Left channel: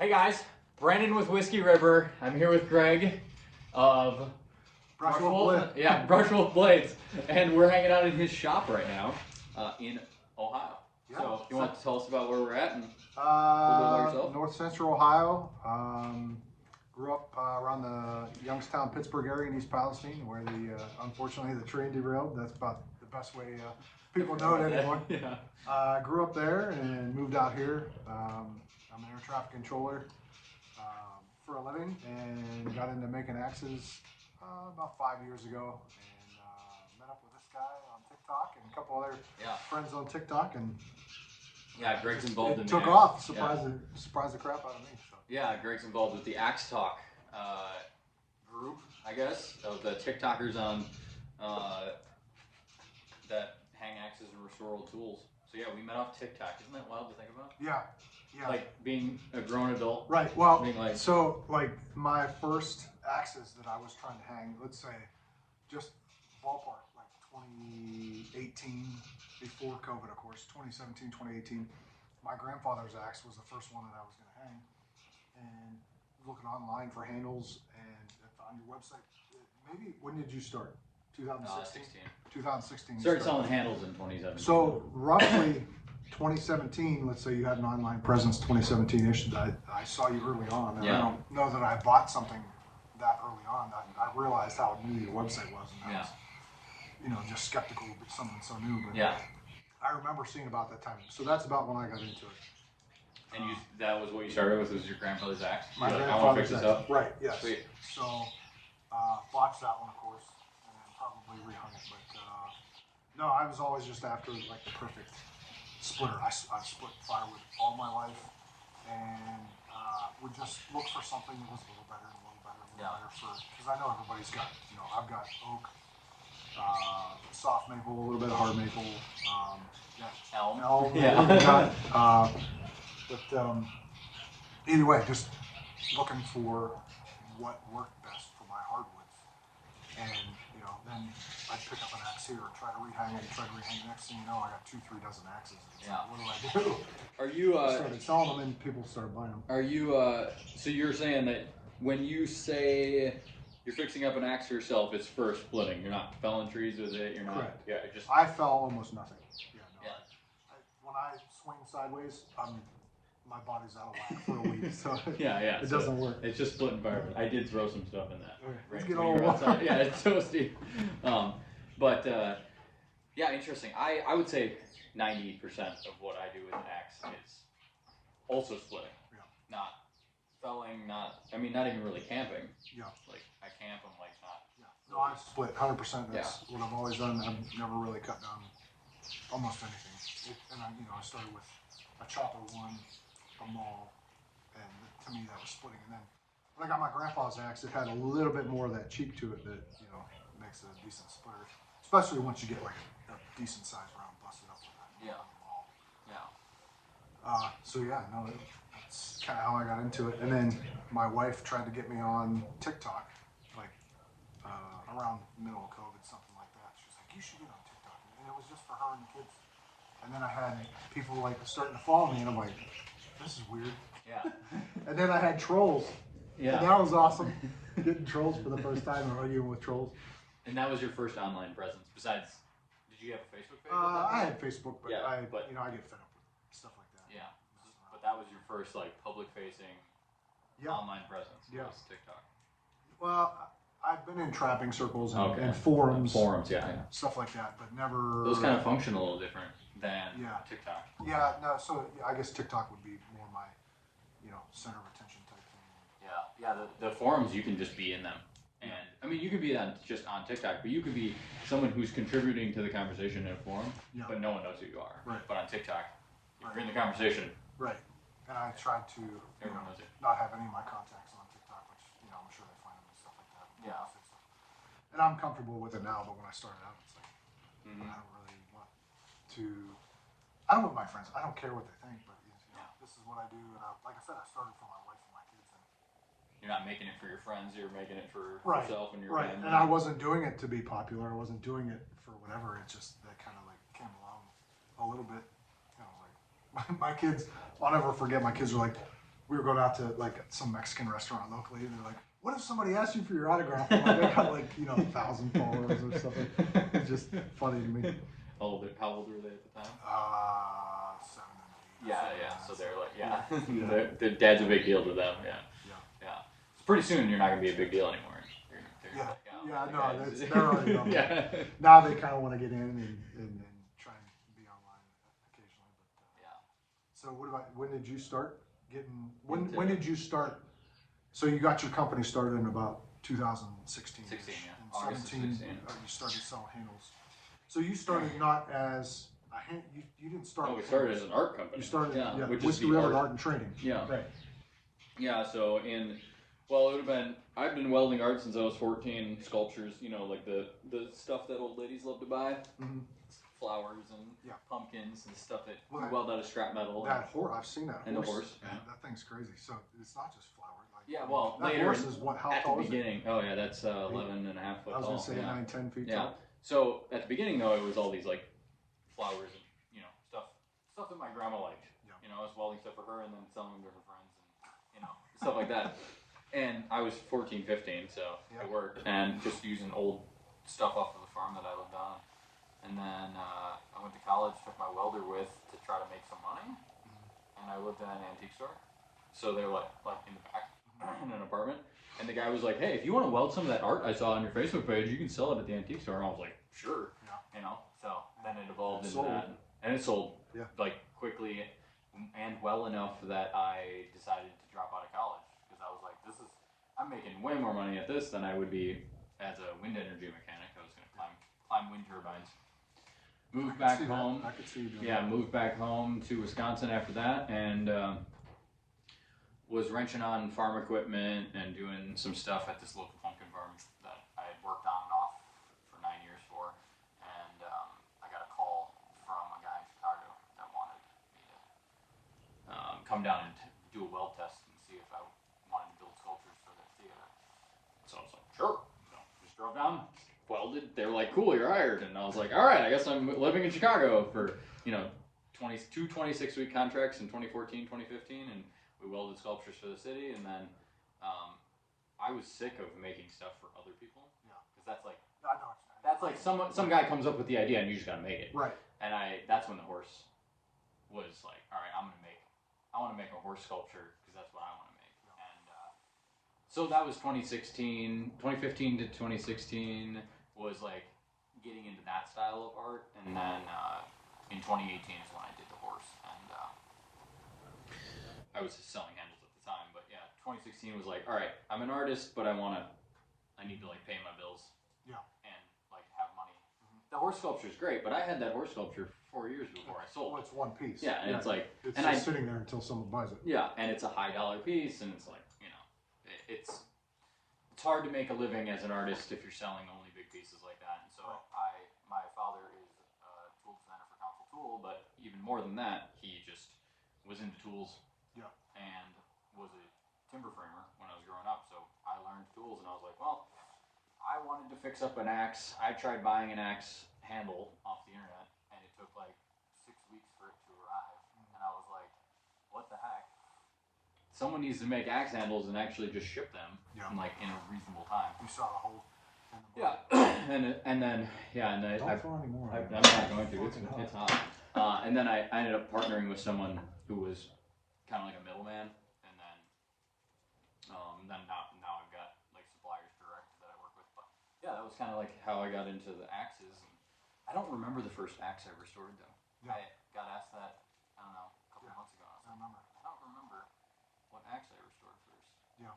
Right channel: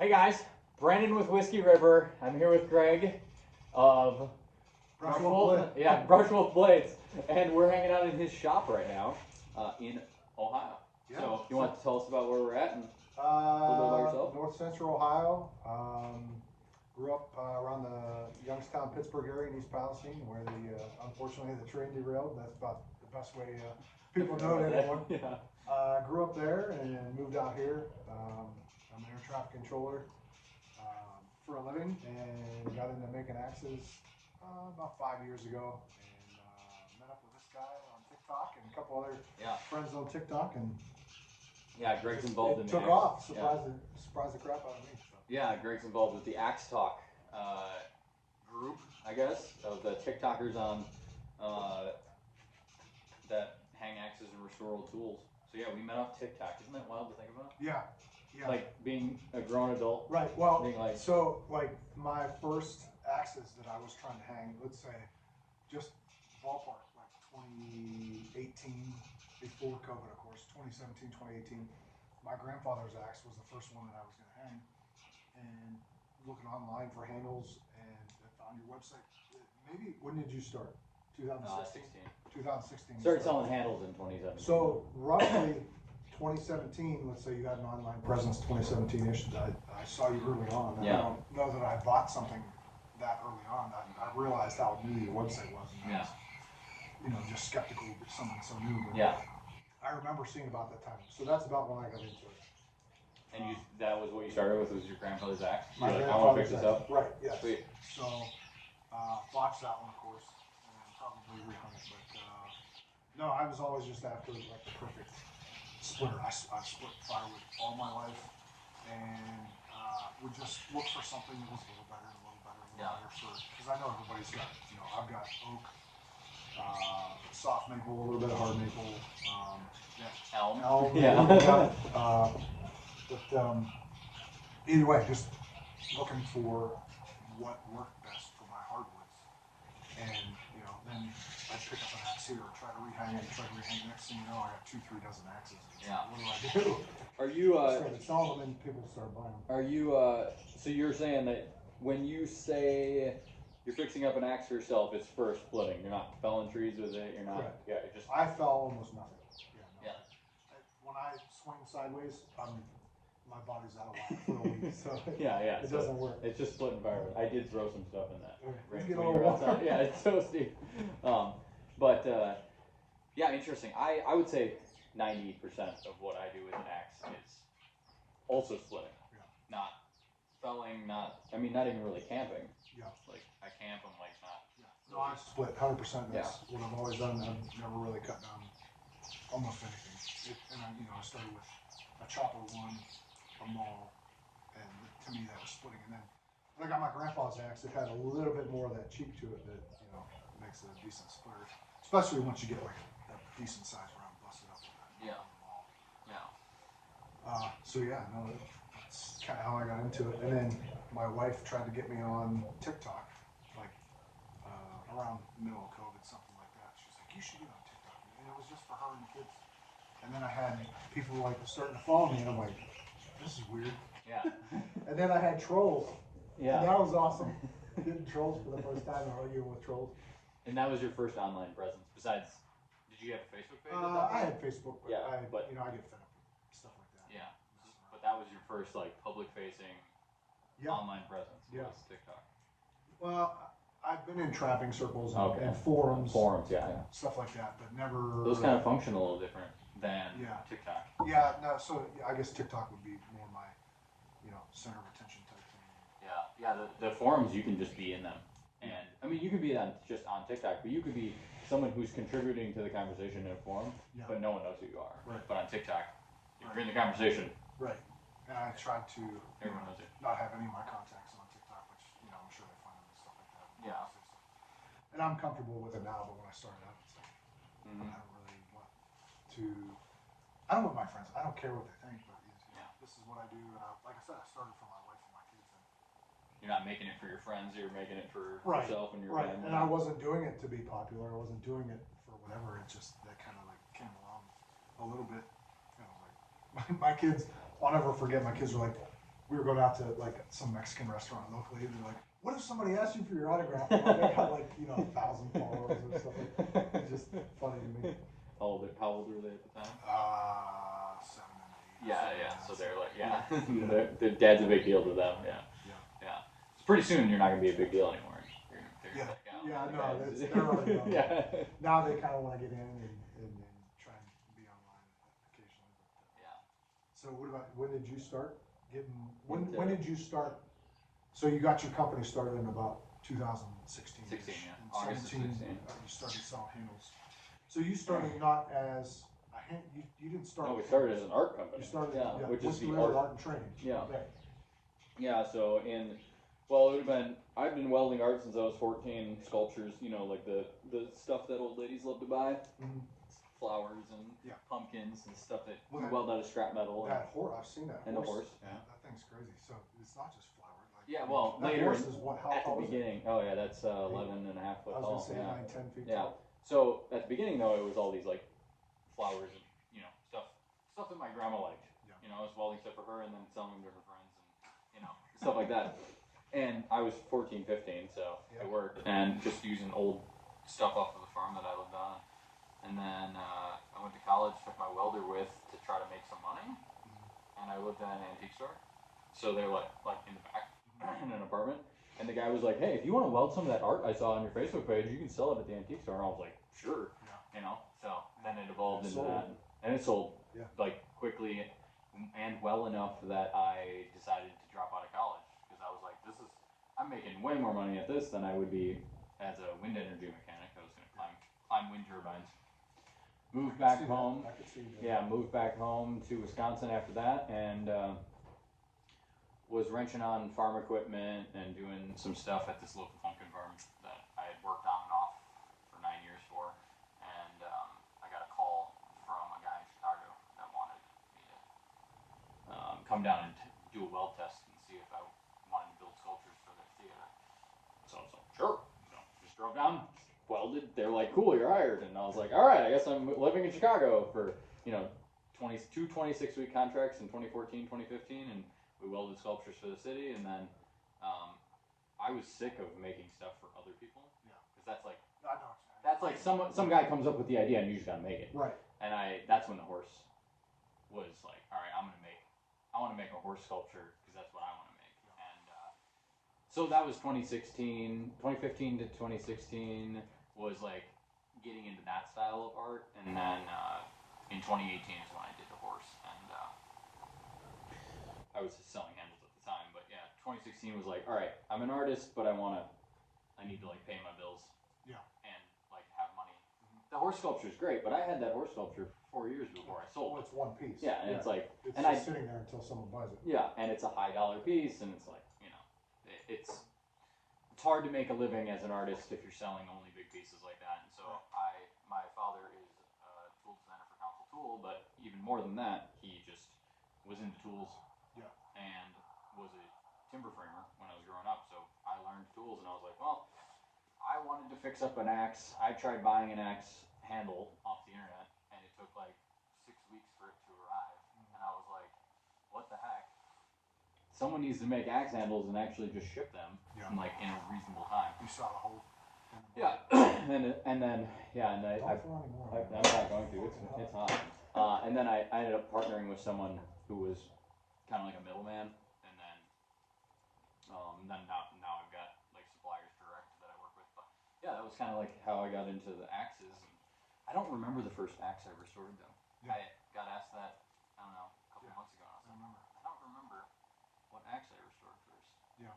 Hey guys, Brandon with Whiskey River. I'm here with Greg of Brushwolf Blades, and we're hanging out in his shop right now in Ohio. Yeah. So you want to tell us about where we're at and a little bit about yourself? North Central Ohio. Grew up around the Youngstown, Pittsburgh area in East Palestine, where unfortunately the train derailed. That's about the best way people know it anymore. Yeah. Grew up there and moved out here. I'm an air traffic controller for a living, and got into making axes about 5 years ago, and met up with this guy on TikTok and a couple other friends on TikTok, and Greg's involved in took off. Surprised the crap out of me. So. Yeah, Greg's involved with the Axe Talk group, I guess, of the TikTokers on that hang axes and restore old tools. So yeah, we met off TikTok. Isn't that wild to think about? Yeah. Like being a grown adult. Right. Well, being like, so like my first axes that I was trying to hang, let's say, just ballpark, like 2018, before COVID, of course, 2017, 2018. My grandfather's axe was the first one that I was going to hang, and looking online for handles, and I found your website. Maybe, when did you start? 2016. 2016. Started selling handles in 2017. So roughly 2017, let's say you had an online presence 2017-ish. I saw you early on, and I don't know that I bought something that early on. I realized how new your website was, and I was, just skeptical of something so new. But I remember seeing about that time. So that's about when I got into it. And that was what you started with, was your grandfather's axe? My grandfather's axe. Up? Right, yes. Sweet. So, botched that one, of course, and probably rehung it. But no, I was always just after like the perfect splitter. I split firewood all my life, and would just look for something that was a little better, because I know everybody's got, I've got oak, soft maple, a little bit of hard maple, elm. But either way, just looking for what worked best for my hardwoods, and then I'd pick up an axe here, try to rehang it, Next thing you know, I got 2-3 dozen axes. What do I do? Are you started selling them, and people started buying them. Are you so you're saying that when you say you're fixing up an axe for yourself, it's for splitting? You're not felling trees with it. You're not. Correct. Yeah. I fell almost nothing. When I swing sideways, my body's out of whack for a week, so it doesn't work. It's just splitting firewood. I did throw some stuff in that. Let's get all outside. Yeah, it's so steep. Interesting. I would say 90% of what I do with an axe is also splitting. Not felling, not even really camping. Like I camp, I'm like not. No, I split 100%. That's what I've always done. I've never really cut down almost anything. I started with a chopper one, a maul, and to me that was splitting. And then when I got my grandpa's axe, it had a little bit more of that cheek to it that makes a decent splitter, especially once you get like a decent sized round busted up with that. That's kind of how I got into it. And then my wife tried to get me on TikTok, like around the middle of COVID, something like that. She's like, "You should get on TikTok," and it was just for her and the kids. And then I had people like starting to follow me, and I'm like, "This is weird." And then I had trolls. And that was awesome. Getting trolls for the first time and arguing with trolls. And that was your first online presence. Besides, did you have a Facebook page? I had Facebook, but I get fed up with stuff like that. Yeah. But that was your first like public-facing online presence. Was TikTok. Well, I've been in trapping circles and forums. Stuff like that, but never. Those kind of function a little different than TikTok. So I guess TikTok would be more my, center of attention type thing. The forums, you can just be in them, and I mean you can be just on TikTok, but you could be someone who's contributing to the conversation in a forum, but no one knows who you are. Right. But on TikTok, if you're in the conversation. Right. And I tried to not have any of my contacts on TikTok, which I'm sure they find them and stuff like that. And I'm comfortable with it now, but when I started out, it's like I don't really want to. I don't know my friends. I don't care what they think, but this is what I do. And like I said, I started for my wife and my kids. And you're not making it for your friends. You're making it for yourself and your family. And I wasn't doing it to be popular. I wasn't doing it for whatever. It just kind of like came along a little bit. Like my kids. I'll never forget. My kids were like, we were going out to like some Mexican restaurant locally, and they're like, "What if somebody asked you for your autograph?" And they got like 1,000 followers or something. It's just funny to me. How old were they at the time? 7 and 8. Yeah. So they're like, their dad's a big deal to them. Yeah. So pretty soon you're not gonna be a big deal anymore. They're already on. Now they kind of want to get in and try and be online occasionally. So what about, when did you start getting, when did you start, so you got your company started in about 2016? 16, yeah. August 17, 16. You started selling handles. So you started not as a hand, you didn't start. No, we started as an art company. You started, which with is the art and training. Yeah. Right. Yeah, so well, it would have been, I've been welding art since I was 14, sculptures, like the stuff that old ladies love to buy, flowers and pumpkins and stuff that we weld out of scrap metal. That horse, I've seen that horse. And the horse. Yeah. That thing's crazy. So it's not just flowers. Well, that later horse is what, how tall is it? Beginning, that's 11 and a half foot tall. I was going to say 9, 10 feet tall. So at the beginning though, it was all these like flowers and, stuff that my grandma liked. I was welding stuff for her and then selling them to her friends and, stuff like that. And I was 14, 15, so it worked. And just using old stuff off of the farm that I lived on. And then I went to college, took my welder with to try to make some money. And I lived at an antique store. So they're like in the back in an apartment. And the guy was like, "Hey, if you want to weld some of that art I saw on your Facebook page, you can sell it at the antique store." And I was like, "Sure." So then it evolved into that. And it sold like quickly and well enough that I decided to drop out of college. I was like, I'm making way more money at this than I would be as a wind energy mechanic. I was going to climb wind turbines. Moved back home. I could see you doing that. Moved back home to Wisconsin after that, and was wrenching on farm equipment and doing some stuff at this local pumpkin farm that I had worked on and off for 9 years for. And I got a call from a guy in Chicago that wanted me to come down and do a weld test and see if I wanted to build sculptures for their theater. So I was like, sure. So just drove down, welded. They were like, cool, you're hired. And I was like, all right, I guess I'm living in Chicago for, 26-week contracts in 2014, 2015. And we welded sculptures for the city. And then I was sick of making stuff for other people. Yeah. Because that's like, some guy comes up with the idea and you just got to make it. Right. And that's when the horse was like, all right, I want to make a horse sculpture because that's what I want to make. And so that was 2015 to 2016 was like getting into that style of art. And then in 2018 is when I did the horse. And I was just selling handles at the time. But yeah, 2016 was like, all right, I'm an artist, but I need to like pay my bills. Yeah. And like have money. The horse sculpture is great, but I had that horse sculpture 4 years before I sold it. It's one piece. Yeah, and it's like... It's just sitting there until someone buys it. Yeah, and it's a high dollar piece, and it's like, it's hard to make a living as an artist if you're selling only big pieces like that. And so my father is a tool designer for Council Tool, but even more than that, he just was into tools and was a timber framer when I was growing up. So I learned tools, and I was like, well, I wanted to fix up an axe. I tried buying an axe handle off the internet, and it took like 6 weeks for it to arrive. And I was like, what the heck? Someone needs to make axe handles and actually just ship them in a reasonable time. You saw a whole. Yeah, and then I'm not going to. It's hot. And then I ended up partnering with someone who was kind of like a middleman, and then now I've got like suppliers direct that I work with. But yeah, that was kind of like how I got into the axes. And I don't remember the first axe I restored though. Yeah. I got asked that a couple months ago. I don't remember what axe I restored first. Yeah.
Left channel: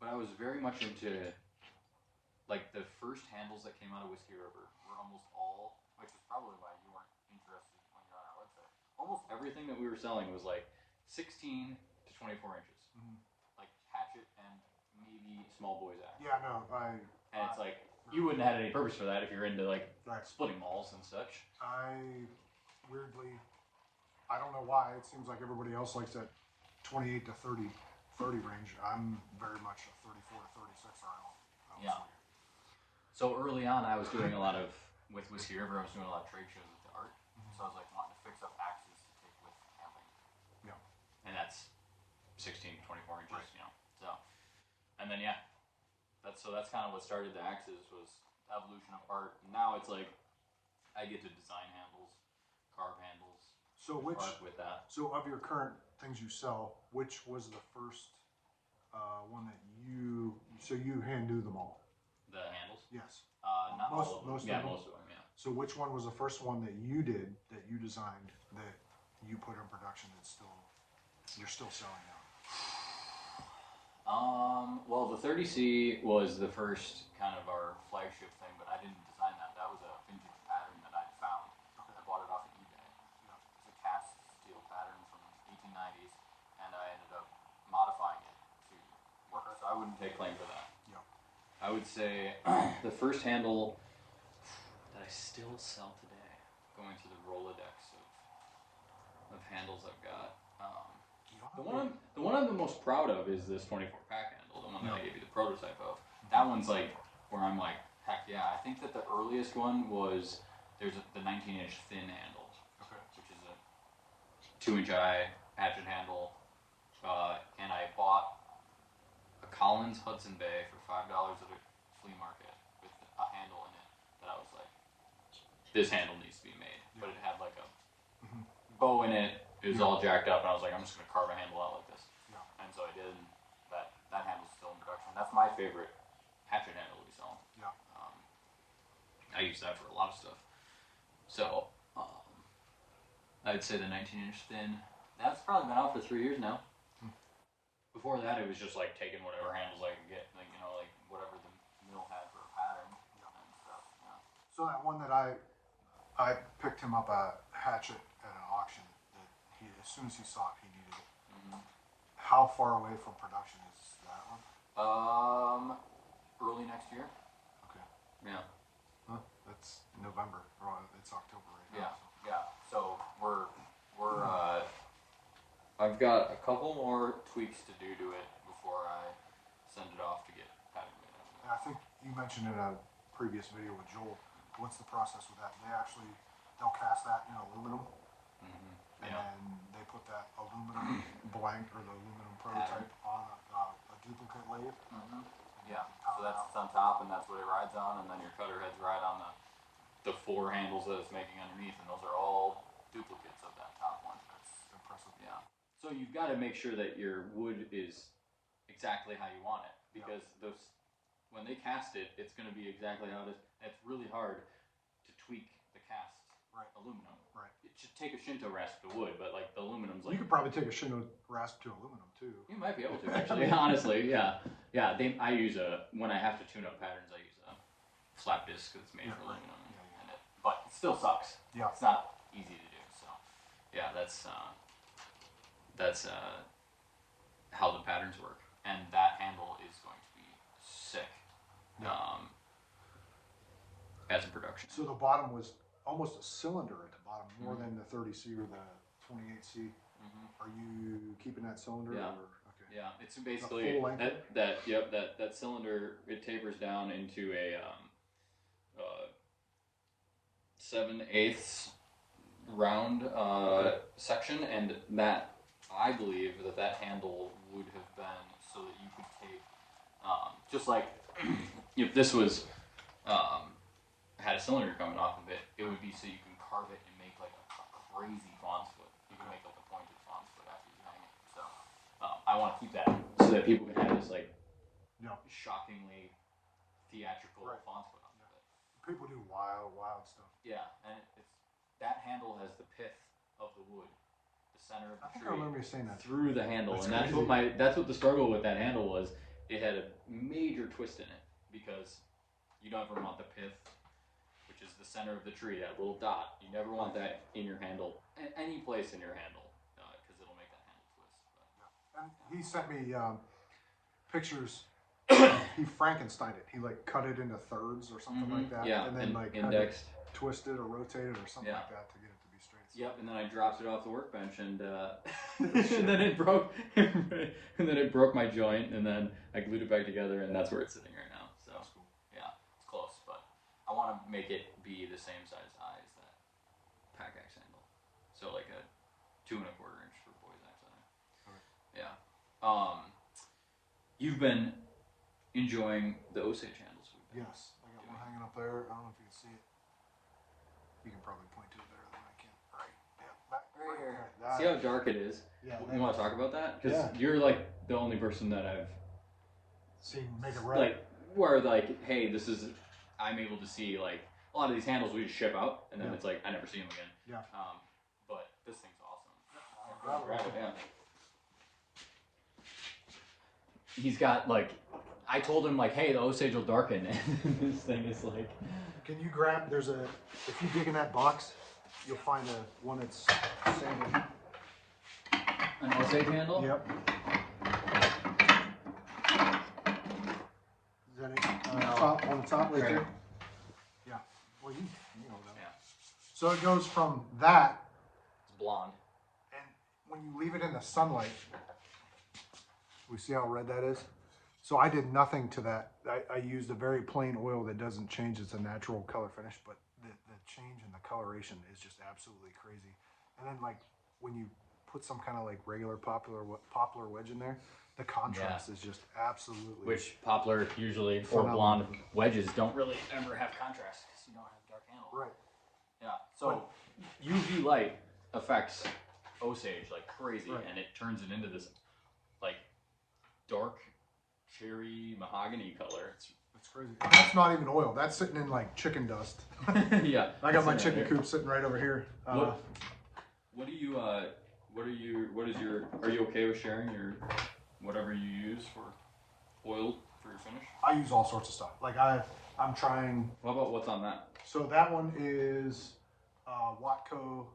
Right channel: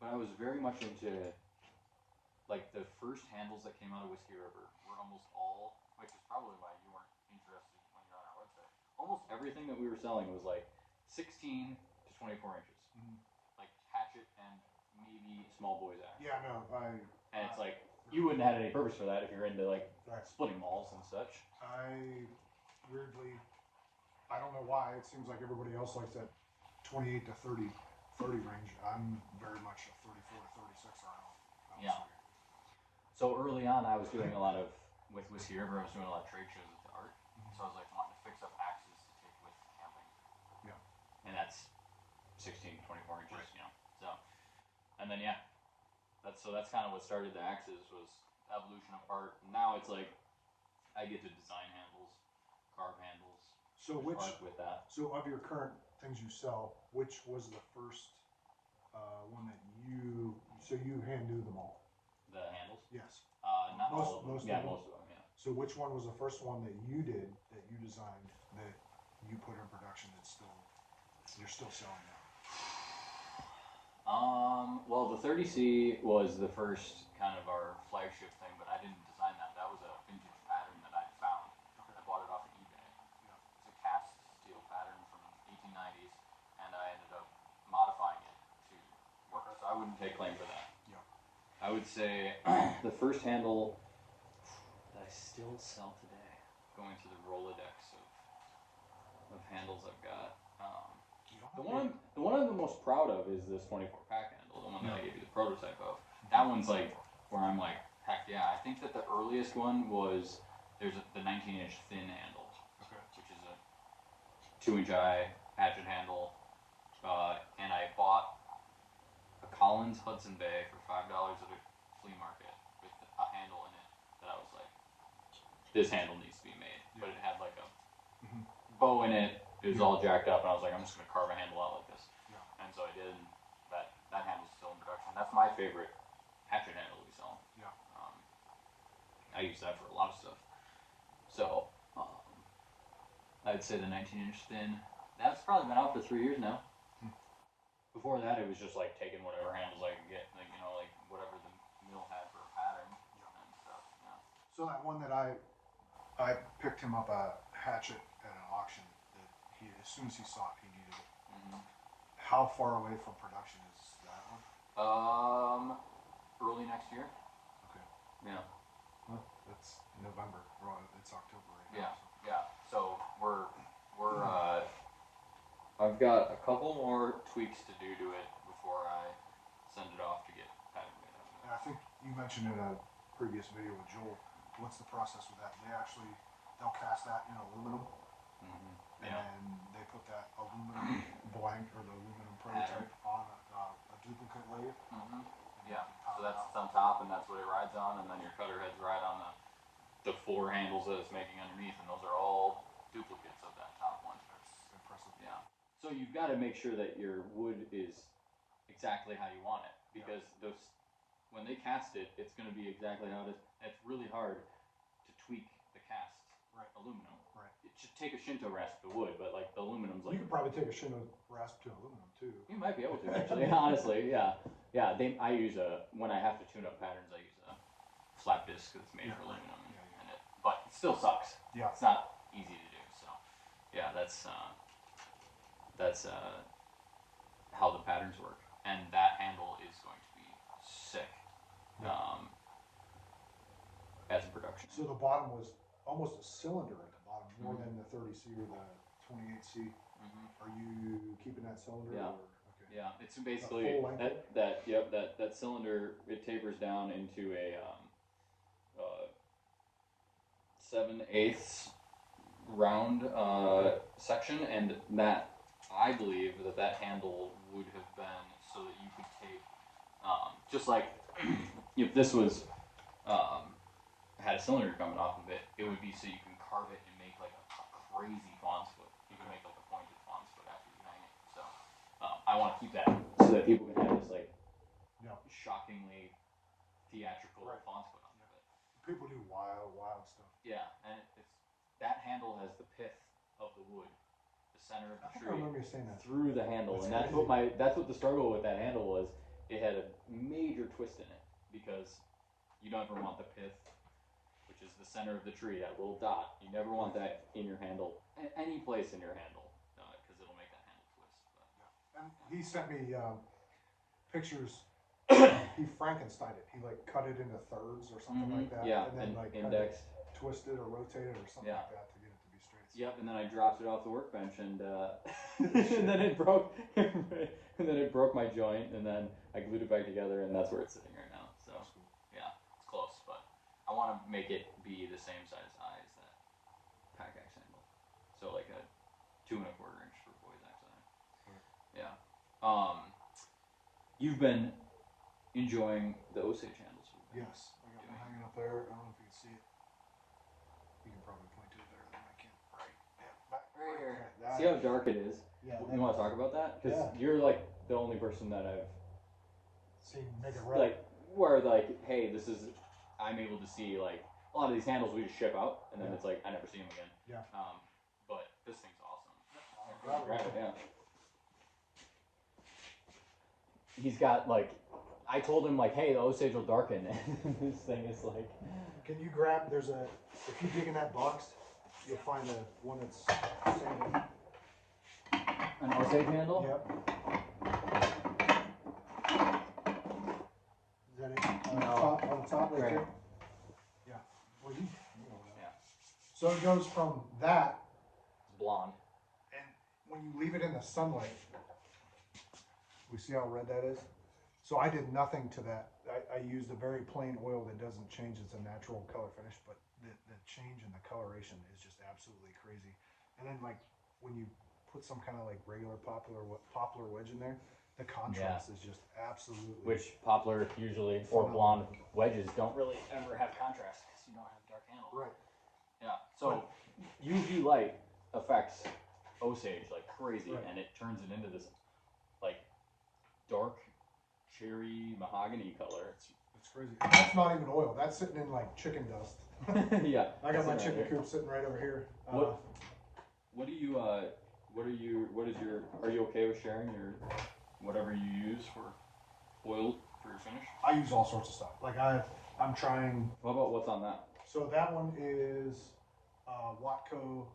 But I was very much into like the first handles that came out of Whiskey River were almost all, which is probably why you weren't interested when you're on our website. Almost everything that we were selling was like 16 to 24 inches. Mm-hmm. Like hatchet and maybe small boy's axe. Yeah, no, and it's like, you wouldn't have had any purpose for that if you're into like splitting mauls and such. Weirdly, I don't know why, it seems like everybody else likes that 28 to 30 range. I'm very much a 34 to 36 RL. Yeah. So early on, I was doing a lot of, with Whiskey River, I was doing a lot of trade shows with the art. Mm-hmm. So I was like wanting to fix up axes to take with camping. Yeah. And that's 16 to 24 inches, you know. So, and then yeah, that's kind of what started the axes, was evolution of art. And now it's like I get to design handles, carve handles. So art with that. So of your current things you sell, which was the first one that you hand do them all? The handles? Yes. Not most all of them. most Yeah, of them. most of them. Yeah. So which one was the first one that you did, that you designed, that you put in production that's you're still selling now? Well, the 30C was the first kind of our flagship thing, but I didn't design that. That was a vintage pattern that I found. Okay. I bought it off of eBay. Yeah. It's a cast steel pattern from 1890s, and I ended up modifying it to work. So I wouldn't take claim for that. Yeah. I would say the first handle that I still sell today, going through the Rolodex of handles I've got. The one I'm the most proud of is this 24 pack handle, the one that I gave you the prototype of. That one's like where I'm like, heck yeah. I think that the earliest one was the 19-inch thin handle, okay, which is a 2-inch eye hatchet handle, and I bought a Collins Hudson Bay for $5 at a flea market with a handle in it that I was like, this handle needs to be made, but it had like a bow in it. It was all jacked up, and I was like, I'm just going to carve a handle out like this. Yeah. And so I did, and that handle's still in production. That's my favorite hatchet handle we sell. Yeah. I use that for a lot of stuff. So, I'd say the 19-inch thin, that's probably been out for 3 years now. Before that, it was just like taking whatever handles I could get, like, you know, like whatever the mill had for a pattern and stuff. Yeah. So that one that I picked him up a hatchet at an auction. As soon as he saw it, he needed it. How far away from production is that one? Early next year. Okay. Yeah. Well, that's November. Or it's October right now. Yeah. So. Yeah. So we're I've got a couple more tweaks to do to it before I send it off to get pattern made. And I think you mentioned in a previous video with Joel. What's the process with that? They'll cast that in aluminum. And they put that aluminum blank or the aluminum prototype on a duplicate lathe. Yeah, so that's on top, and that's what it rides on, and then your cutter heads ride on the 4 handles that it's making underneath, and those are all duplicates of that top one. That's impressive. Yeah. So you've got to make sure that your wood is exactly how you want it, because when they cast it, it's going to be exactly how it is. And it's really hard to tweak the cast aluminum. Right. It should take a Shinto rasp to wood, but like the aluminum's like... You could probably take a Shinto rasp to aluminum too. You might be able to, actually. Honestly, yeah. Yeah, I use when I have to tune up patterns, I use a slap disc that's made for aluminum. But it still sucks. Yeah. It's not easy to do, so... Yeah, that's how the patterns work. And that handle is going to be sick as a production. So the bottom was almost a cylinder at the bottom, more than the 30C or the 28C. Are you keeping that cylinder? Yeah. Or, okay. Yeah, it's basically that cylinder. It tapers down into a 7/8 round section, and that I believe that handle would have been so that you could take just like if this was had a cylinder coming off of it, it would be so you can carve it and make like a crazy fawn's foot. You can make like a pointed fawn's foot after you hang it. So I want to keep that so that people can have this like shockingly theatrical fawn's foot on it. People do wild stuff. Yeah, and it's that handle has the pith of the wood, the center of the tree. I remember you saying that. Through the handle, and that's what the struggle with that handle was. It had a major twist in it because you don't ever want the pith, which is the center of the tree, that little dot. You never want that in your handle, any place in your handle, because it'll make that handle twist. But. And he sent me pictures. He Frankensteined it. He like cut it into thirds or something like that. Yeah, and then like indexed, twisted or rotated or something like that to get it to be straight. Yep, and then I dropped it off the workbench, and and then it broke, and then it broke my joint, and then I glued it back together, and that's where it's sitting right now. So yeah, it's close, but I want to make it be the same size eye as that pack axe handle. So like a 2 1/4 inch for boys axe eye. Yeah. You've been enjoying the Osage handles. Yes, I got one hanging up there. I don't know if you can see it. You can probably point to it better than I can. Right, yeah, back right here. See how dark it is? Yeah. You want to talk about that? Because you're like the only person that I've seen make it red. Like, where like, hey, this is, I'm able to see like a lot of these handles we just ship out, and then it's like I never see them again. Yeah. But this thing's awesome. I'll grab it. Yeah. He's got like, I told him like, hey, the Osage will darken, and this thing is like. Can you grab? There's a. If you dig in that box, you'll find a one that's sanded. An Osage handle? Yep. Is that it? On the top right there? Yeah. Well, you know that. Yeah. So it goes from that. It's blonde. And when you leave it in the sunlight, we see how red that is? So I did nothing to that. I used a very plain oil that doesn't change. It's a natural color finish, but the change in the coloration is just absolutely crazy. And then like when you put some kind of like regular poplar wedge in there, the contrast is just absolutely. Which poplar usually or blonde wedges don't really ever have contrast because you don't have dark handle. Right. Yeah. So UV light affects Osage like crazy, and it turns it into this like dark cherry mahogany color. That's crazy. And that's not even oil. That's sitting in like chicken dust. Yeah. I got my chicken coop sitting right over here. What is your, are you okay with sharing your, whatever you use for oil for your finish? I use all sorts of stuff. Like I'm trying. What about what's on that? So that one is Watco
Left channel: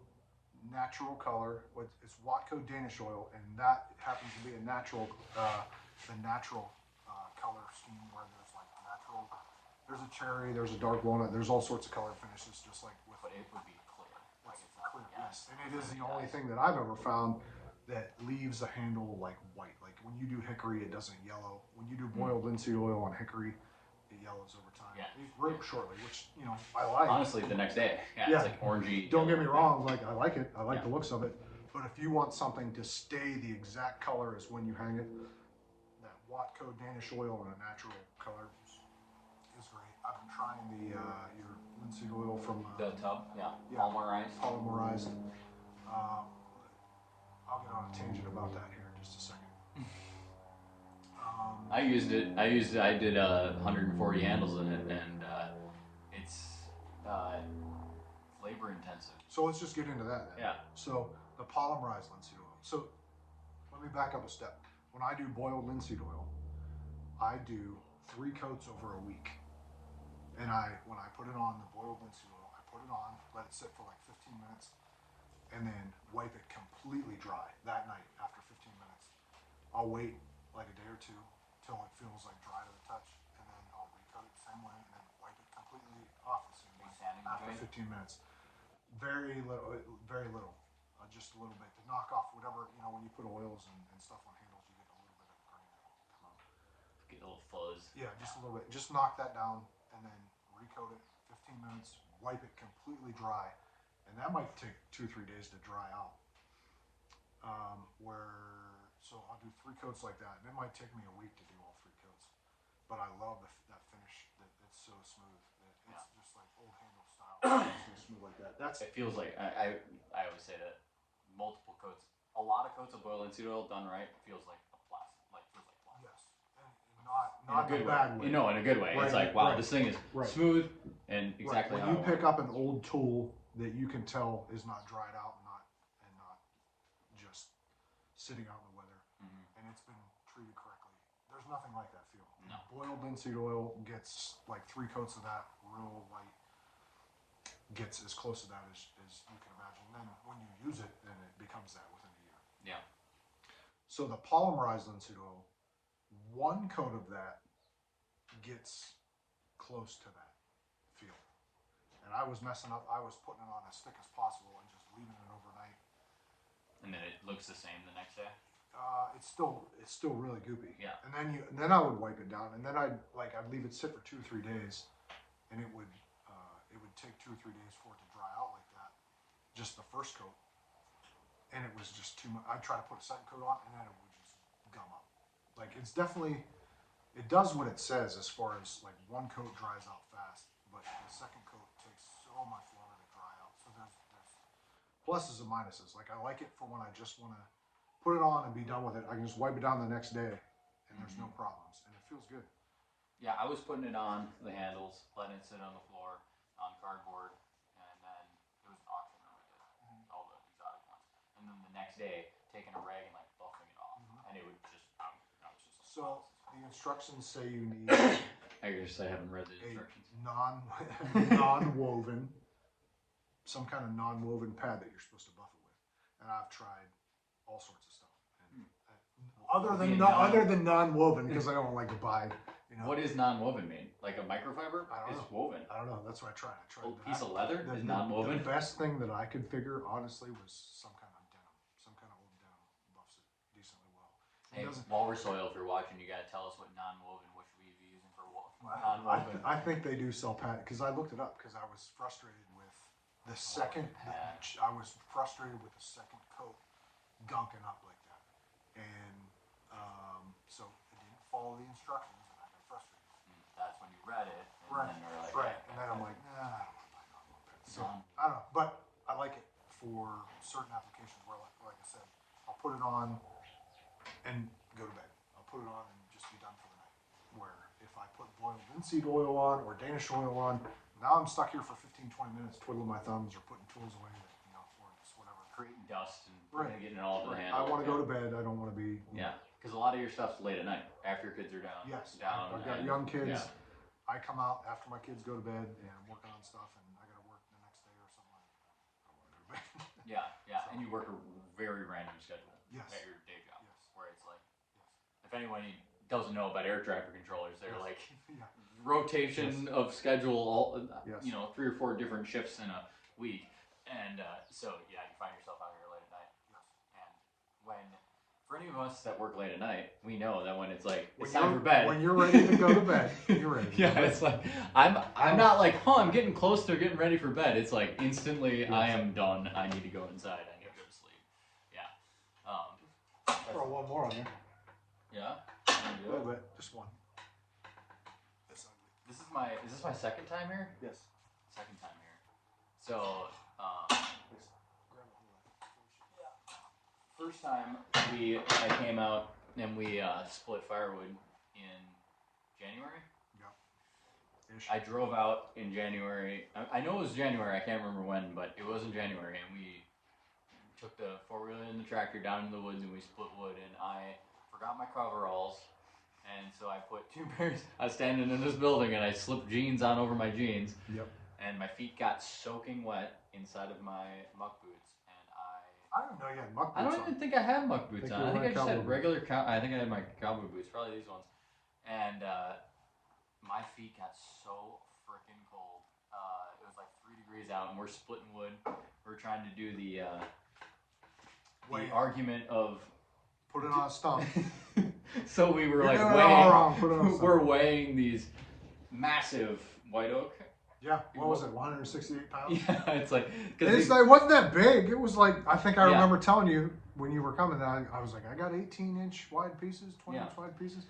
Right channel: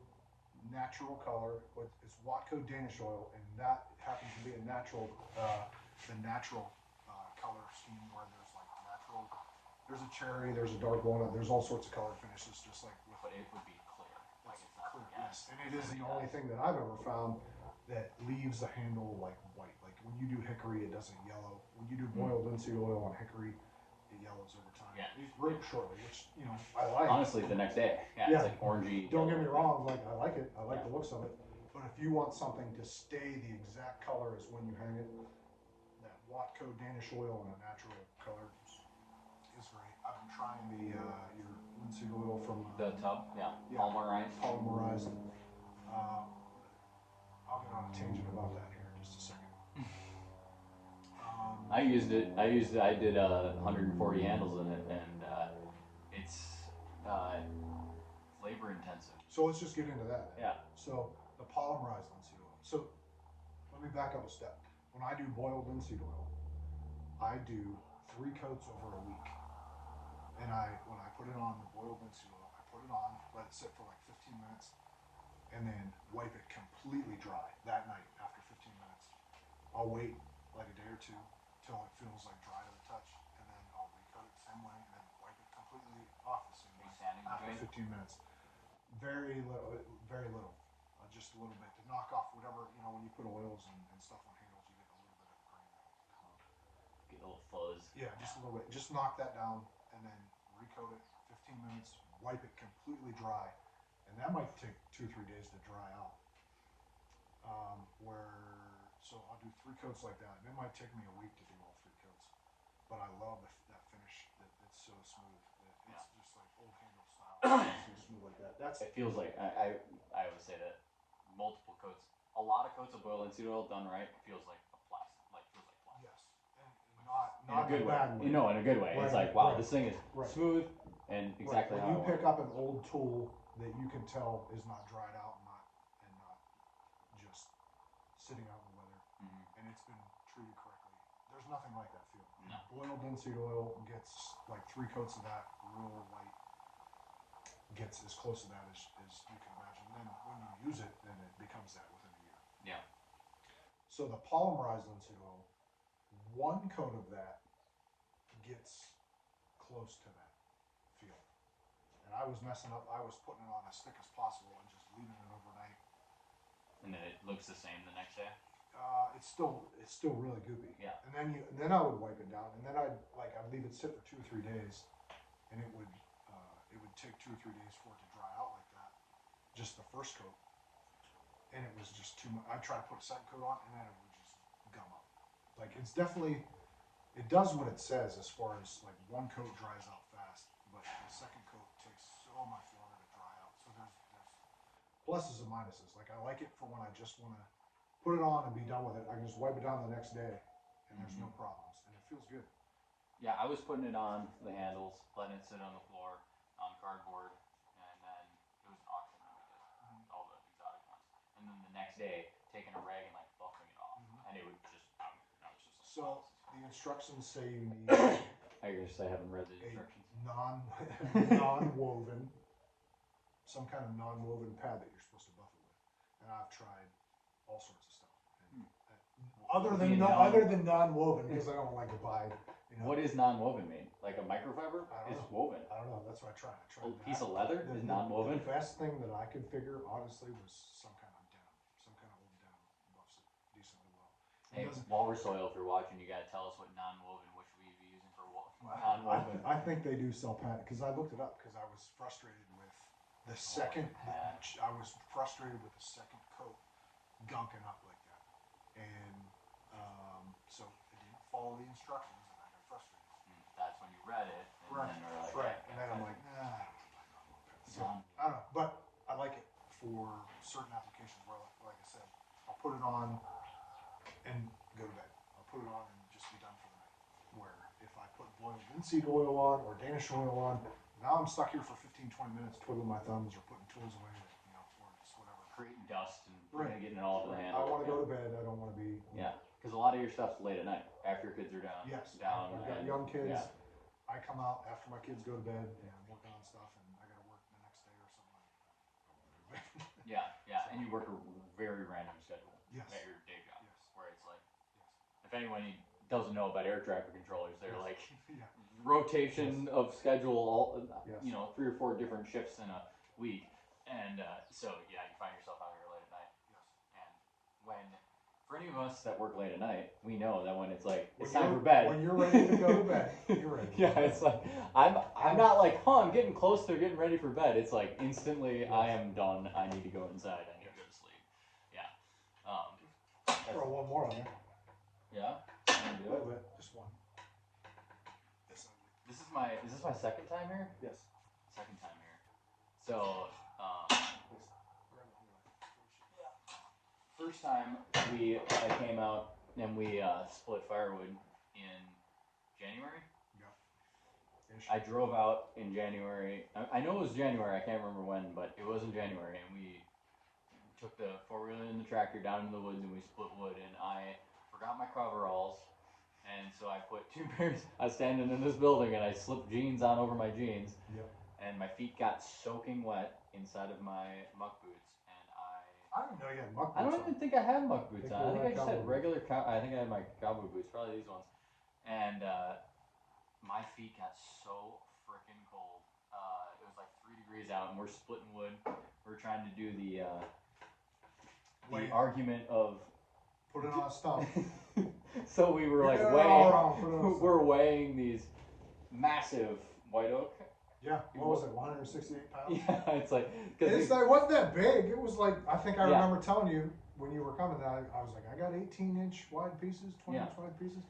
natural color. It's Watco Danish oil, and that happens to be a natural, the natural color scheme where there's like natural. There's a cherry, there's a dark walnut, there's all sorts of color finishes, just like with. But it would be clear. Like it's not clear, yes. And it is the only thing that I've ever found that leaves a handle like white. Like when you do hickory, it doesn't yellow. When you do boiled linseed oil on hickory, it yellows over time. Yeah. It's very shortly, which I like. Honestly, the next day. Yeah. It's like orangey. Don't get me wrong, like I like it. I like the looks of it. But if you want something to stay the exact color as when you hang it, that Watco Danish oil in a natural color is great. I've been trying the your linseed oil from the tub. Yeah. Polymerized. I'll get on a tangent about that here in just a second. I did 140 handles in it, and it's labor intensive. So let's just get into that then. Yeah. So the polymerized linseed oil. So let me back up a step. When I do boiled linseed oil, I do 3 coats over a week. And when I put it on the boiled linseed oil, I put it on, let it sit for like 15 minutes, and then wipe it completely dry that night after 15 minutes. I'll wait like a day or two till it feels like dry to the touch, and then I'll recoat it the same way and then wipe it completely off the same way after 15 minutes. Very little, just a little bit to knock off whatever, when you put oils and stuff on handles, you get a little bit of grain that'll come out. Get a little fuzz. Yeah, just a little bit. Just knock that down and then recoat it 15 minutes, wipe it completely dry. And that might take 2 or 3 days to dry out. So I'll do 3 coats like that. And it might take me a week to do all 3 coats. But I love that finish. It's so smooth. It's just like old handle style. It's smooth like that. It feels like, I always say that multiple coats, a lot of coats of boiled linseed oil done right feels like a plastic. Yes. And not in a good bad way. In a good way. Right, it's like, wow, this thing is smooth and exactly when how you pick up an old tool that you can tell is not dried out and not just sitting out in the weather, and it's been treated correctly. There's nothing like that feel. No. Boiled linseed oil gets like 3 coats of that real white, gets as close to that as you can imagine. And then when you use it, then it becomes that within a year. Yeah. So the polymerized linseed oil, 1 coat of that gets close to that feel. And I was messing up. I was putting it on as thick as possible and just leaving it overnight. And then it looks the same the next day. It's still really goopy. Yeah. And then I would wipe it down, and then I'd leave it sit for 2 or 3 days, and it would take 2 or 3 days for it to dry out like that. Just the first coat, and it was just too much. I'd try to put a second coat on, and then it would just gum up. Like it's definitely, it does what it says as far as like one coat dries out fast, but the second coat takes so much longer to dry out. So there's pluses and minuses. Like I like it for when I just want to put it on and be done with it. I can just wipe it down the next day and there's no problems and it feels good. Yeah, I was putting it on the handles, letting it sit on the floor on cardboard, and then it was an auction on it, all the exotic ones. And then the next day, taking a rag and like buffing it off, and it would just. So the instructions say you need I haven't read the instructions. non-woven, some kind of non-woven pad that you're supposed to buff it with. And I've tried all sorts of stuff. Other than non-woven, because I don't like to buy. You know, what does non-woven mean? Like a microfiber? I don't know. Woven. I don't know. That's what I tried. I tried a piece of leather is non-woven. The best thing that I could figure, honestly, was some kind of denim. Some kind of old denim buffs it decently well. Hey, Walrus Soil, if you're watching, you gotta tell us what non-woven, which we'd be using for non-woven. I think they do sell patent, because I looked it up, because I was frustrated with the second. I was frustrated with the second coat gunking up like that, and so I didn't follow the instructions, and I got frustrated. That's when you read it, and right? Then you're like, right, and then I'm like, nah. So I don't know, but I like it for certain applications where, like I said, I'll put it on and go to bed. I'll put it on and just be done for the night. Where if I put boiled linseed oil on or Danish oil on, now I'm stuck here for 15, 20 minutes twiddling my thumbs or putting tools away that, you know, or it's whatever. Creating dust and getting it all over the handle. I want to go to bed. I don't want to be. Yeah, because a lot of your stuff's late at night after your kids are down. Yes. Down. I've got young kids. Yeah. I come out after my kids go to bed and I'm working on stuff and I got to work the next day or something like that. I want to go to bed. Yeah. So, and you work a very random schedule. Yes. At your day job. Yes. Where it's like, if anyone doesn't know about air traffic controllers, they're like rotation of schedule, all, you know, 3 or 4 different shifts in a week. And so, yeah, you find yourself out here late at night. Yes. And when, for any of us that work late at night, we know that when it's like, it's time for bed. When you're ready to go to bed, you're ready. Yeah, it's like, I'm not like, I'm getting close to getting ready for bed. It's like, instantly, I am done. I need to go inside. I need to go to sleep. Yeah. Throw one more on there. Yeah? A little bit. Just one. Is this my second time here? Yes. Second time here. So, first time I came out and we split firewood in January. Yeah. I drove out in January. I know it was January. I can't remember when, but it was in January, and we took the 4-wheeler and the tractor down into the woods and we split wood. And I forgot my coveralls. And so I put 2 pairs. I was standing in this building and I slipped jeans on over my jeans. Yep. And my feet got soaking wet inside of my muck boots. And I didn't know you had muck boots. I don't even think I had muck boots on. I think I just had regular. I think I had my cowboy boots, probably these ones. And my feet got so freaking cold. It was like 3 degrees out, and we're splitting wood. We're trying to do the argument of put it on a stump. So we were we're weighing these massive white oak. Yeah, what was it, 168 pounds? Yeah, it's like... It wasn't that big. It was like, I think I remember telling you when you were coming, I was like, I got 18-inch wide pieces, 20-inch wide pieces.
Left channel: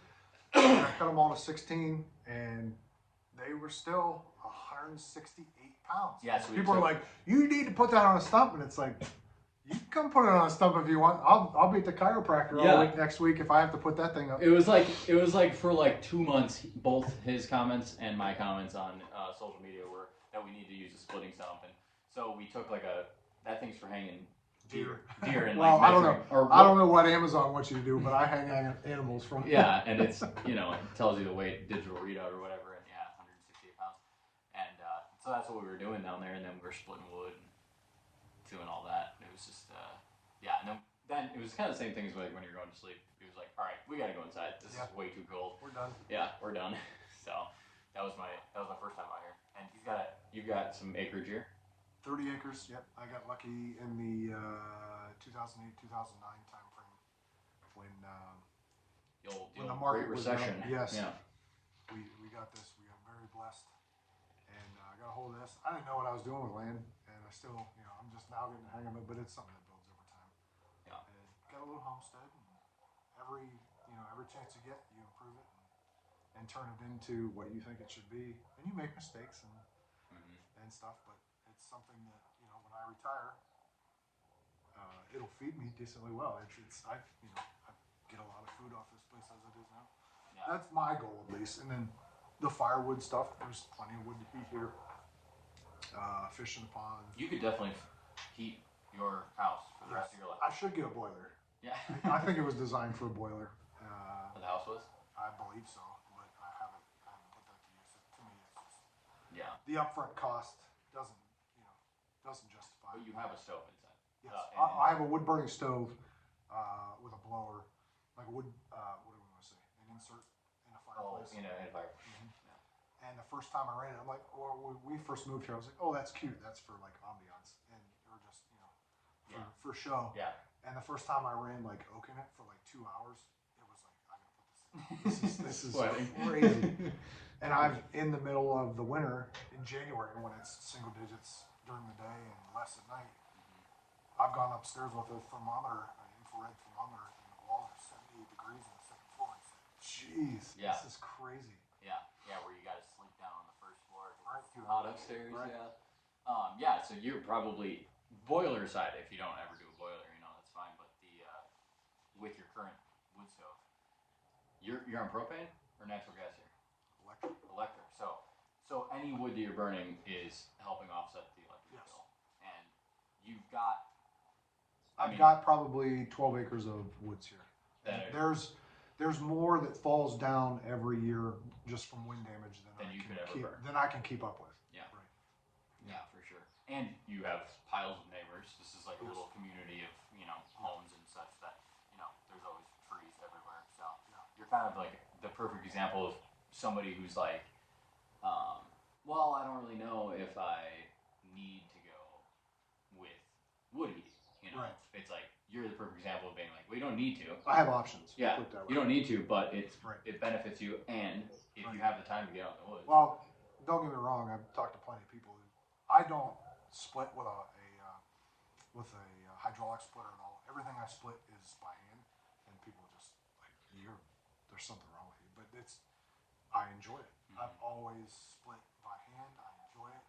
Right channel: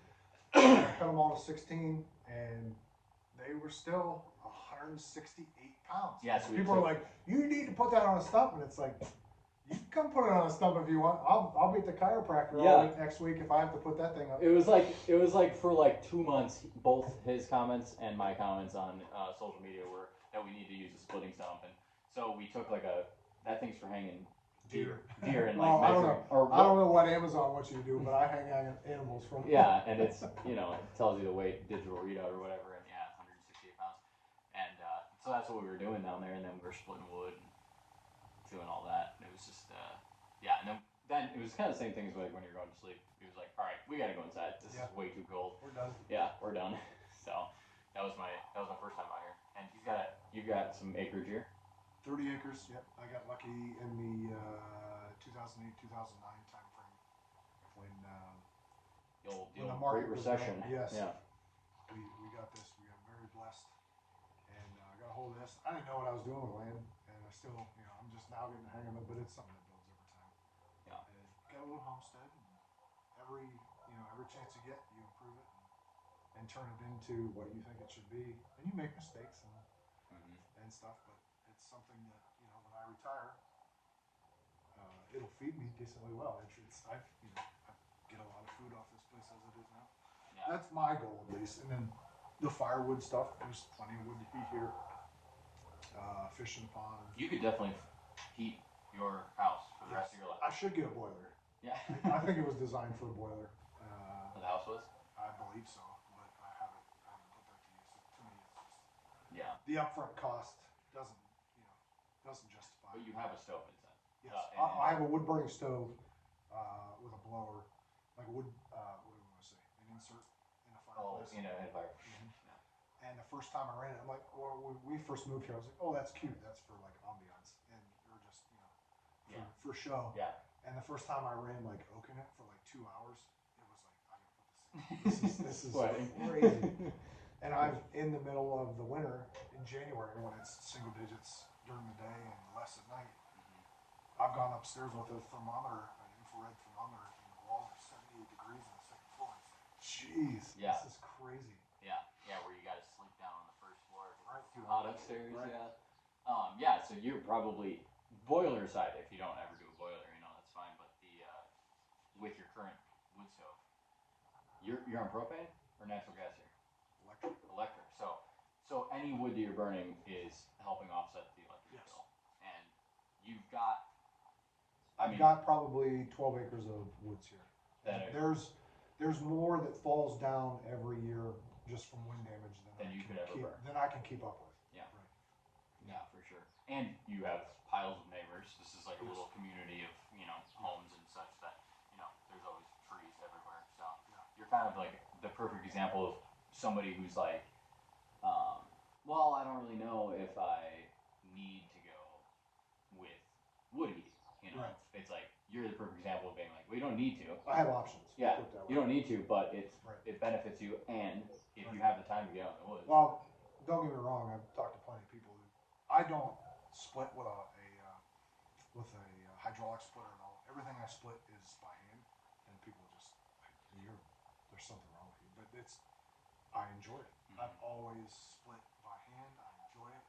And I cut them all to 16, and they were still 168 pounds. Yeah, so people are like, you need to put that on a stump, and it's like... You can come put it on a stump if you want. I'll be at the chiropractor all week next week if I have to put that thing up. It was like for like 2 months, both his comments and my comments on social media were that we need to use a splitting stump, and so we took like that thing's for hanging deer and well, like I don't know. I don't know what Amazon wants you to do, but I hang animals from. Yeah, and it's it tells you the weight, digital readout or whatever, and 168 pounds, and so that's what we were doing down there, and then we were splitting wood and doing all that. And then it was kind of the same thing as like when you're going to sleep. It was like, all right, we gotta go inside. This is way too cold. We're done. Yeah, we're done. So that was my first time out here. And you've got some acreage here. 30 acres. Yep. I got lucky in the 2008-2009 time frame when the market Great Recession. Yes. Yeah. We got this. We got very blessed, and I got a hold of this. I didn't know what I was doing with land, and I still, I'm just now getting the hang of it. But it's something that builds over time. Yeah. And got a little homestead. And every every chance you get, you improve it and turn it into what you think it should be. And you make mistakes and stuff, but it's something that, you know, when I retire, it'll feed me decently well. I get a lot of food off this place as it is now. Yeah. That's my goal, at least. And then the firewood stuff, there's plenty of wood to heat here. Fish in the pond. You could definitely heat your house for the rest of your life. I should get a boiler. Yeah. I think it was designed for a boiler. The house was? I believe so, but I haven't put that to use. To me, it's just, yeah. The upfront cost doesn't justify. But you have a stove inside. Yes. I have a wood burning stove with a blower, like a wood. What do we want to say? An insert in the fireplace. Oh, in a fireplace. And the first time I ran it, I'm like, well, when we first moved here, I was like, oh, that's cute. That's for like ambiance, and or just for show. Yeah. And the first time I ran like oak in it for like 2 hours, it was like, I gotta put this in. This is crazy. And I'm in the middle of the winter in January when it's single digits during the day and less at night. I've gone upstairs with a thermometer, an infrared thermometer, and the walls are 78 degrees on the second floor. It's like, jeez, this is crazy. Yeah, where you gotta sleep down on the first floor. Right. It's too hot upstairs. Right. Yeah. So you're probably boiler side. If you don't ever do a boiler, that's fine. But with your current wood stove, you're on propane or natural gas here? Electric. So any wood that you're burning is helping offset the electric bill, and you've got. I've got probably 12 acres of woods here. There's more that falls down every year just from wind damage than I can keep up with. Yeah. Right. Yeah, for sure. And you have piles of neighbors. This is like a little community of homes and such that there's always trees everywhere. So you're kind of like the perfect example of somebody who's like, well, I don't really know if I need to go with wood heat. Right. It's like you're the perfect example of being like, well, you don't need to. I have options. Yeah, you don't need to, but it benefits you, and if you have the time to get out in the woods. Well, don't get me wrong. I've talked to plenty of people who I don't split with a hydraulic splitter at all. Everything I split is by hand, and people are just like, there's something wrong with you. But I enjoy it. I've always split by hand. I enjoy it.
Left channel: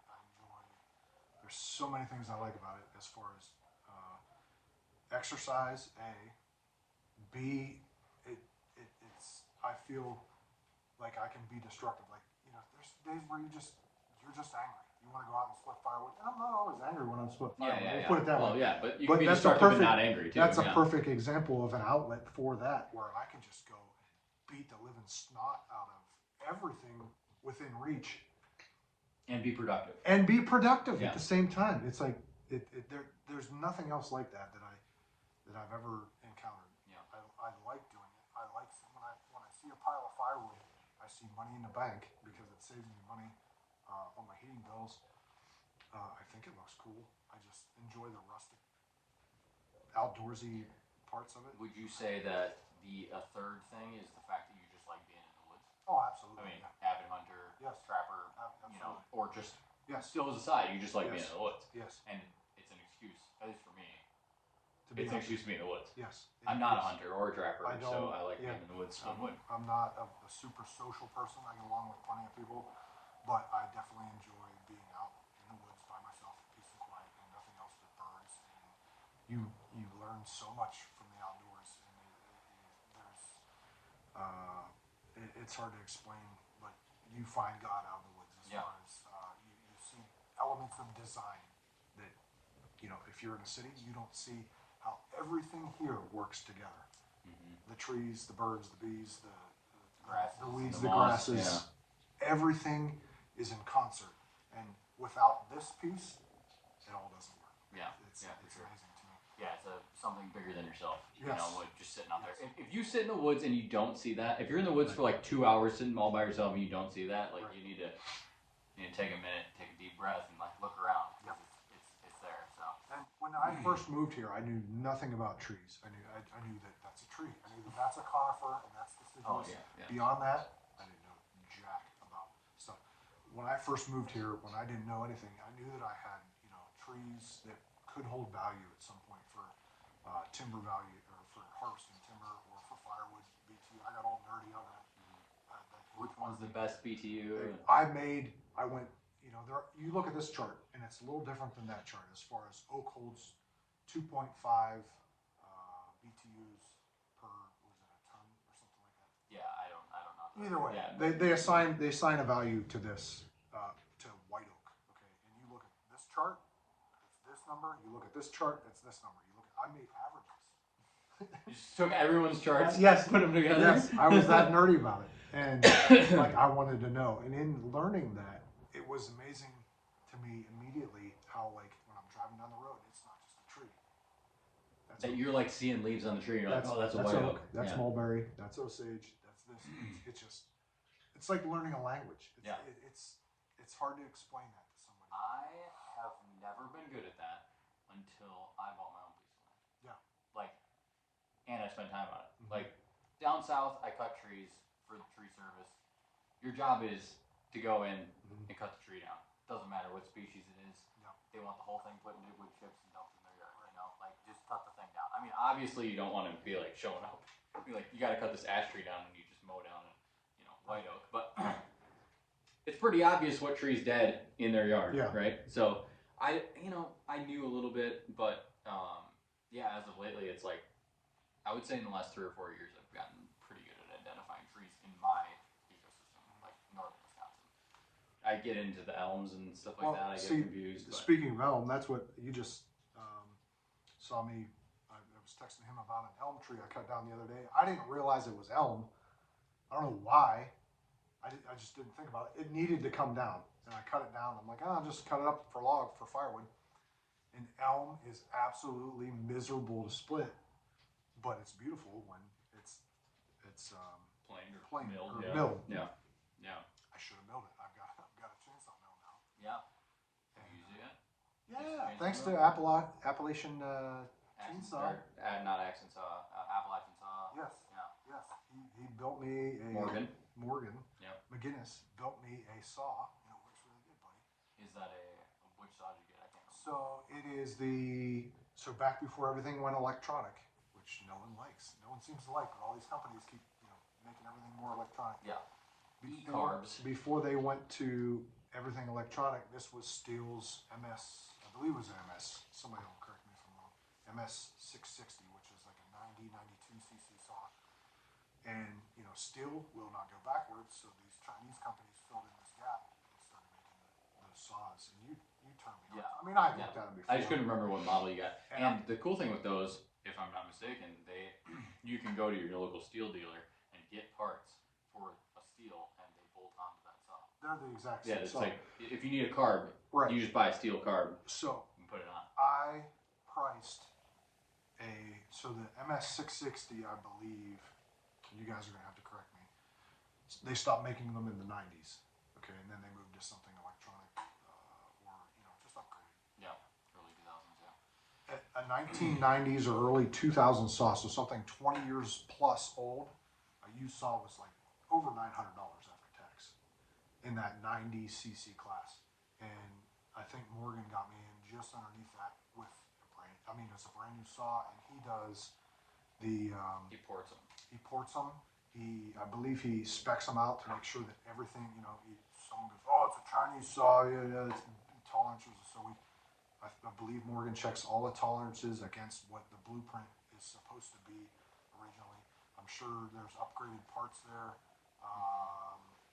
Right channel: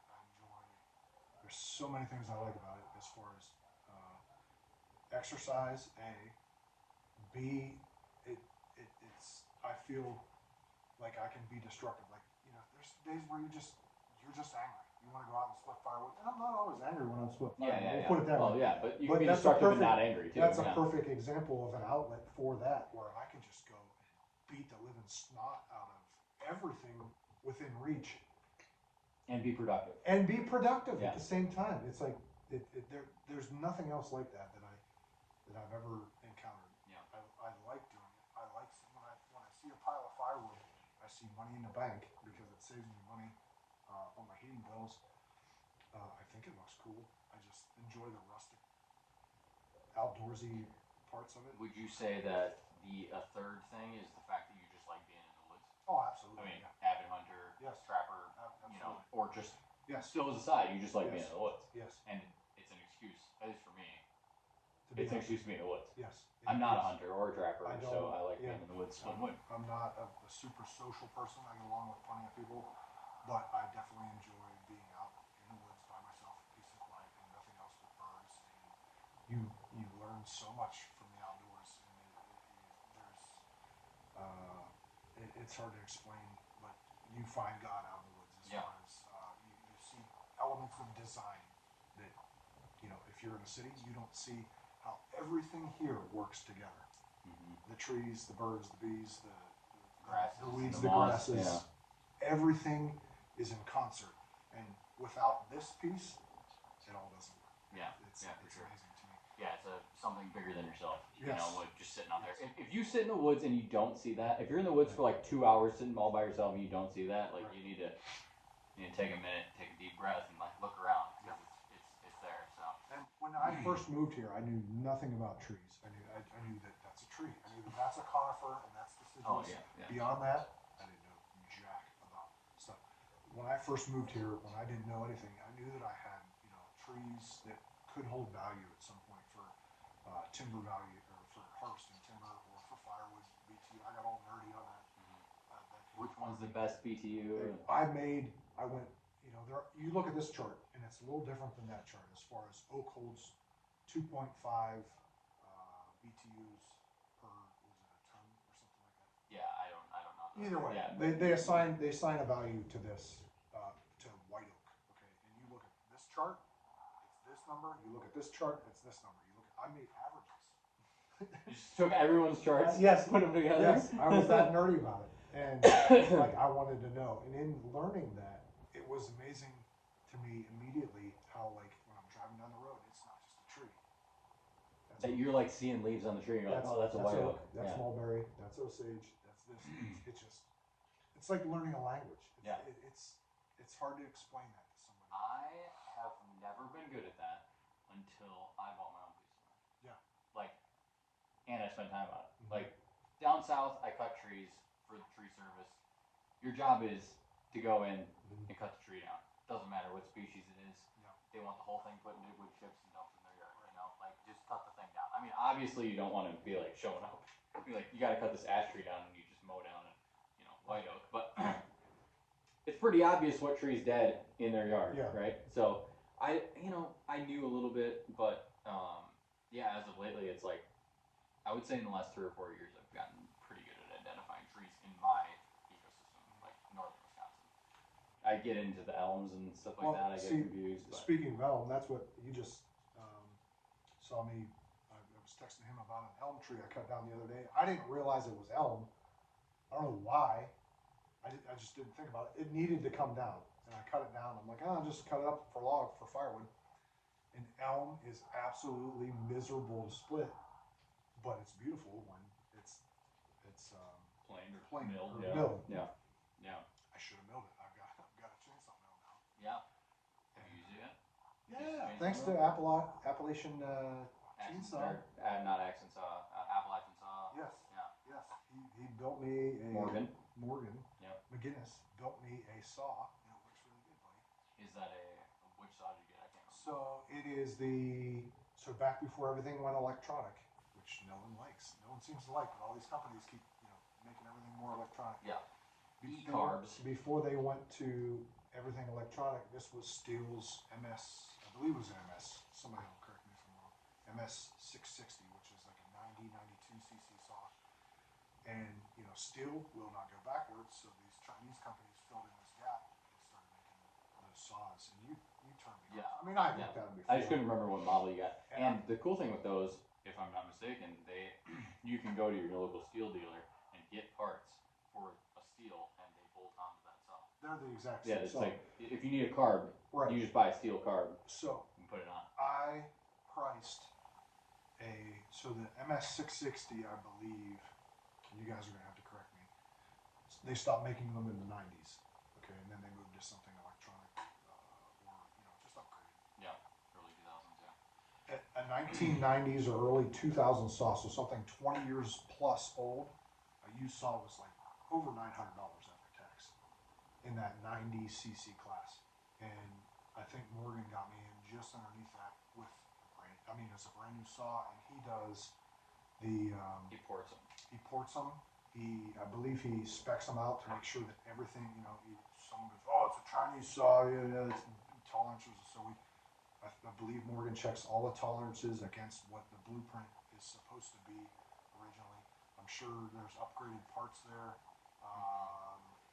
There's so many things I like about it as far as exercise. B, it's I feel like I can be destructive. Like there's days where you're just angry. You want to go out and split firewood, and I'm not always angry when I'm splitting firewood. Yeah. Put it that way. Yeah, but you can be destructive and not angry too. That's a perfect example of an outlet for that, where I can just go and beat the living snot out of everything within reach, and be productive. At the same time. It's like there's nothing else like that I've ever encountered. Yeah, I like doing it. I like when I see a pile of firewood, I see money in the bank because it saves me money on my heating bills. I think it looks cool. I just enjoy the rustic, outdoorsy parts of it. Would you say that a third thing is the fact that you just like being in the woods? Oh, absolutely. I mean, avid hunter, trapper, or just still as a side, you just like being in the woods. Yes. And it's an excuse, at least for me. It's an excuse to be in the woods. Yes. I'm not a hunter or a trapper, so I like being in the woods. I'm not a super social person. I get along with plenty of people, but I definitely enjoy being out in the woods by myself, peace and quiet, and nothing else but birds. And you learn so much from the outdoors. And it's hard to explain, but you find God out in the woods as far as you see elements of design that if you're in a city, you don't see how everything here works together. The trees, the birds, the bees, the weeds, the grasses, everything is in concert. And without this piece, it all doesn't work. Yeah, it's sure. amazing to me. Yeah, it's something bigger than yourself. Yes. Like just sitting out there. If you sit in the woods and you don't see that, if you're in the woods for like 2 hours sitting all by yourself and you don't see that, like you need to take a minute, take a deep breath, and like look around because it's there. So. And when I first moved here, I knew nothing about trees. I knew that that's a tree. I knew that that's a conifer and that's deciduous. Beyond that, I didn't know jack about stuff. When I first moved here, when I didn't know anything, I knew that I had trees that could hold value at some point for timber value or for harvesting timber or for firewood, BT. I got all One's the best BTU. I went, you know, you look at this chart, and it's a little different than that chart as far as oak holds 2.5 BTUs per, was it a ton or something like that? Yeah, I don't know. Either way, yeah, they assign a value to this, to white oak. Okay, and you look at this chart, it's this number. You look at this chart, it's this number. I made averages. You just took everyone's charts, yes, put them together. Yes, I was that nerdy about it, and like I wanted to know. And in learning that, it was amazing to me immediately how, like, when I'm driving down the road, it's not just a tree. That you're like seeing leaves on the tree, and you're like, oh, that's a white oak. That's mulberry. That's osage. That's this. It's just, it's like learning a language. It's hard to explain that to somebody. I have never been good at that until I bought my own piece of land. Yeah. Like, and I spent time on it. Like, down south, I cut trees for the tree service. Your job is to go in and cut the tree down. Doesn't matter what species it is. Yeah. They want the whole thing put into wood chips and dumped in their yard. You know, like, just cut the thing down. I mean, obviously, you don't want to be like showing up. Be like, you got to cut this ash tree down, and you just mow down a, you know, white oak. But it's pretty obvious what tree's dead in their yard, right? So I knew a little bit, but yeah, as of lately, it's like, I would say in the last 3 or 4 years, I've gotten pretty good at identifying trees in my ecosystem, like northern Wisconsin. I get into the elms and stuff like that. I get confused. Speaking of elm, that's what you just saw me. I was texting him about an elm tree I cut down the other day. I didn't realize it was elm. I don't know why. I just didn't think about it. It needed to come down, and I cut it down. I'm like, oh, I'll just cut it up for firewood. And elm is absolutely miserable to split, but it's beautiful when it's plain or milled. Yeah. I should have milled it. I've got a chainsaw mill now. Yeah. Have you used it yet? Yeah. Thanks to Appalachian chainsaw. Not Accent saw, Appalachian saw. Yes. Yeah. Yes. He built me a Morgan. Yep. McGinnis built me a saw, and it works really good, buddy. Is that which saw did you get? I can't remember. So it is back before everything went electronic, which no one likes. No one seems to like, but all these companies keep, making everything more electronic. Yeah. Carbs. Before they went to everything electronic, this was Steel's MS, I believe it was an MS. Somebody will correct me if I'm wrong. MS 660, which is like a 92 cc saw. And, Steel will not go backwards, so these Chinese companies filled in this gap and started making those saws. And you turned me on. I mean, I looked at them before. I just couldn't remember what model you got. And the cool thing with those, if I'm not mistaken, you can go to your local steel dealer and get parts for a steel, and they bolt onto that saw. They're the exact same. Yeah, it's like if you need a carb, you just buy a steel carb. So and put it on. I priced the MS660, I believe. You guys are gonna have to correct me. They stopped making them in the 90s, okay, and then they moved to something electronic, or just upgraded. Yeah, early 2000s. Yeah. A 1990s or early 2000s saw, so something 20 years plus old. A used saw was like over $900 after tax in that 90 cc class, and I think Morgan got me in just underneath that with it's a brand new saw, and he does the he ports them. He ports them. I believe he specs them out to make sure that everything, someone goes, oh, it's a Chinese saw, it's tolerances. So I believe Morgan checks all the tolerances against what the blueprint is supposed to be originally. I'm sure there's upgraded parts there.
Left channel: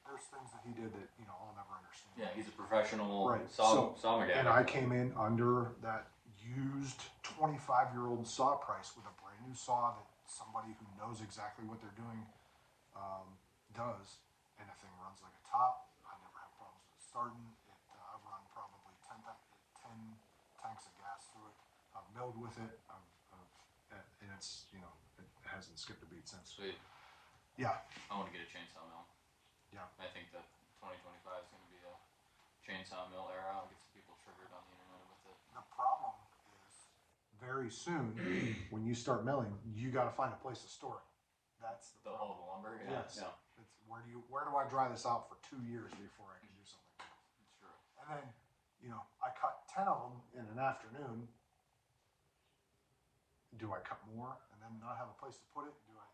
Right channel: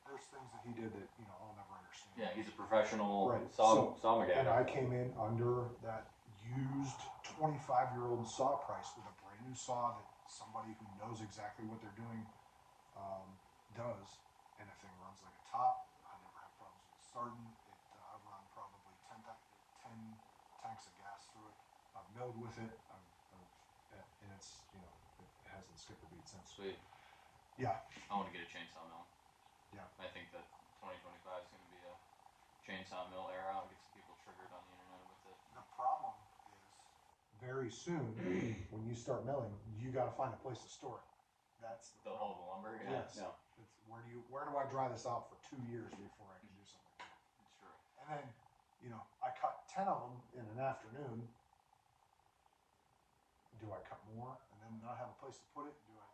There's things that he did that, I'll never understand. Yeah, he's a professional saw guy. And I came in under that used 25-year-old saw price with a brand new saw that somebody who knows exactly what they're doing does, and the thing runs like a top. I never have problems with starting. I've run probably 10 tanks of gas through it. I've milled with it, and it's it hasn't skipped a beat since. Sweet. Yeah. I want to get a chainsaw mill. Yeah. I think that 2025 is going to be a chainsaw mill era. I'll get some people triggered on the internet with it. The problem is, very soon, when you start milling, you got to find a place to store it. That's the whole lumber. Yeah. Yes. Yeah. It's where do I dry this out for 2 years before I can do something like this? Sure. And then, I cut 10 of them in an afternoon. Do I cut more and then not have a place to put it? Do I,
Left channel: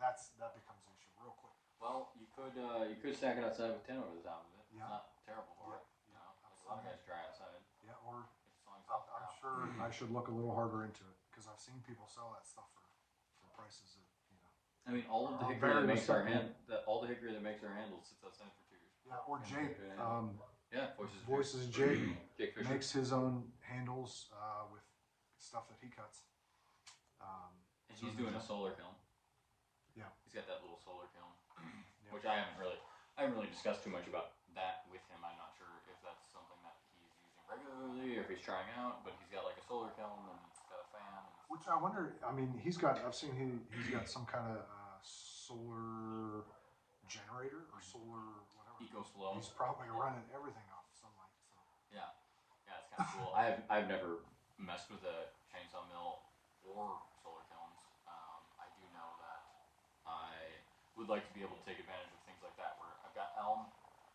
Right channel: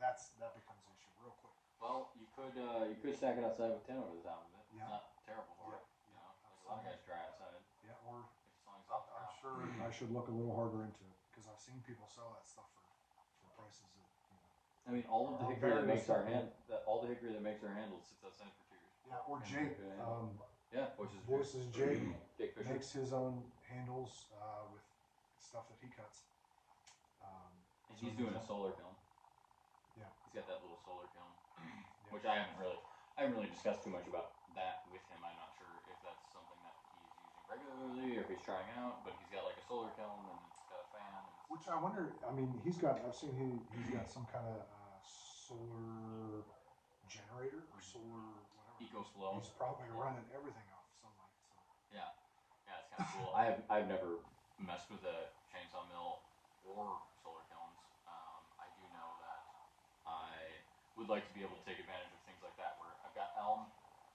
that becomes an issue real quick. Well, you You could stack it outside with tin over the top of it. Yeah. It's not terrible for it. You know, a lot of guys try outside. Yeah, or As long as up I'm sure I should look a little harder into it because I've seen people sell that stuff for prices that I mean, all of the hickory that makes our handles sits outside for 2 years. Yeah, or Jake. Yeah, Voices Jake Jake Fisher makes his own handles with stuff that he cuts. And he's doing a solar kiln. Yeah, he's got that little solar kiln, which I haven't really discussed too much about that with him. I'm not sure if that's something that he's using regularly or if he's trying out, but he's got like a solar kiln and he's got a fan. Which I wonder. I mean, I've seen he's got some kind of solar generator or solar whatever. EcoFlow. He's probably running everything off sunlight. So. Yeah, it's kind of cool. I've never messed with a chainsaw mill or solar kilns. I do know that I would like to be able to take advantage of things like that where I've got elm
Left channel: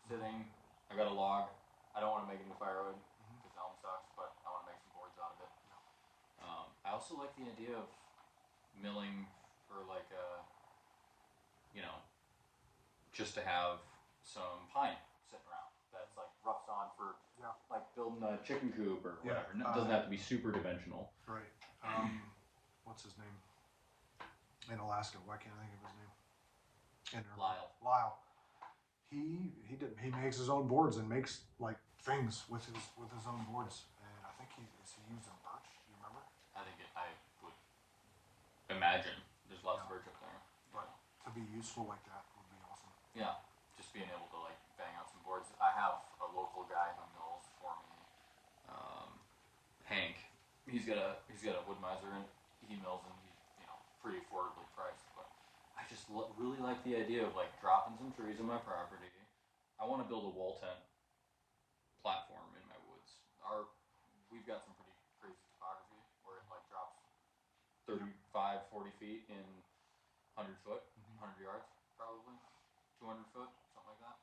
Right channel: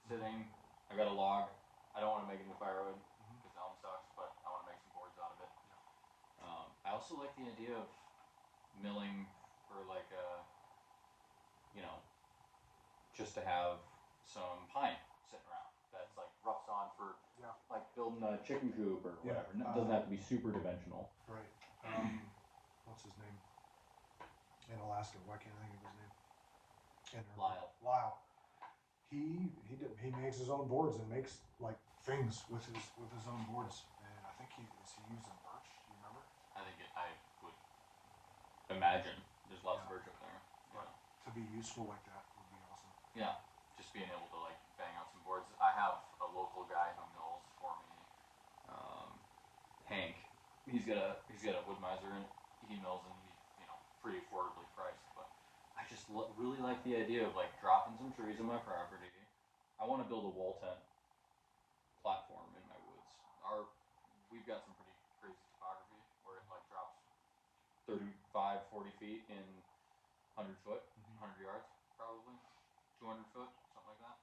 sitting, I got a log. I don't want to make it into firewood because elm sucks, but I want to make some boards out of it. I also like the idea of milling for like just to have some pine sitting around that's like rough sawn for like building a chicken coop or whatever. It doesn't have to be super dimensional. Right. What's his name? In Alaska, why can't I think of his name? Lyle. He makes his own boards and makes like things with his own boards. And I think he using birch. Do you remember? I would imagine there's lots of birch up there. But to be useful like that would be awesome. Yeah, just being able to like bang out some boards. I have a local guy who mills for me, Hank. He's got a wood miser and he mills and he's pretty affordably priced. But I just really like the idea of like dropping some trees in my property. I want to build a wall tent platform in my woods. We've got some pretty crazy topography where it like drops 35, 40 feet in 100 foot, 100 yards probably, 200 foot, something like that.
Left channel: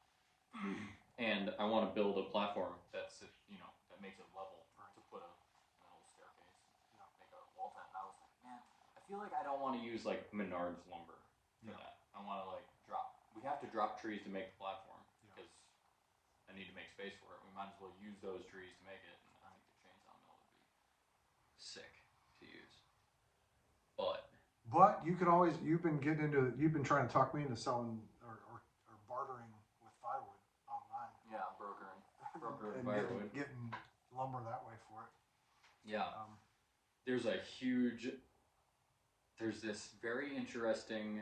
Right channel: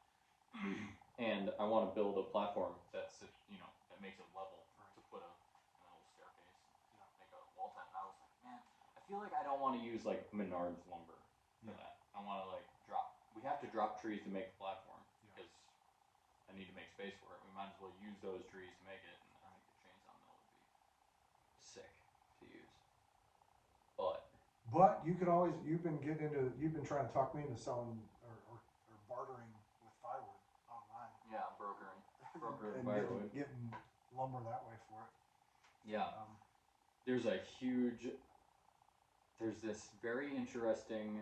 And I want to build a platform that makes it level to put a little staircase, make a wall tent. And I was like, man, I feel like I don't want to use like Menards lumber for that. I want to like we have to drop trees to make the platform because I need to make space for it. We might as well use those trees to make it. And I think the chainsaw mill would be sick to use. But you could always you've been trying to talk me into selling or bartering with firewood online. Yeah, brokering and firewood. Getting lumber that way for it. Yeah. There's this very interesting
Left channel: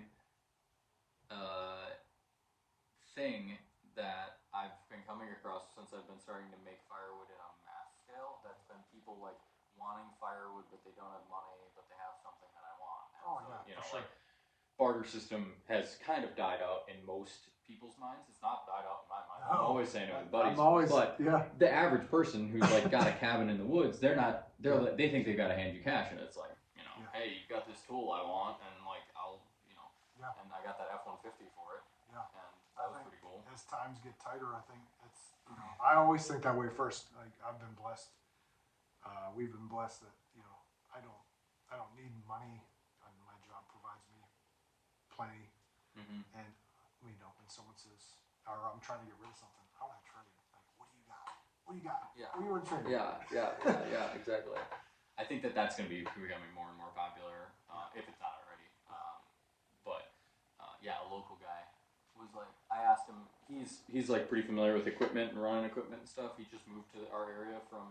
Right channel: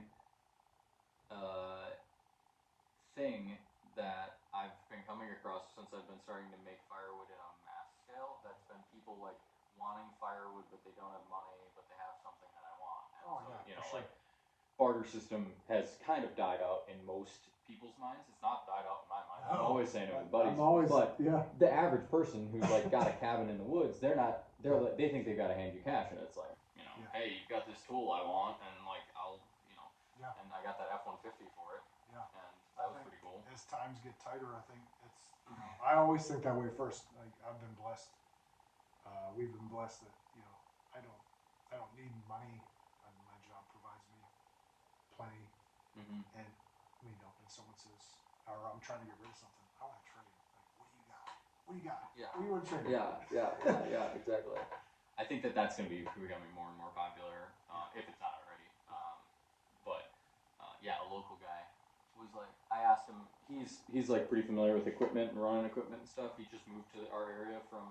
thing that I've been coming across since I've been starting to make firewood in a mass scale. That's been people like wanting firewood, but they don't have money, but they have something that I want. And like barter system has kind of died out in most people's minds. It's not died out in my mind. I'm always saying it with buddies. The average person who's like got a cabin in the woods, they think they've got to hand you cash, and it's like, hey, you got this tool I want, and like and I got that F-150 for it. Yeah. And that was pretty cool. As times get tighter, I think it's I always think that way first. Like I've been blessed. We've been blessed that I don't need money. My job provides me plenty. And when someone says, or I'm trying to get rid of something, I want to trade. Like, what do you got? What do you got? Yeah. What do you want to trade? Yeah, exactly. I think that's going to be becoming more and more popular, if it's not already. A local guy was like, I asked him, he's like pretty familiar with equipment and running equipment and stuff. He just moved to our area from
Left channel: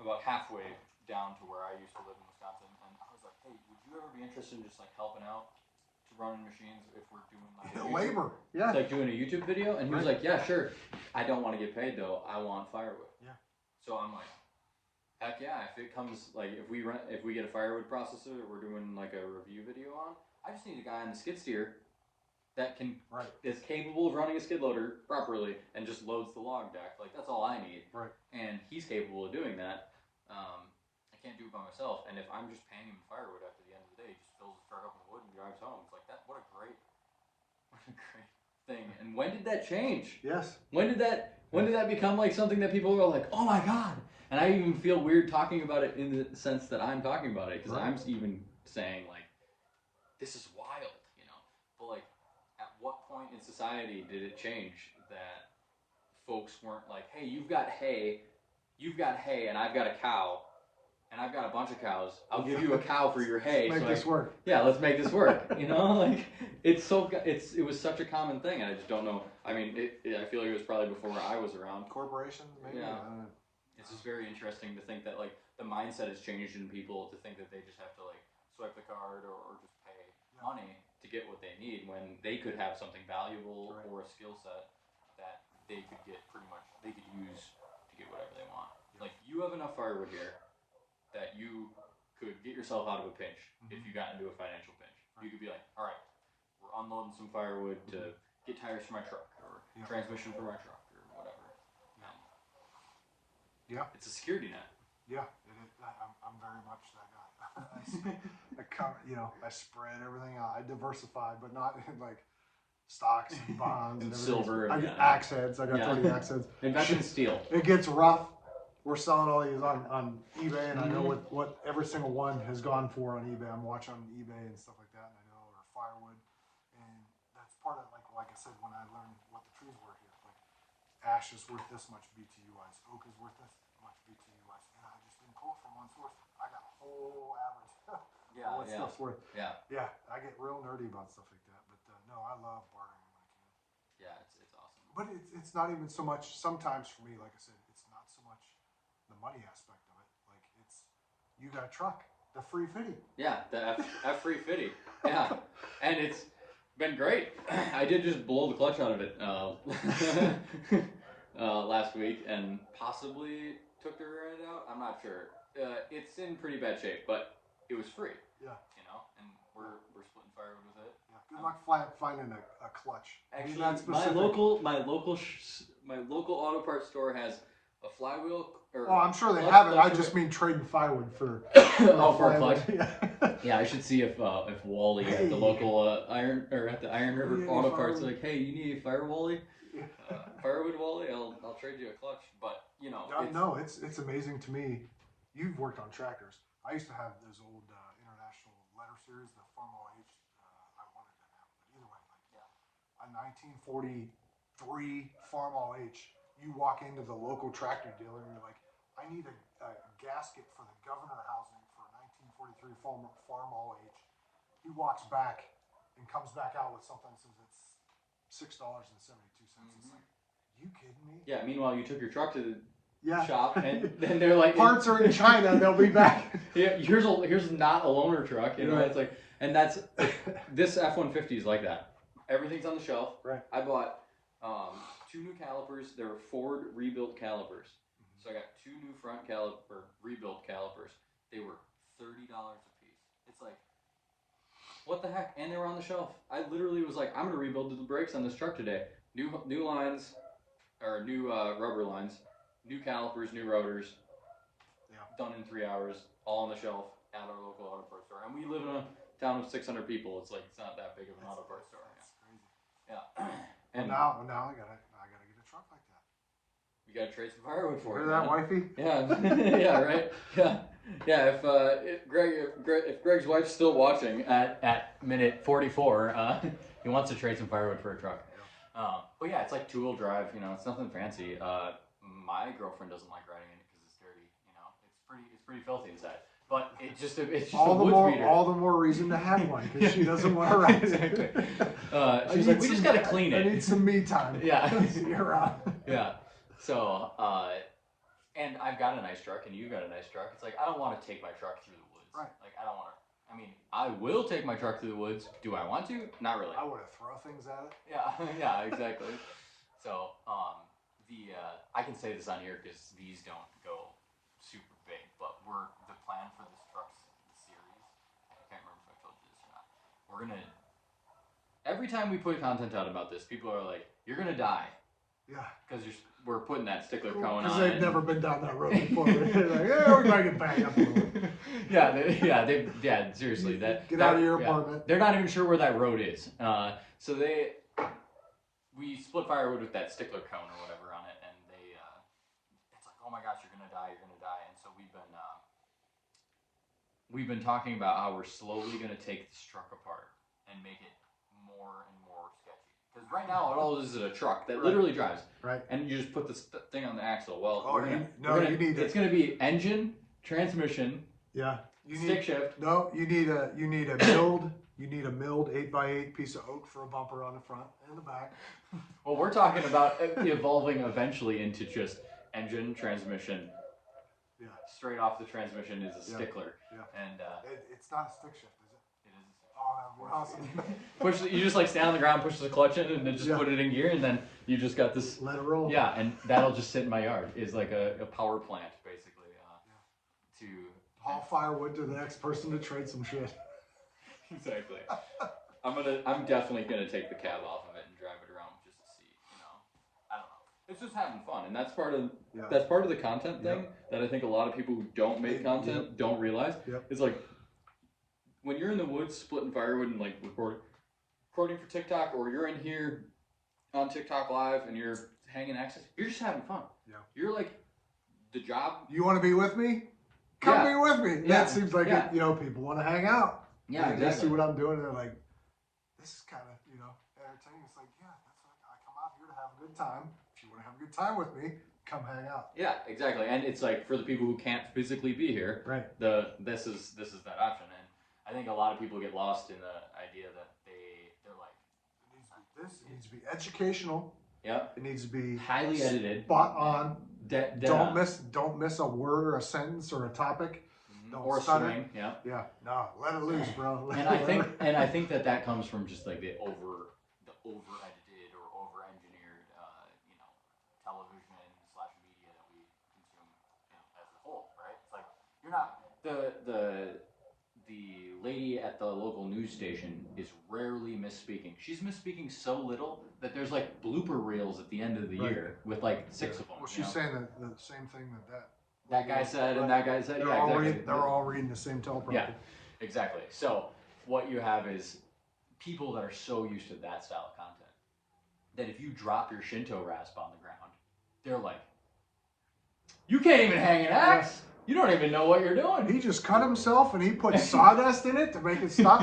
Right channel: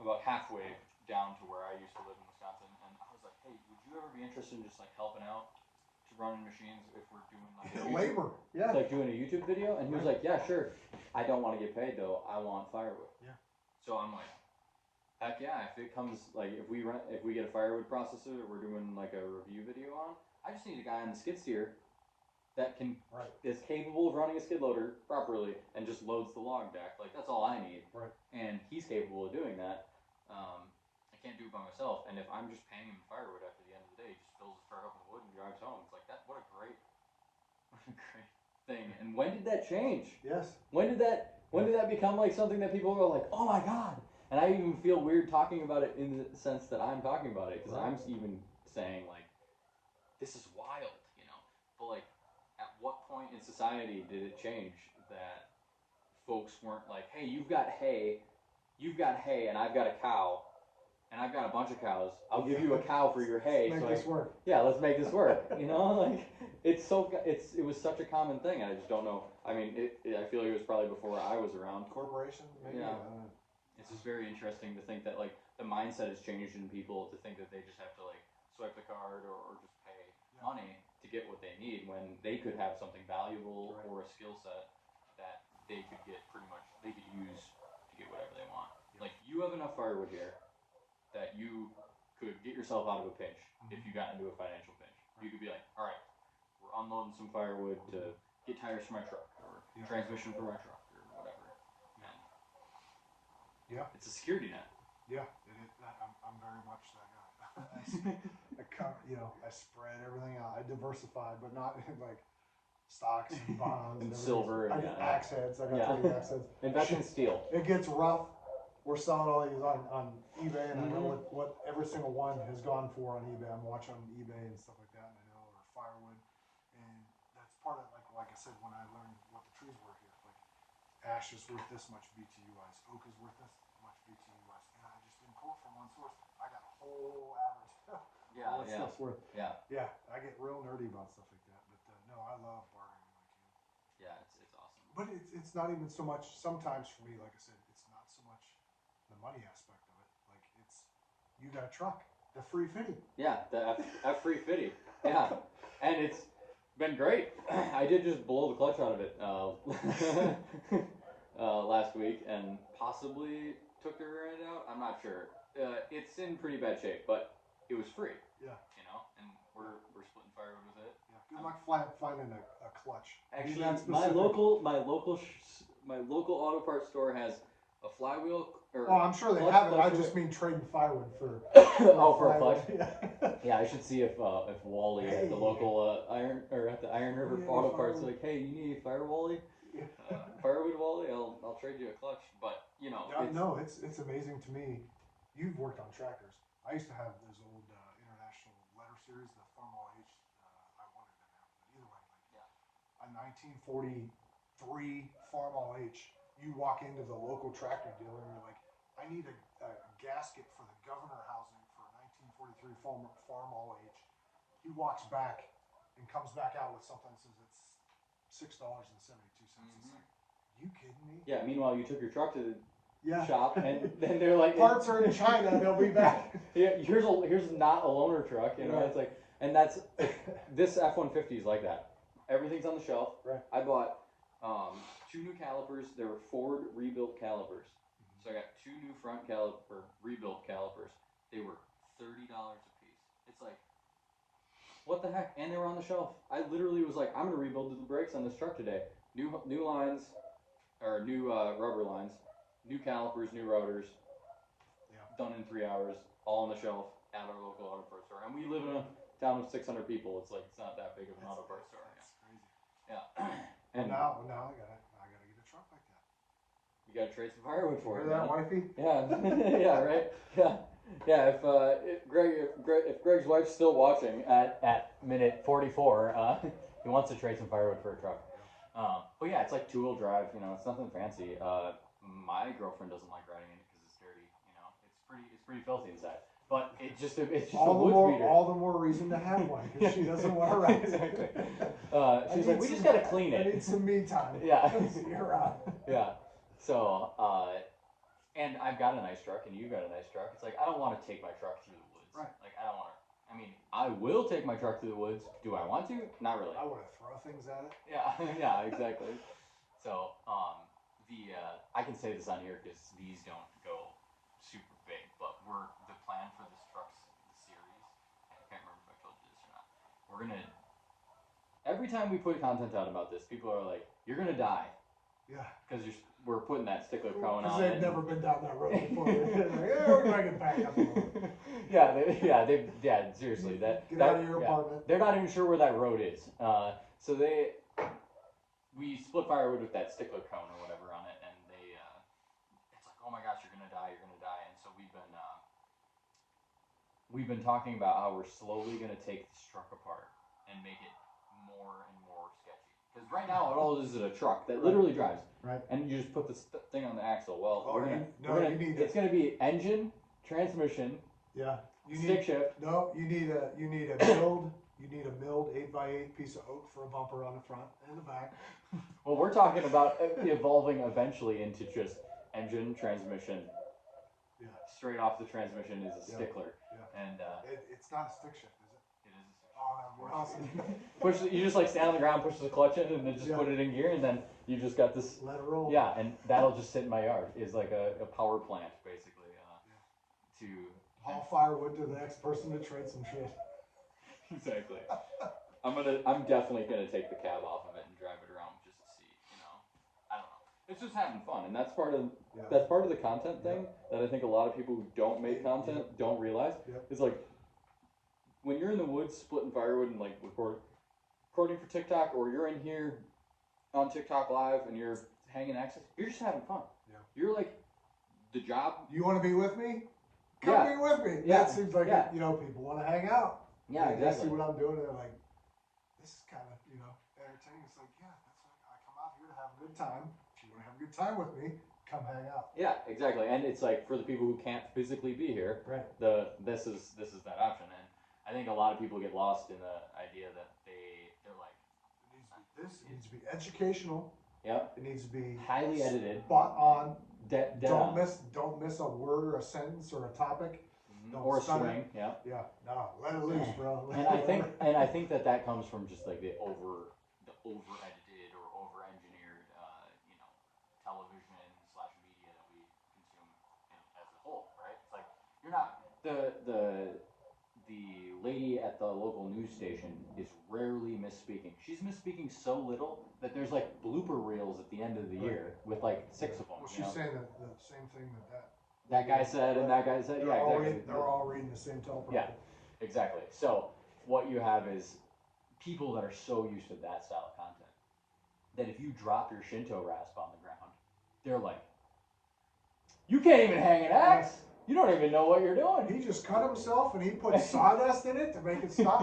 about halfway down to where I used to live in Wisconsin, and I was like, hey, would you ever be interested in just like helping out to running machines if we're doing like labor? Yeah. It's like doing a YouTube video, and he was like, yeah, sure. I don't want to get paid though. I want firewood. Yeah. So I'm like, heck yeah! If it comes like if we get a firewood processor that we're doing like a review video on, I just need a guy on the skid steer that is capable of running a skid loader properly and just loads the log deck. Like that's all I need. Right. And he's capable of doing that. I can't do it by myself. And if I'm just paying him firewood after the end of the day, he just fills his truck up with wood and drives home. It's like that. What a great thing. And when did that change? Yes. When did that become like something that people go like, oh my god? And I even feel weird talking about it in the sense that I'm talking about it because I'm even saying like, this is wild, But like, at what point point in society did it change that folks weren't like, hey, you've got hay, and I've got a cow, and I've got a bunch of cows. I'll give you a cow for your hay. Let's make this work. Yeah, let's make this work. You know, like it was such a common thing, and I just don't know. I mean, I feel like it was probably before I was around. Corporations, maybe. Yeah. It's just very interesting to think that like the mindset has changed in people to think that they just have to like swipe the card or just pay money to get what they need when they could have something valuable or a skill set that they could get they could use to get whatever they want. Like you have enough firewood here that you could get yourself out of a pinch if you got into a financial pinch. You could be like, all right, we're unloading some firewood to get tires for my truck or transmission for my truck or whatever. Yeah. It's a security net. Yeah, I'm very much that guy. I spread everything out. I diversified, but not like stocks and bonds and and silver. I get axe heads. I got 30 axe heads. Invest in steel. It gets rough. We're selling all these on eBay, and I know what every single one has gone for on eBay. I'm watching on eBay and stuff like that, and I know, or firewood, and that's part of like I said when I learned what the trees were here. Like ash is worth this much BTU-wise, oak is worth this much BTU-wise, and I just didn't pull from one source. I got a whole average. All that stuff's worth. Yeah. I get real nerdy about stuff like that, but no, I love bartering when I can. Yeah, it's awesome. But it's not even so much. Sometimes for me, like I said, it's not so much the money aspect of it. Like it's you got a truck, the free fitty. Yeah, the F free fitty. Yeah, and it's been great. I did just blow the clutch out of it last week, and possibly took the rear end out. I'm not sure. It's in pretty bad shape, but it was free. Yeah. You know, and we're splitting firewood with it. Yeah. Good luck finding a clutch. Actually, my local auto parts store has a flywheel. I'm sure they have it. I just mean trading firewood for. For a clutch. Yeah, I should see if Wally at the local Iron River Auto Parts like, hey, you need a firewood Wally? I'll trade you a clutch. But you know, it's amazing to me. You've worked on tractors. I used to have those old international letter series, the Farmall H. I wanted that now, but either way, a 1943 Farmall H. You walk into the local tractor dealer and you're like, I need a gasket for the governor housing for 1943 Farmall H. He walks back and comes back out with something that says it's $6.72. It's like, you kidding me? Yeah. Meanwhile, you took your truck to the shop, and then they're like, parts are in China. They'll be back. Yeah, here's not a loaner truck. You know, it's like, and that's this F-150 is like that. Everything's on the shelf. Right. I bought 2 new calipers. They were Ford rebuilt calipers. So I got 2 new front rebuilt calipers. They were $30 a piece. It's like, what the heck? And they were on the shelf. I literally was like, I'm gonna rebuild the brakes on this truck today. New lines, or new rubber lines. New calipers, new rotors, done in 3 hours, all on the shelf at our local auto parts store. And we live in a town of 600 people. It's like it's not that big of an auto parts store. That's crazy. Yeah. And now I gotta get a truck like that. You gotta trade some firewood for it. Hear that, wifey? Yeah. Yeah. Right. Yeah. If Greg's wife's still watching at minute 44, he wants to trade some firewood for a truck. But yeah, it's like 2-wheel drive. You know, it's nothing fancy. My girlfriend doesn't like riding in it because it's dirty. You know, it's pretty filthy inside. But it's just a wood beater. All the more reason to have one because she doesn't want to ride it. Exactly. She's like, we just gotta clean it. I need some me time. Yeah. You're on. Yeah. So, and I've got a nice truck, and you've got a nice truck. It's like I don't want to take my truck through the woods. Right. Like I don't want to. I mean, I will take my truck through the woods. Do I want to? Not really. I want to throw things at it. Yeah. Yeah. Exactly. So, I can say this on here because these don't go super big, but the plan for this truck's series. I can't remember if I told you this or not. We're gonna every time we put content out about this, people are like, "You're gonna die." Yeah. Because we're putting that Stickler Cone on. Because they've never been down that road before. They're like, yeah, we're gonna get back up a little bit. Seriously, get out of your apartment. They're not even sure where that road is. So we split firewood with that Stickler Cone or whatever on it, and it's like, oh my gosh, you're gonna die, and so we've been talking about how we're slowly gonna take this truck apart and make it more and more sketchy. Because right now, it all is a truck that literally drives. Right. And you just put this thing on the axle. Well, you need it's going to be engine, transmission, stick shift. No, you need a milled. You need a milled 8x8 piece of oak for a bumper on the front and the back. Well, we're talking about evolving eventually into just engine, transmission. Yeah. Straight off the transmission is a stickler. Yeah. And it's not a stick shift, is it? it is a stick shift. Oh, awesome. You just like stand on the ground, push the clutch in, and then just put it in gear, and then you just got this. Let it roll. Yeah, and that'll just sit in my yard. Is like a power plant basically. To haul firewood to the next person to trade some shit. Exactly. I'm definitely gonna take the cab off of it and drive it around just to see. I don't know. It's just having fun, and that's part of the content thing that I think a lot of people who don't make content don't realize. It's like when you're in the woods splitting firewood and like recording for TikTok, or you're in here on TikTok live and you're hanging axes, you're just having fun. Yeah. You're like the job. You want to be with me? Come be with me. Yeah. That seems like it, people want to hang out. Yeah, exactly. They see what I'm doing, and they're like, this is kind of, entertaining. It's like, that's like, I come out here to have a good time. If you want to have a good time with me, come hang out. Yeah, exactly. And it's like, for the people who can't physically be here, this is that option. And I think a lot of people get lost in the idea that they're like, it needs to be educational. Yep. It needs to be highly edited. Spot on. Don't miss a word or a sentence or a topic. Or swing, no, let it loose, bro. And I think that comes from just like the over edited or over engineered, television / media that we consume as a whole, right? It's like you're not the lady at the local news station is rarely misspeaking. She's misspeaking so little that there's like blooper reels at the end of the year with like 6 of them. Well, she's saying the same thing that guy said, and that guy said, exactly. They're all reading the same teleprompter. Yeah, exactly. So what you have is people that are so used to that style of content that if you drop your Shinto rasp on the ground, they're like, you can't even hang an axe. You don't even know what you're doing. He just cut himself and he put sawdust in it to make it stop.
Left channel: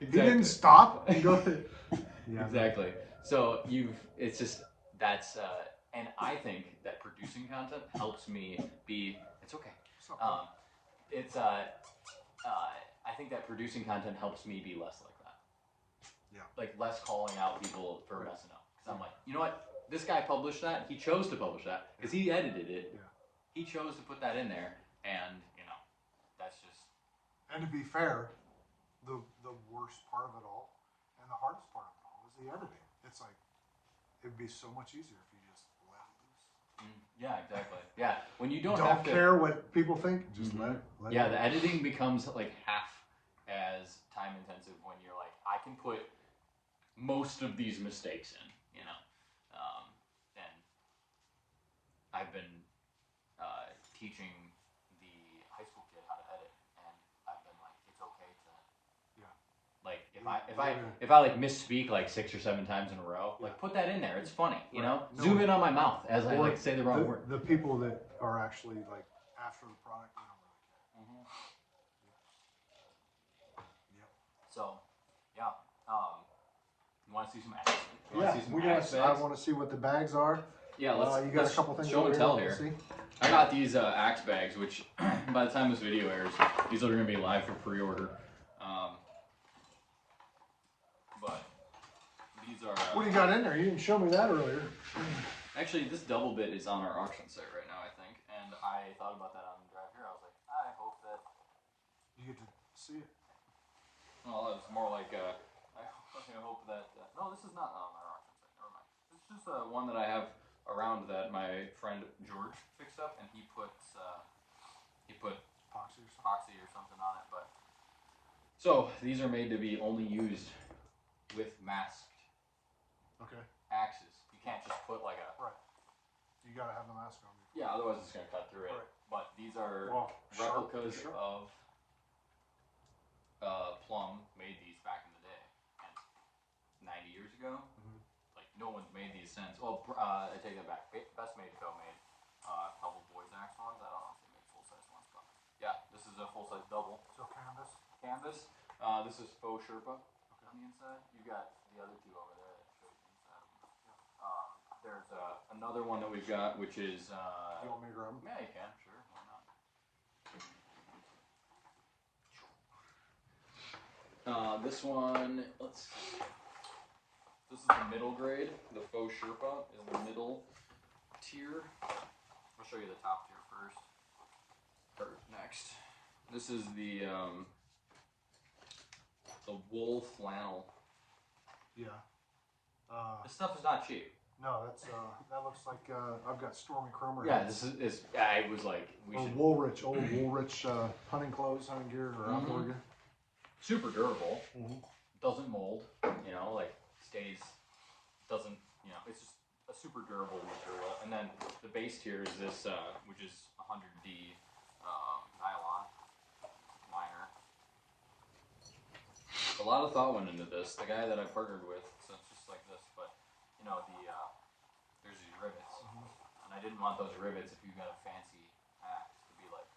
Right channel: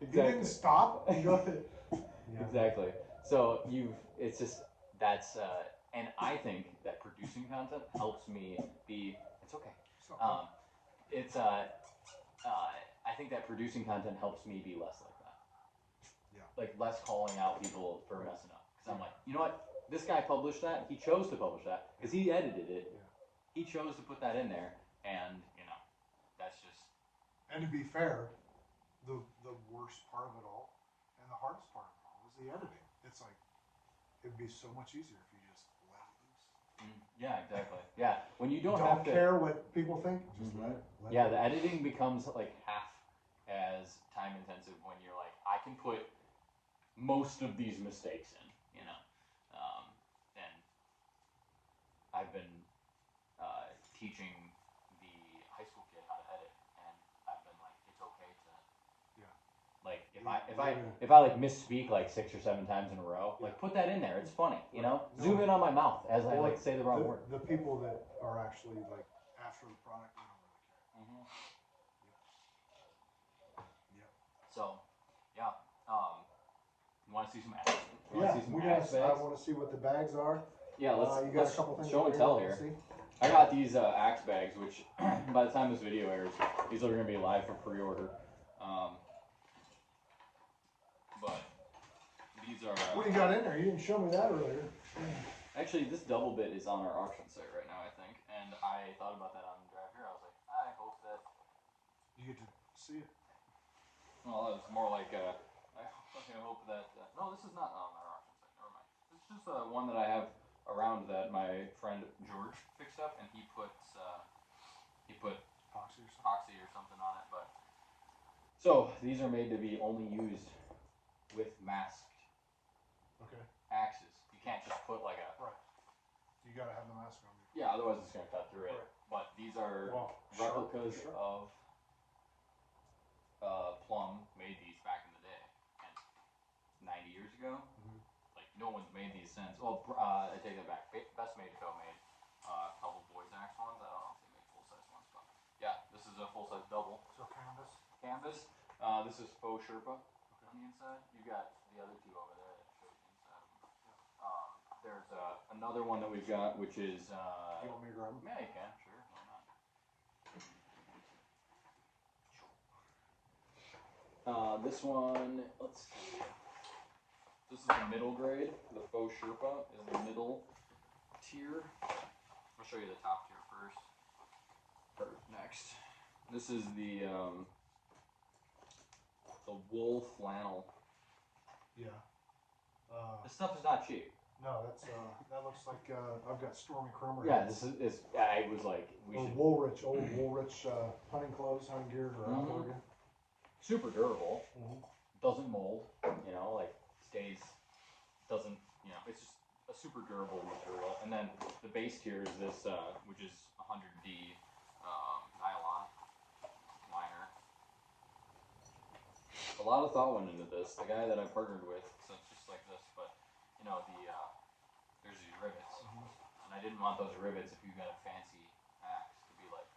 Exactly. He didn't stop. Exactly. So it's just, that's, and I think that producing content helps me be, it's okay. I think that producing content helps me be less like that. Yeah. Like less calling out people for messing up. Because I'm like, you know what? This guy published that. He chose to publish that because he edited it. Yeah. He chose to put that in there. And, that's just. And to be fair, the worst part of it all and the hardest part of it all is the editing. It's like, it'd be so much easier if you just let it loose. Yeah, exactly. Yeah, when you don't have to care what people think, just let it. The editing becomes like half as time intensive when you're like, I can put most of these mistakes in, and I've been teaching the high school kid how to edit, and I've been like, it's okay to, like if I like misspeak like 6 or 7 times in a row, like put that in there. It's funny, Zoom in on my mouth as I like say the wrong word. The people that are actually like after the product, I don't really care. Yep. So, you want to see some ads? I want to see what the bags are. Yeah, you got a couple things show and tell here. I got these axe bags, which by the time this video airs, these are going to be live for pre-order. But these are. What do you got in there? You didn't show me that earlier. Actually, this double bit is on our auction site right now, I think, and I thought about that on the drive here. I was like, I hope that you get to see it. Well, it's more like I hope that. No, this is not on our auction site. Never mind. It's just one that I have around that my friend George fixed up, and he put epoxy or something on it. But so these are made to be only used with masked axes. You can't just put like a You gotta have the mask on. Yeah, otherwise it's gonna cut through it. But these are replicas of Plum made these back in the day, and 90 years ago. Like no one's made these since. Well, I take that back. Best Made Co. made a couple boys axe ones. I don't know if they make full size ones, but yeah, this is a full size double. So canvas. This is faux Sherpa on the inside. You got the other two over there that show the inside. There's another one that we've got, which is. You want me to grab them? Yeah, you can. Sure. Why not? This one. Let's see. This is the middle grade. The faux Sherpa is the middle tier. I'll show you the top tier first. Or next. This is the wool flannel. Yeah. This stuff is not cheap. No, that's that looks like I've got Stormy Cromer. Yeah, this is. I was like, we should. Woolrich, old Woolrich hunting clothes, hunting gear, or outdoor gear. Super durable. Doesn't mold. You know, like stays. Doesn't. You know, it's just a super durable material. And then the base tier is this, which is 100D nylon liner. A lot of thought went into this. The guy that I partnered with, so it's just like this, but you know there's these rivets, and I didn't want those rivets if you got a fancy axe to be like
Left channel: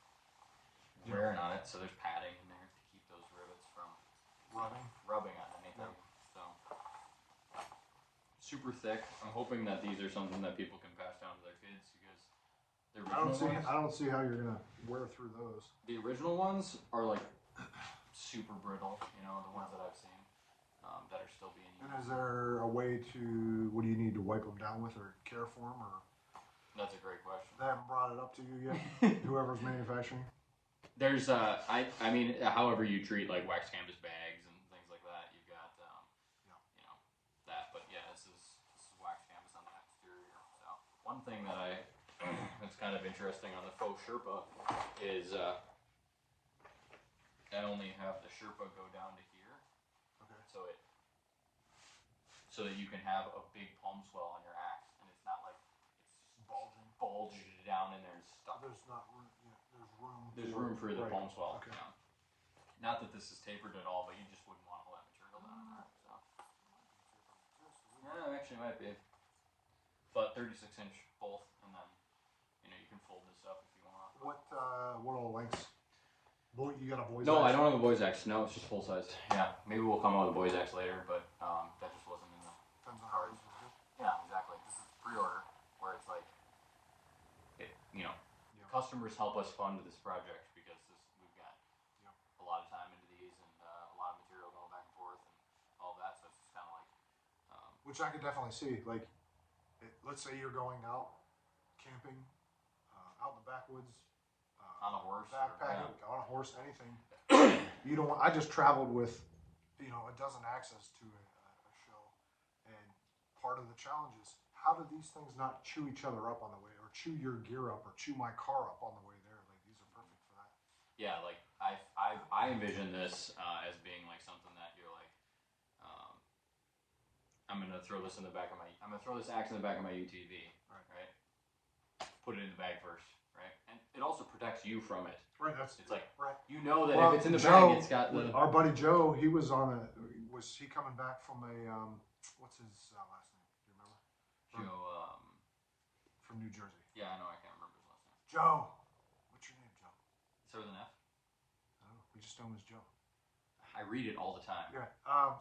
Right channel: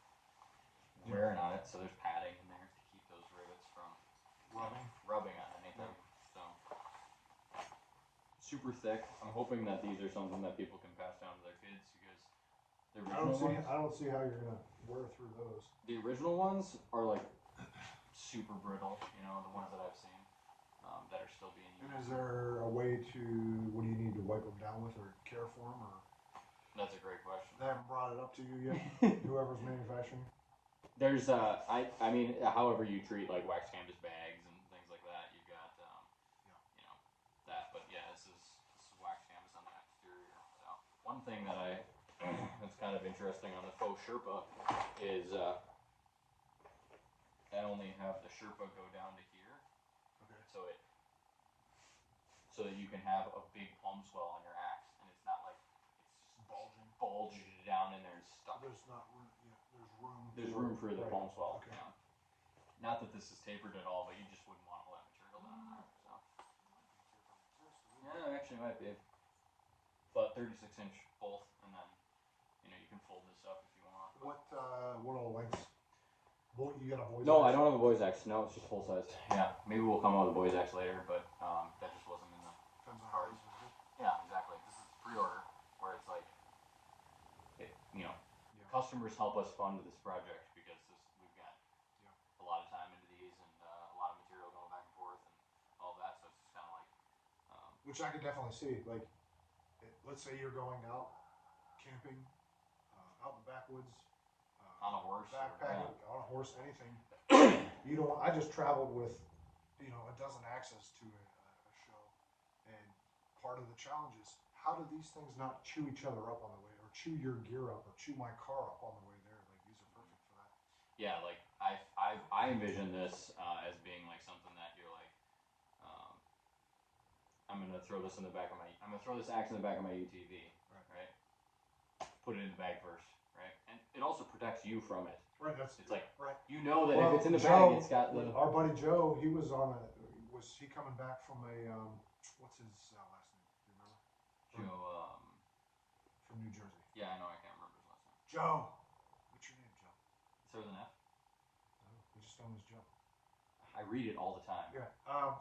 wearing on it. So there's padding in there to keep those rivets from rubbing on anything. So super thick. I'm hoping that these are something that people can pass down to their kids because the original I don't see how you're gonna wear through those. The original ones are like super brittle. You know, the ones that I've seen that are still being used. And is there a way to, what do you need to wipe them down with or care for them? Or that's a great question. They haven't brought it up to you yet, whoever's manufacturing? There's I mean, however you treat like wax canvas bags and things like that, you've got you know that. But yeah, this is wax canvas on the exterior. So one thing that that's kind of interesting on the faux Sherpa is I only have the Sherpa go down to here. Okay. So that you can have a big palm swell on your axe, and it's not like it's just bulged down in there and stuck. There's not room. Yeah, there's room. There's room for the palm swell. Okay. Yeah. Not that this is tapered at all, but you just wouldn't want all that material down in there. So. Yeah, actually might be. But 36-inch both, and then you can fold this up if you want. What all lengths? You got a boys? No, axe? I don't have a boys axe. No, it's just full sized. Yeah, maybe we'll come out with a boys axe later, but that just wasn't in the Depends on cards. how easy it is. Yeah, exactly. This is pre-order, where it's like, customers help us fund this project because we've got a lot of time into these and a lot of material going back and forth and all that. So it's just kind of like, which I could definitely see. Like, let's say you're going out camping, out in the backwoods. on a horse, backpacking, on a horse, anything. You don't. I just traveled with, a dozen axes to a show, and part of the challenge is how do these things not chew each other up on the way, or chew your gear up, or chew my car up on the way there? Like these are perfect for that. Yeah, like I envision this as being like something that you're like, I'm gonna throw this in the back of my, I'm gonna throw this axe in the back of my UTV, right? Put it in the bag first. Right, and it also protects you from it. Right, it's like right. You know that if it's in the bag, it's got the. Our buddy Joe, he was on a. Was he coming back from a? What's his last name? Do you remember? Joe. From New Jersey. Yeah, I know. I can't remember his last name. Joe. What's your name, Joe? Start with an F. No, we just know him as Joe. I read it all the time. Yeah.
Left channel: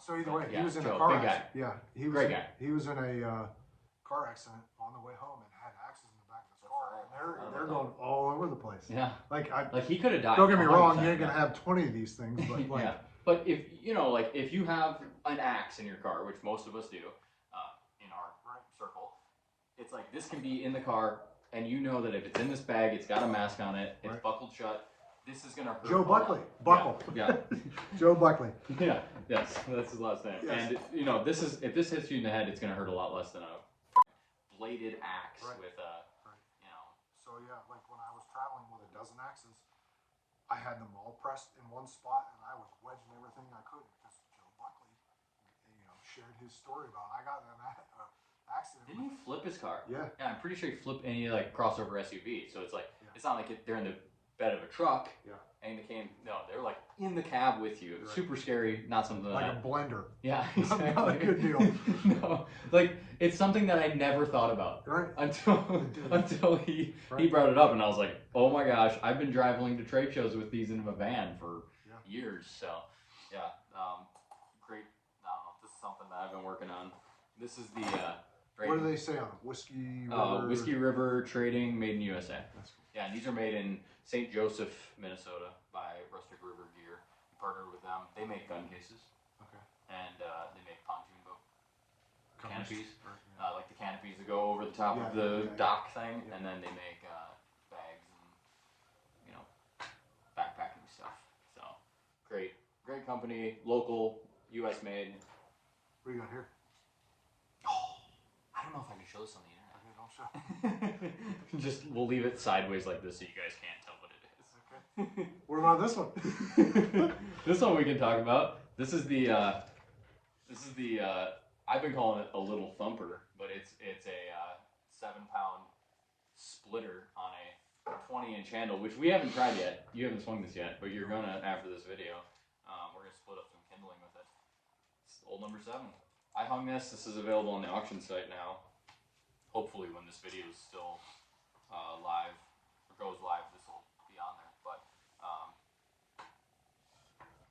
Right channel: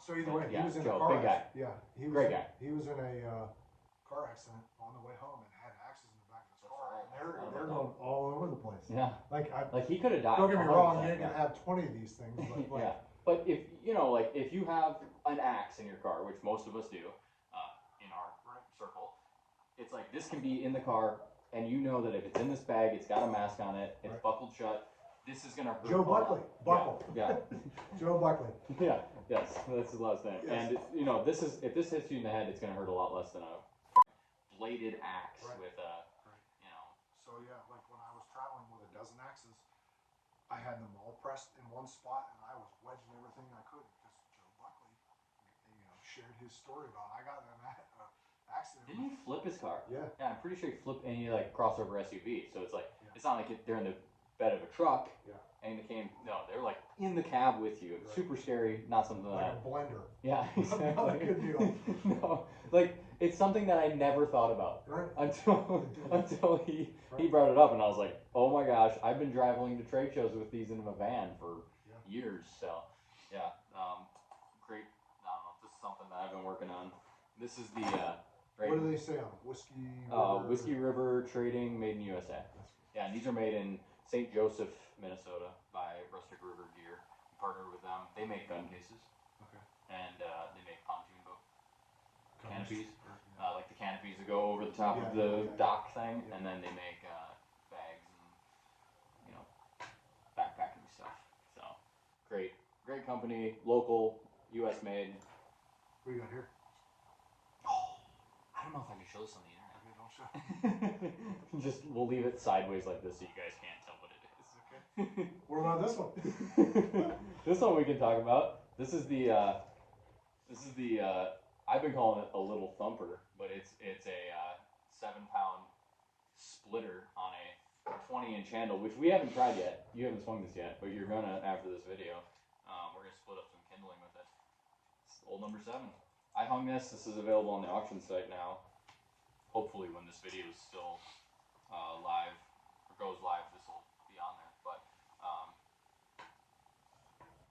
So either way, yeah, he was in Joe, a car big accident. guy. Yeah, Great guy. He was in a car accident on the way home and had axes in the back of his car. Right. And they're going all over the place. Yeah. Like he could have died. Don't get me wrong, you ain't gonna have 20 of these things, but like. Yeah. But if if you have an axe in your car, which most of us do, in our circle, it's like this can be in the car, and you know that if it's in this bag, it's got a mask on it, it's buckled shut. This is gonna hurt. Joe Buckley. Buckle. Yeah. Joe Buckley. Yeah. Yes. That's his last name. Yes. And if this hits you in the head, it's gonna hurt a lot less than a bladed axe with So yeah, like when I was traveling with a dozen axes, I had them all pressed in one spot, and I was wedging everything I could because Joe Buckley, shared his story about I got in an accident. Didn't you flip his car? Yeah. Yeah, I'm pretty sure you flipped any like crossover SUV. So it's like it's not like they're in the bed of a truck. Yeah. And they're like in the cab with you. Right. Super scary. Not something like a blender. Yeah, exactly. Not a good deal. No, like it's something that I never thought about. Right. Until he brought it up, and I was like, oh my gosh, I've been traveling to trade shows with these in a van for years. So yeah, great. This is something that I've been working on. This is the Great. What do they say on them? Whiskey River Trading, made in USA. Yeah, and these are made in St. Joseph, Minnesota, by Rustic River Gear. Partnered with them. They make gun cases. Okay. And they make pontoon boat canopies. Like the canopies that go over the top of the dock thing, and then they make bags and, you know, backpacking stuff. So, great company, local, U.S. made. What do you got here? Oh, I don't know if I can show this on the internet. Just, we'll leave it sideways like this so you guys can't tell what it is. Okay. What about this one? This one we can talk about. This is the I've been calling it a Little Thumper, but it's a 7-pound splitter on a 20-inch handle, which we haven't tried yet. You haven't swung this yet, but you're gonna after this video. We're gonna split up some kindling with it. It's old number 7. I hung this. This is available on the auction site now. Hopefully, when this video is still live or goes live, this will be on there. But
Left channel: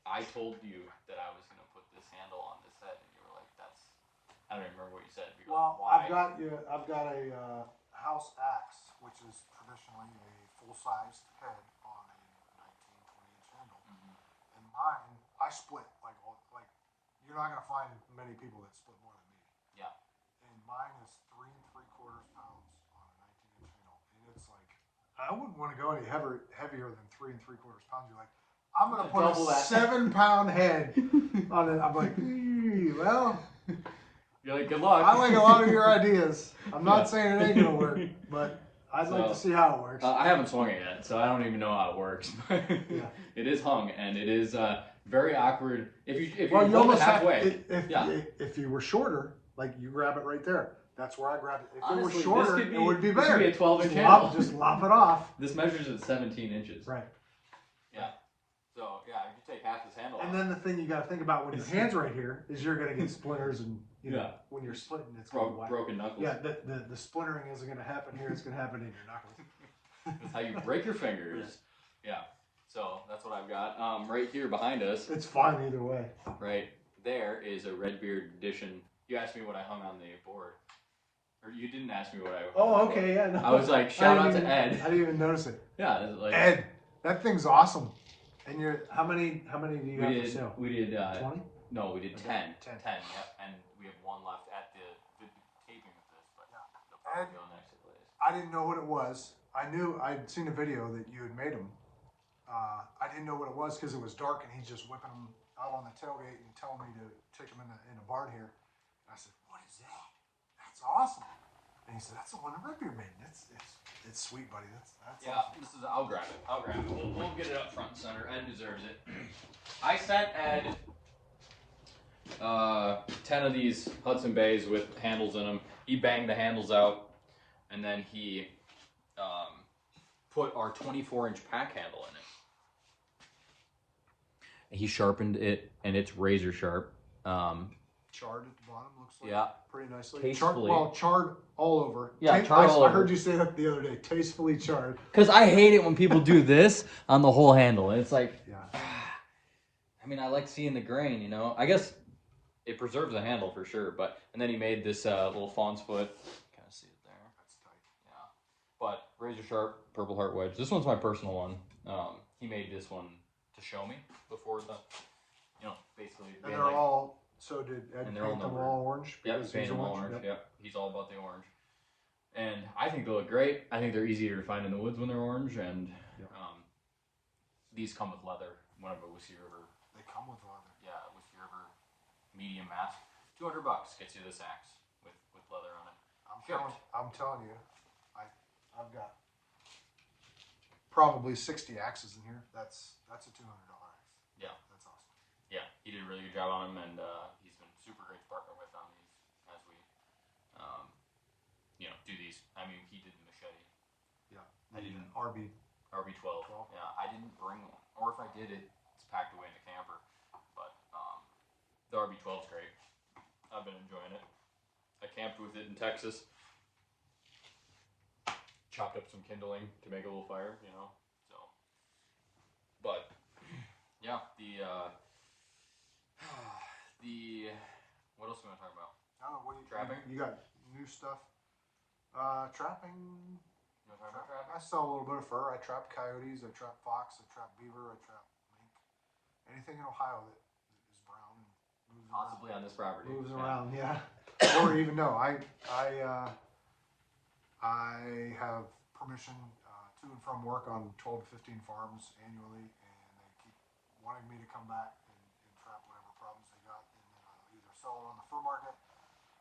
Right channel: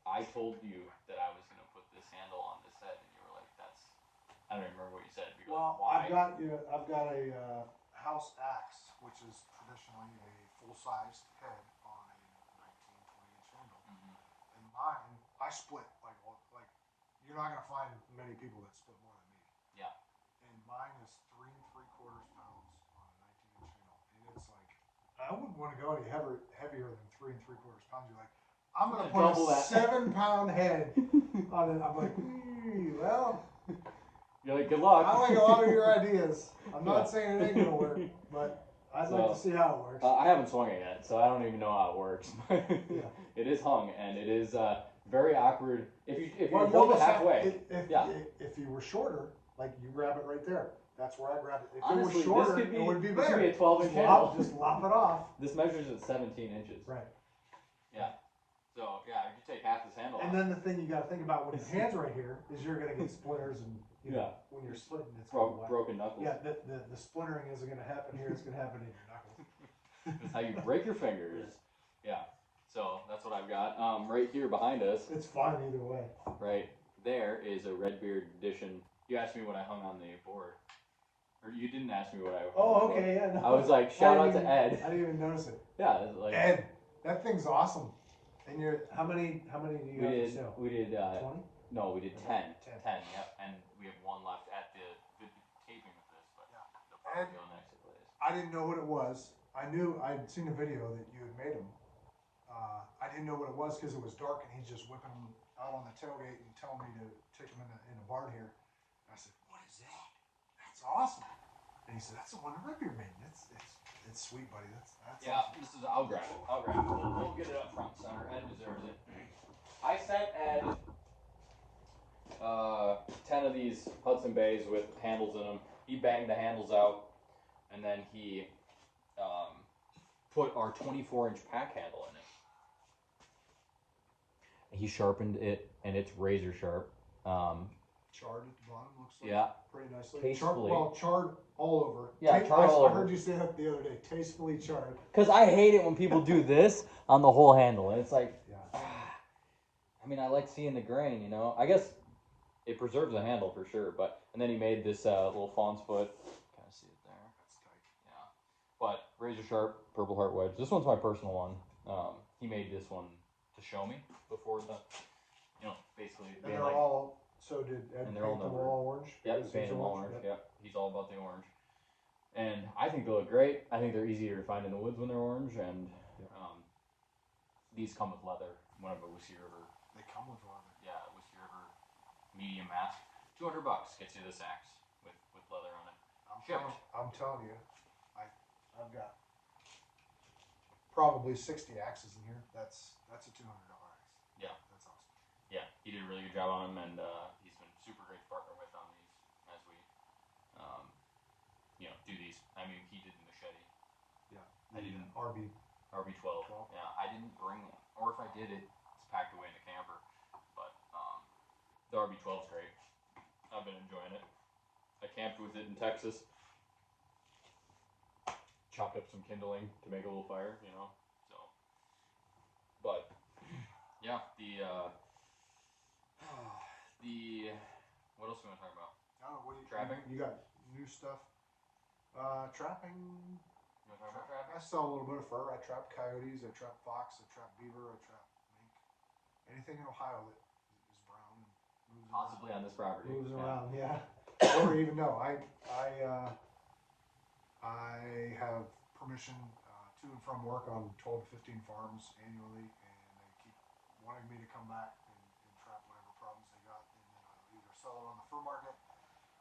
I told you that I was gonna put this handle on this head, and you were like, "That's." I don't even remember what you said. You well, like, I've got a house axe, which is traditionally a full-size head on a 19-20-inch handle. And mine, I split like you're not gonna find many people that split more than me. Yeah. And mine is 3 3/4 pounds on a 19-inch handle, and it's like I wouldn't want to go any heavier than 3 3/4 pounds. You're like, I'm gonna put a 7-pound head on it. I'm like, well. You're like, good luck. I like a lot of your ideas. I'm not saying it ain't gonna work, but I'd like to see how it works. I haven't swung it yet, so I don't even know how it works. It is hung, and it is very awkward. If you hold it halfway, if you were shorter, like you grab it right there. That's where I grab it. If honestly, it was shorter, it would be better. This could be a 12-inch handle. Just lop it off. This measures at 17 inches. Right. Yeah. So yeah, if you take half this handle. And then the thing you got to think about with your hands right here is you're gonna get splinters and. You know, when you're splitting, it's broken knuckles. Yeah, the splintering isn't going to happen here. It's going to happen in your knuckles. That's how you break your fingers. Yeah. So that's what I've got. Right here behind us. It's fine either way. Right there is a Redbeard Edition. You asked me what I hung on the board. Or you didn't ask me what I hung on the board. Yeah. No, I was like, shout out to Ed. I didn't even notice it. Yeah. Like, Ed, that thing's awesome. And how many do you have for sale? We did 20? No, we did 10. 10. 10, yeah. And we have one left at the taping of this, but yeah. it'll probably be on next place. I didn't know what it was. I knew I'd seen a video that you had made them. I didn't know what it was because it was dark and he's just whipping them out on the tailgate and telling me to take them in a barn here. And I said, "What is that? That's awesome." And he said, "That's the one that Redbeard made. It's sweet, buddy. That's yeah. Awesome." This is. I'll grab it. We'll get it up front and center. Ed deserves it. I sent Ed 10 of these Hudson Bays with handles in them. He banged the handles out, and then he put our 24-inch pack handle in it. He sharpened it, and it's razor sharp. Charred at the bottom, looks like. Yeah. Pretty nicely. Tastefully. Charred all over. Yeah, charred all over. I heard you say that the other day. Tastefully charred. Because I hate it when people do this on the whole handle, and it's like, I mean, I like seeing the grain, you know. I guess it preserves the handle for sure, but and then he made this little fawn's foot. Kind of see it there. That's tight. Yeah, but razor sharp Purple Heart wedge. This one's my personal one. He made this one to show me before the, you know, basically. And they're all. So did Ed paint them all orange? Yep, paint them all orange. Yep, he's all about the orange. And I think they look great. I think they're easier to find in the woods when they're orange, and these come with leather. One of a Whiskey River. They come with leather. Yeah, Whiskey River medium mask. $200 gets you this axe with leather on it. I'm telling you, I've got probably 60 axes in here. That's a $200 axe. Yeah, that's awesome. Yeah, he did a really good job on them, and he's been super great to partner with on these as we, you know, do these. I mean, he did the machete. Yeah, I didn't. RB12. Yeah, I didn't bring it, or if I did, it's packed away in the camper. But the RB12 is great. I've been enjoying it. I camped with it in Texas. Chopped up some kindling to make a little fire, you know. So, but yeah, the what else do you want to talk about? I don't know, trapping. You got new do stuff. Trapping. You know what I'm trapping? I sell a little bit of fur. I trap coyotes. I trap fox. I trap beaver. I trap mink. Anything in Ohio that is brown and moves Possibly around. On this property. Moves around, yeah. Or even no, I have permission to and from work on 12 to 15 farms annually, and they keep wanting me to come back and trap whatever problems they got, and then I'll either sell them on the fur market,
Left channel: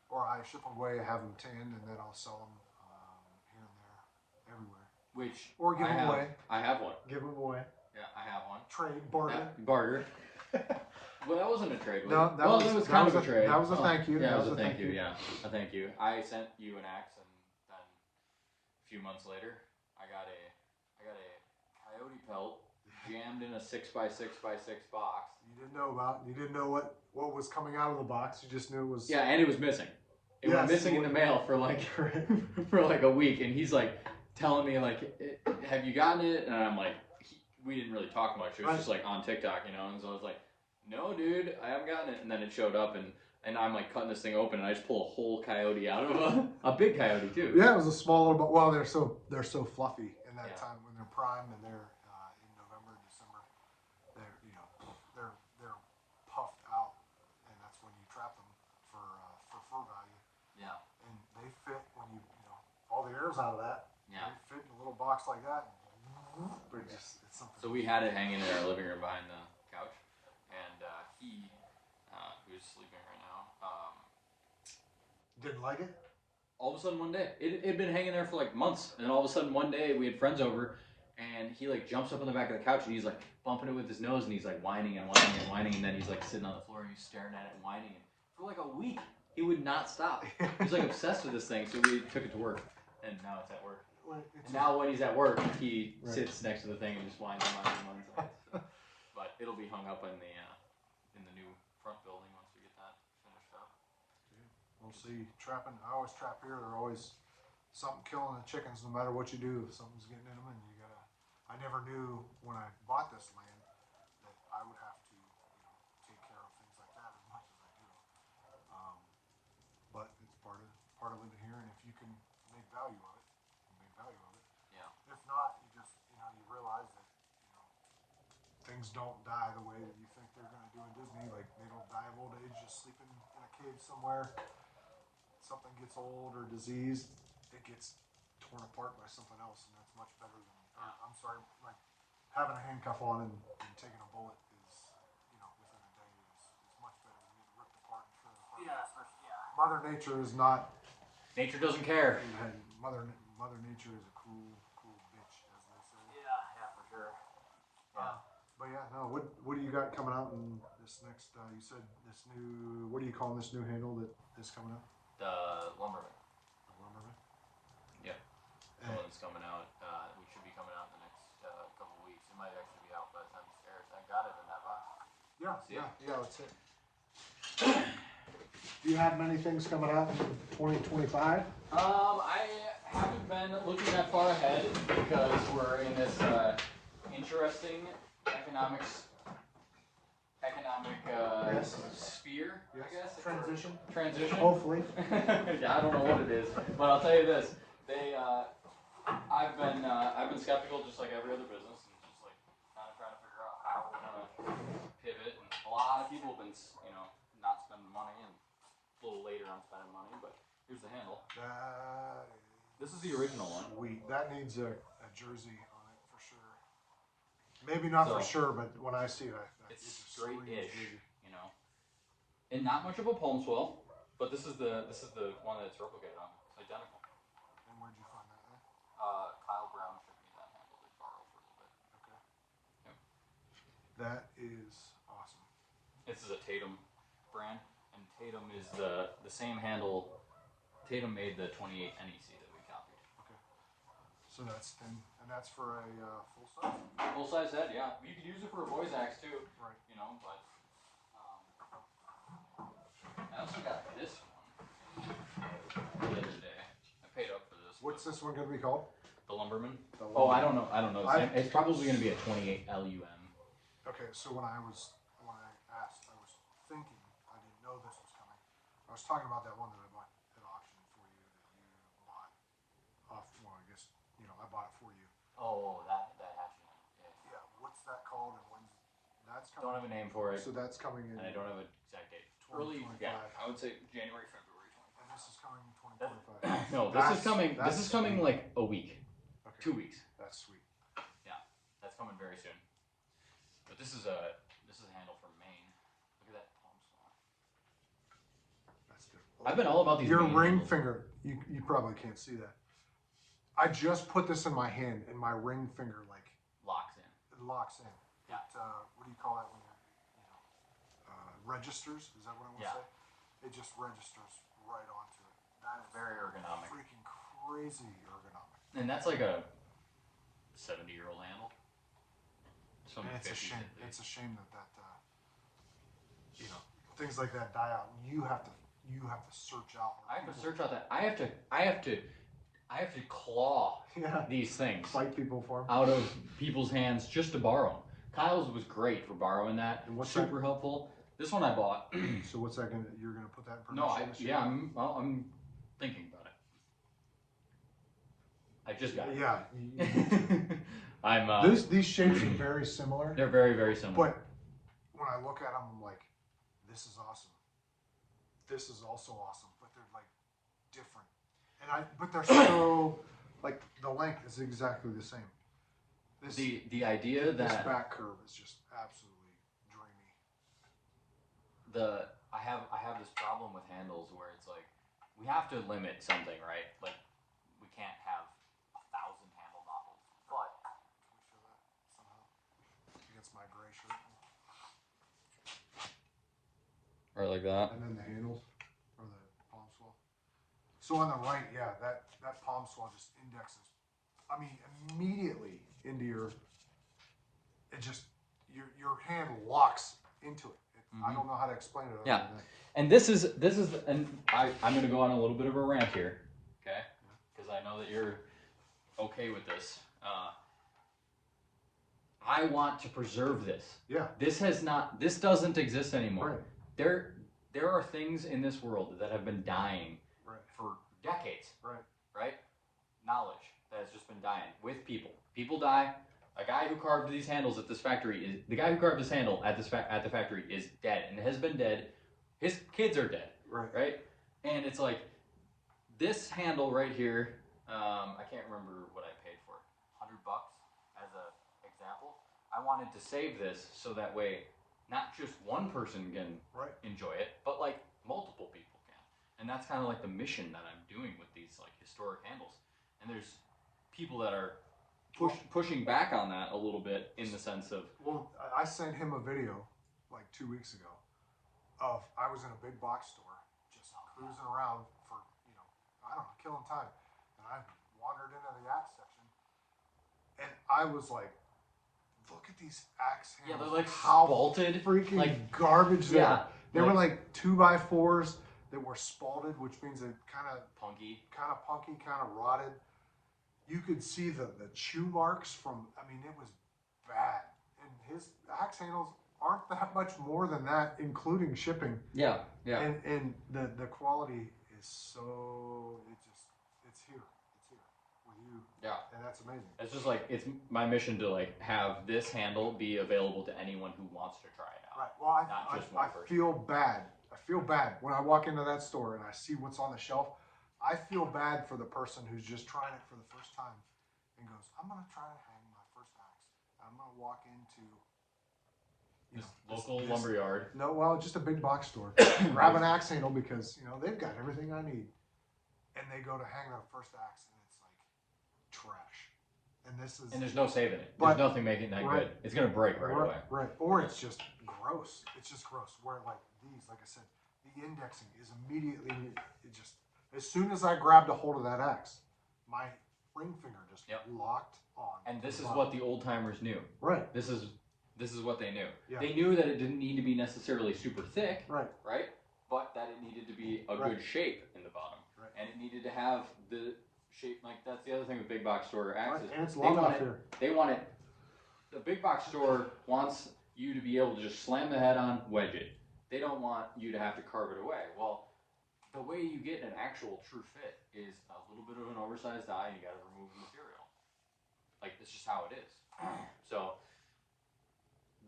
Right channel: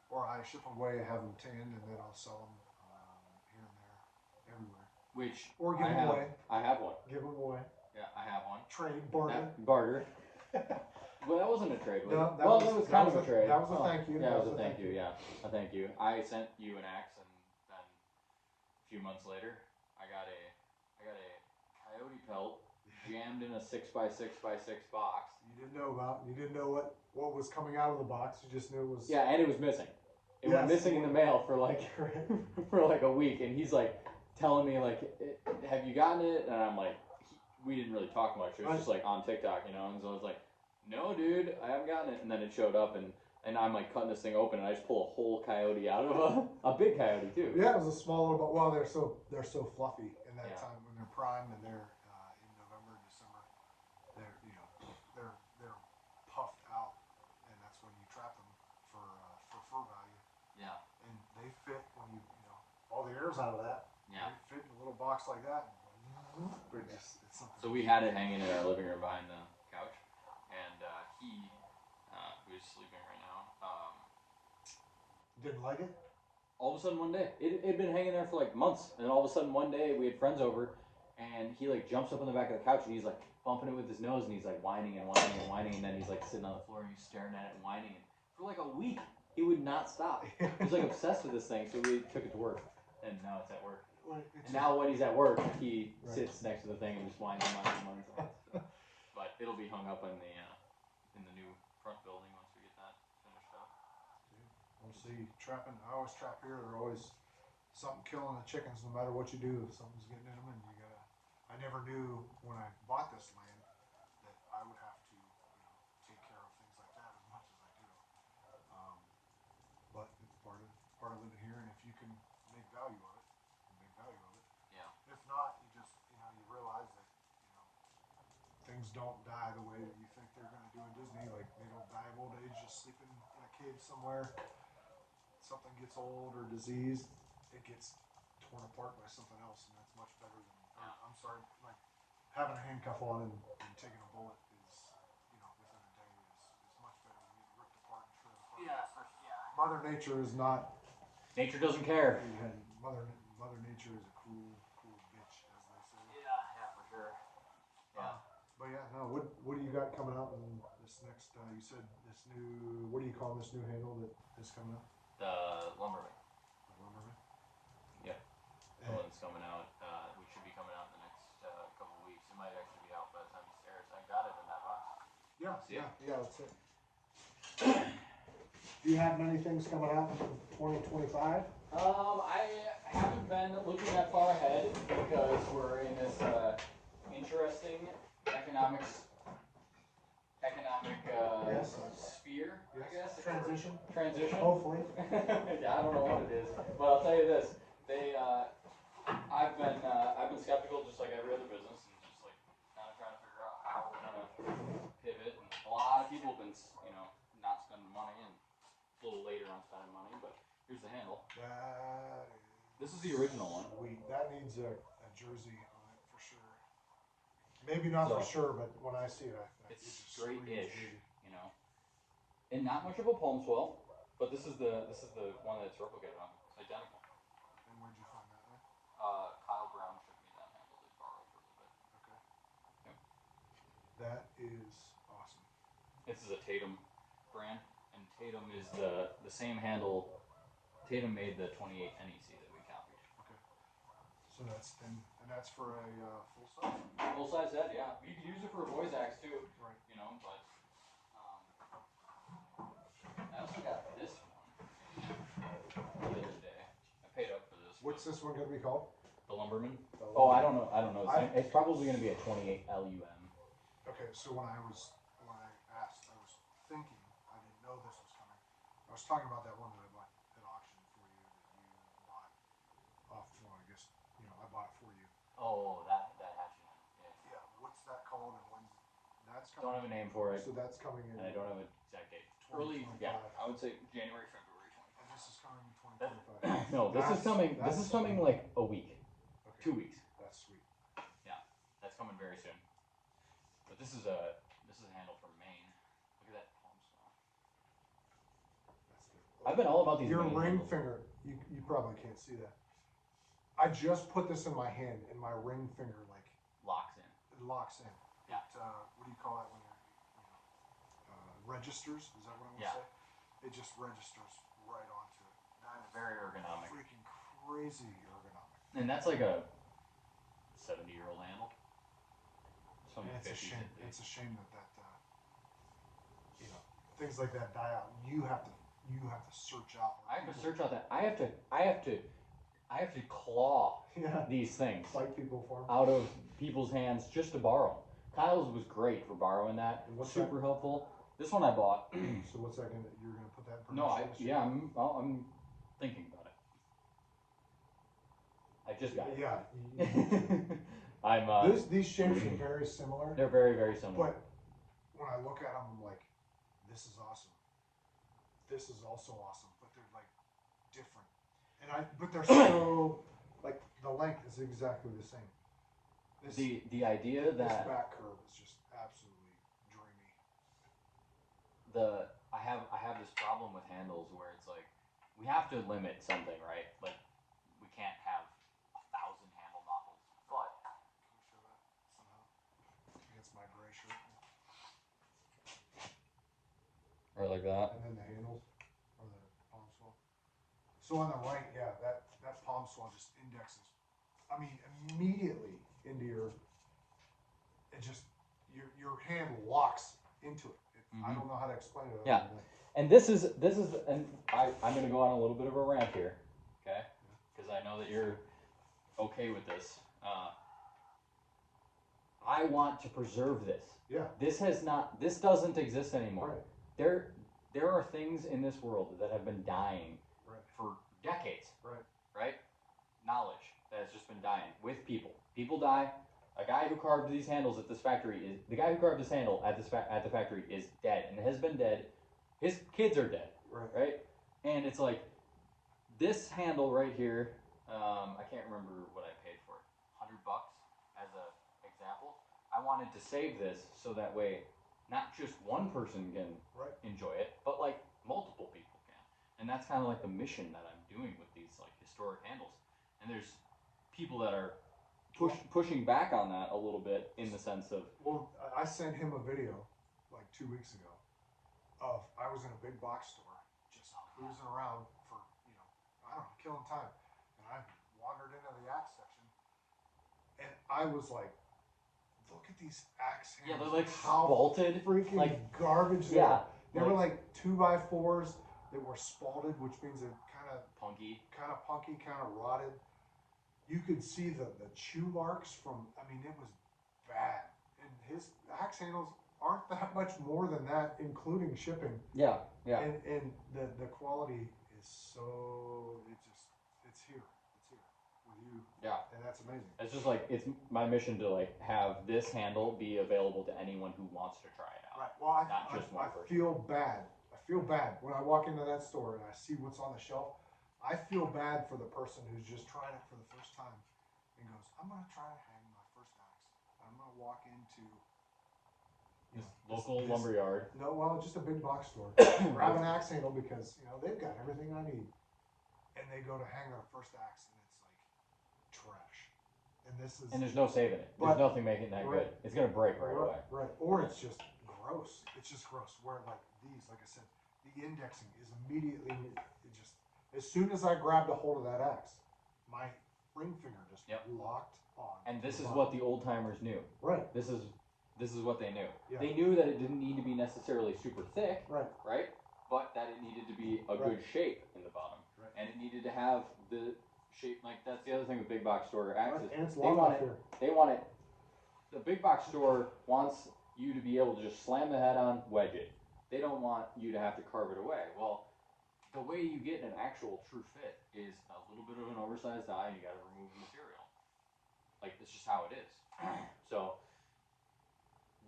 or I ship them away, have them tanned, and then I'll sell them here and there, everywhere. Or give them away. I have one. Give them away. Yeah, I have one. Trade, barter. Barter. Well, that wasn't a trade, was No, it? that Well, was, it was that kind was of a trade. That was a thank you. Yeah, that was a thank you, yeah. A thank you. I sent you an axe, and then a few months later, I got a coyote pelt jammed in a 6x6x6 box. You didn't know what was coming out of the box. You just knew it was. Yeah, and it was missing. It went missing in the mail for like a week, and he's like telling me like, "Have you gotten it?" And I'm like, we didn't really talk much. It was just like on TikTok, you know. And so I was like, "No, dude, I haven't gotten it." And then it showed up, and I'm like cutting this thing open, and I just pull a whole coyote out of a big coyote too. Yeah, it was a smaller, but well, they're so fluffy in that time when they're prime and they're in November, December. They're puffed out, and that's when you trap them for fur value. Yeah. And they fit when you all the air's out of that. Yeah. They fit in a little box like that. But it's something. So we had it hanging in our living room behind the couch, and he who's sleeping right now, Didn't like it. all of a sudden one day, it had been hanging there for like months, and all of a sudden one day we had friends over, and he like jumps up on the back of the couch, and he's like bumping it with his nose, and he's like whining and whining and whining, and then he's like sitting on the floor and he's staring at it and whining. For like a week, he would not stop. He was like obsessed with this thing, so we took it to work, and now it's at work. And now when he's at work, he sits next to the thing and just whines and whines and whines. But it'll be hung up in the new front building once we get that finished up. We'll see. Trapping. I always trap here. There's always something killing the chickens, no matter what you do. Something's getting in them, and you gotta. I never knew when I bought this land that I would have to, take care of things like that as much as I do. But it's part of living here, and if you can make value of it. Yeah. If not, you just you realize that things don't die the way that you think they're going to do in Disney. Like they don't die of old age just sleeping in a cave somewhere. Something gets old or diseased, it gets torn apart by something else, and that's much better than. I'm sorry, like having a handcuff on and taking a bullet is within a day is much better than being ripped apart and torn apart. Yeah. Mother Nature is not. Nature doesn't care. Mother Nature is a cruel bitch, as they say. Yeah, for sure. But yeah, no. What do you got coming out in this next? You said this new. What do you call this new handle that is coming out? The Lumberman. The Lumberman. Yep. The one that's coming out. We should be coming out in the next couple of weeks. It might actually be out by the time this airs. I got it in that box. Yeah. That's it. Do you have many things coming out in 2025? I haven't been looking that far ahead because we're in this interesting economic sphere, I guess. Transition. Hopefully. Yeah, I don't know what it is, but I'll tell you this: I've been skeptical, just like every other business, and just like kind of trying to figure out how we're gonna pivot. And a lot of people have been, not spending money, and a little later on spending money. But here's the handle. This is the original one. Sweet. That needs a jersey on it for sure. Maybe not for sure, but when I see it, it's straight-ish, and not much of a palm swell. But this is the one that it's replicated on. It's identical. And where'd you find that? Kyle Brown shipped me that handle to borrow for a little bit. Okay. Yep. That is awesome. This is a Tatum brand, and Tatum is the same handle. Tatum made the 28 NEC that we copied. Okay. So that's for a full size. Full size head, yeah. You could use it for a boy's axe too. Right. But I also got this one the other day. I paid up for this. What's this one going to be called? The Lumberman. Oh, I don't know. It's probably going to be a 28 LUM. Okay, so when I asked, I was thinking, I didn't know this was coming. I was talking about that one that I bought at auction for you. Don't have a name for it. So that's coming in. And I don't have an exact date. Early, yeah, I would say January, February 25. And this is coming in 2025. No, this is coming. This is coming like a week, 2 weeks. That's sweet. Yeah, that's coming very soon. But this is a handle from Maine. Look at that palm saw. That's different. I've been all about these. Your ring handles. finger. You probably can't see that. I just put this in my hand, and my ring finger like locks in. It locks in. Yeah. It, what do you call that when you're, registers? Is that what I want to say? It just registers right onto it. That is very ergonomic. Freaking crazy ergonomic. And that's like a 70-year-old handle. And it's a shame. It's a shame that things like that die out. You have to search out. I have to search out that. I have to claw these things. Fight people for them. Out of people's hands just to borrow them. Kyle's was great for borrowing that. Super helpful. This one I bought. So what's that gonna? You're gonna put that in production? No, I'm thinking about it. I just got it. Yeah. I'm. These shapes are very similar. They're very, very similar. But when I look at them, I'm like, this is awesome. This is also awesome, but they're like different. But they're so like the length is exactly the same. The idea that this back curve is just absolutely dreamy. I have this problem with handles where it's like we have to limit something, right? Like we can't have 1,000 handle models. But can we feel that somehow against my gray shirt? Right like that. And then the handles or the palm swell. So on the right, yeah, that palm swell just indexes. I mean, immediately into your hand locks into it. I don't know how to explain it. Yeah, and this is, and I'm going to go on a little bit of a rant here, okay? Because I know that you're okay with this. I want to preserve this. Yeah. This doesn't exist anymore. Right. There are things in this world that have been dying for decades. Right? Knowledge that has just been dying with people. People die. A guy who carved these handles at this factory the guy who carved this handle at the factory is dead and has been dead. His kids are dead. Right? And it's like this handle right here. I can't remember what I paid for it. $100 as an example. I wanted to save this so that way not just one person can enjoy it, but like multiple people can. And that's kind of like the mission that I'm doing with these like historic handles. And there's people that are pushing back on that a little bit in the sense of. Well, I sent him a video like 2 weeks ago of I was in a big box store just cruising around for I don't know, killing time, and I wandered into the axe section, and I was like, look at these axe handles. Yeah, they're like spalted, freaking like garbage. Yeah, they were like 2x4s that were spalted, which means they kind of punky, kind of rotted. You could see the chew marks from. I mean, it was bad. And his axe handles aren't that much more than that, including shipping. Yeah. And the quality is so it's here with you. Yeah. And that's amazing. It's just like it's my mission to like have this handle be available to anyone who wants to try it out. Right. Well, I feel bad. I feel bad when I walk into that store and I see what's on the shelf. I feel bad for the person who's just trying it for the first time and goes, I'm going to try to hang my first axe. I'm going to walk into this local lumberyard. No, well, just a big box store. Grab an axe handle because, they've got everything I need. And they go to hang their first axe and it's like trash. And there's no saving it. There's nothing making it that good. It's going to break right away. Right. Or it's just gross. It's just gross. Where like these, like I said, the indexing is immediately, as soon as I grabbed a hold of that axe, my ring finger just locked on. And this is what the old timers knew. Right. This is what they knew. Yeah. They knew that it didn't need to be necessarily super thick. Right. But that it needed to be a good shape in the bottom. Right. And it needed to have the shape like that's the other thing with big box store axes. And it's long enough here. They want it. The big box store wants you to be able to just slam the head on, wedge it. They don't want you to have to carve it away. Well, the way you get an actual true fit is a little bit of an oversized die and you got to remove the material. Like, it's just how it is. So,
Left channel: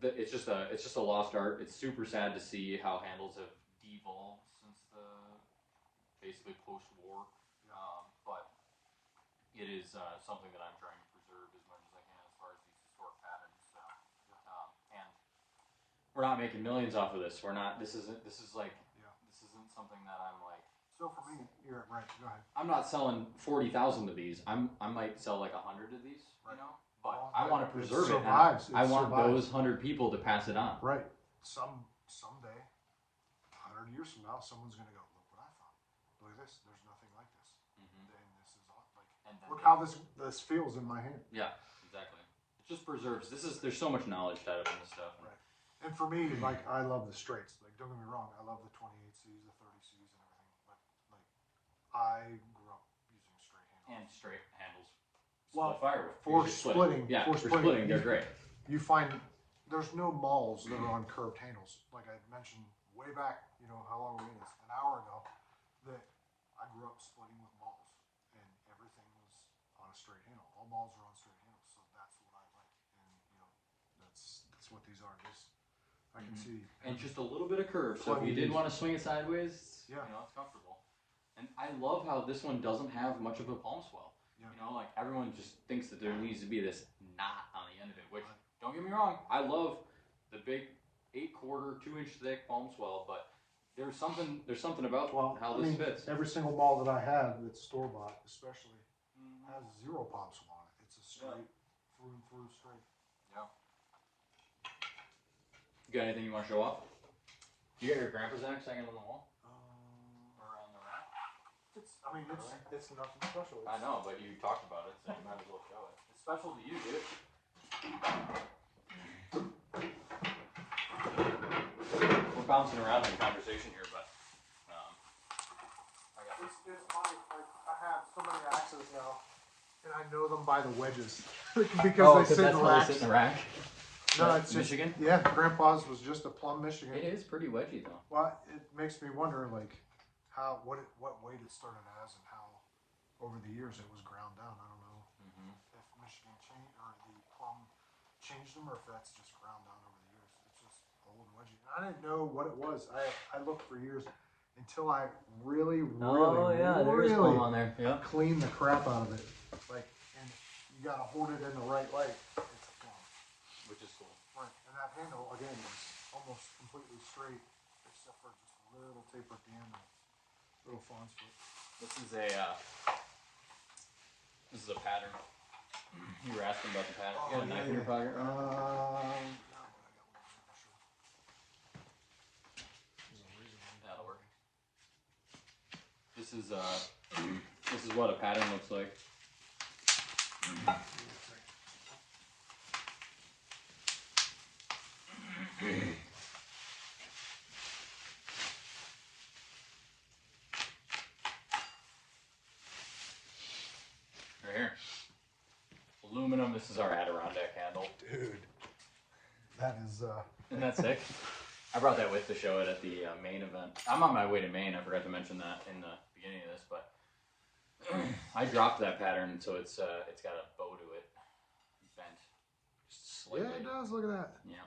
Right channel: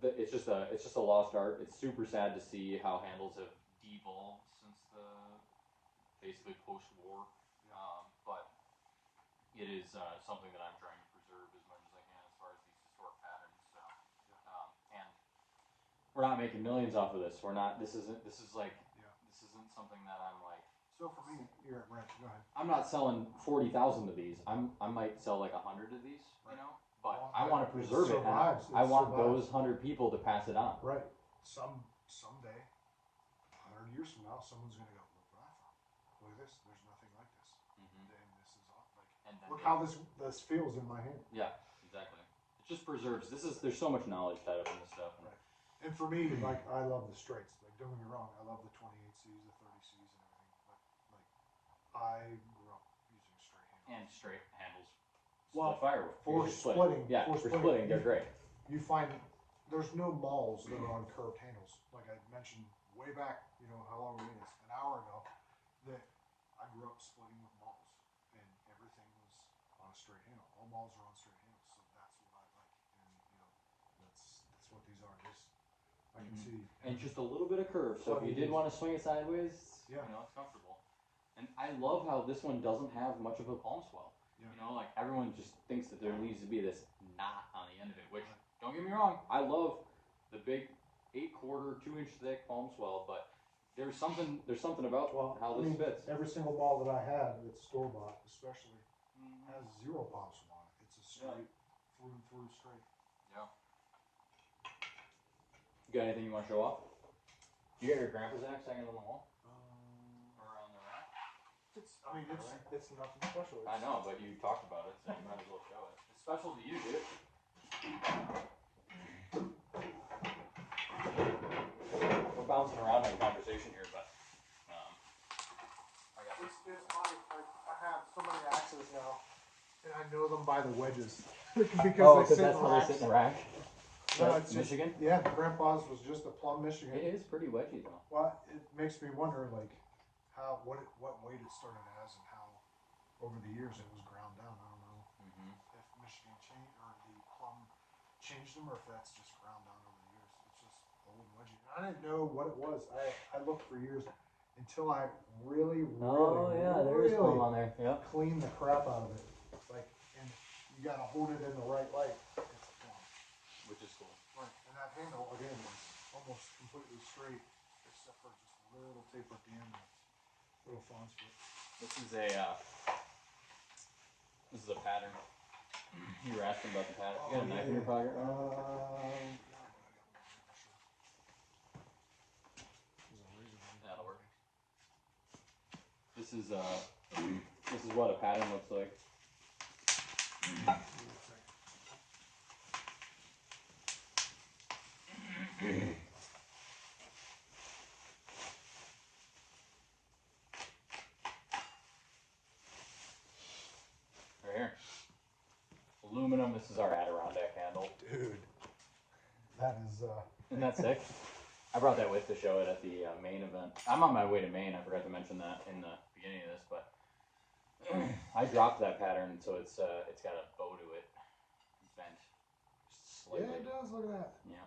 it's just a lost art. It's super sad to see how handles have devolved since the basically post-war. But it is something that I'm trying to preserve as much as I can as far as these historic patterns. So, and we're not making millions off of this. We're not. This isn't something that I'm like. So for me, you're right. Go ahead. I'm not selling 40,000 of these. I might sell like 100 of these. You know, but I want to preserve it. I want those 100 people to pass it on. Right. Someday, 100 years from now, someone's gonna go, look what I found. Look at this. There's nothing like this. And this is awesome. Like, look how this feels in my hand. Yeah, exactly. It just preserves. There's so much knowledge tied up in this stuff. Right. And for me, like, I love the straights. Like, don't get me wrong, I love the 28Cs, the 30Cs, and everything. But like, I grew up using straight handles. And straight handles. Well, fire for splitting, yeah, for splitting, they're great. You find there's no malls that are on curved handles. Like I mentioned way back, how long it is, an hour ago, that I grew up splitting with malls, and everything was on a straight handle. All malls are on straight handles, so that's what I like, and that's what these are. I can see, and just a little bit of curve. So if you did want to swing it sideways, yeah, it's comfortable. And I love how this one doesn't have much of a palm swell. Yeah. Like everyone just thinks that there needs to be this knot on the end of it, which, don't get me wrong, I love the big 8/4, 2-inch thick palm swell, but there's something about how this fits. Every single ball that I have that's store bought, especially, has 0 palm swell on it. It's a straight, through and through straight. Yeah. You got anything you want to show off? You got your grandpa's axe hanging on the wall? Or on the rack? It's nothing special. I know, but you talked about it, so you might as well show it. It's special to you, dude. We're bouncing around in conversation here, but I have so many axes now, and I know them by the wedges because they sit in the rack. No, it's just Michigan. Yeah, Grandpa's was just a plum Michigan. It is pretty wedgy though. Well, it makes me wonder, like, what weight it started as, and how over the years it was ground down. I don't know if Michigan changed or the plum changed them, or if that's just ground down over the years. It's just old and wedgy. I didn't know what it was. I looked for years until I really plum on there. Yeah. Cleaned the crap out of it. Like, and you gotta hold it in the right light. It's a plum. Which is cool. Right, and that handle again is almost completely straight, except for just a little taper at the end. Little fawns. This is a pattern. You were asking about the pattern. You got a knife in your pocket? That'll work. This is what a pattern looks like. Aluminum. This is our Adirondack handle. Dude, that is. Isn't that sick? I brought that with to show it at the Maine event. I'm on my way to Maine. I forgot to mention that in the beginning of this, but I dropped that pattern, so it's got a bow to it, bent slightly. Yeah, it does. Look at that. Yeah.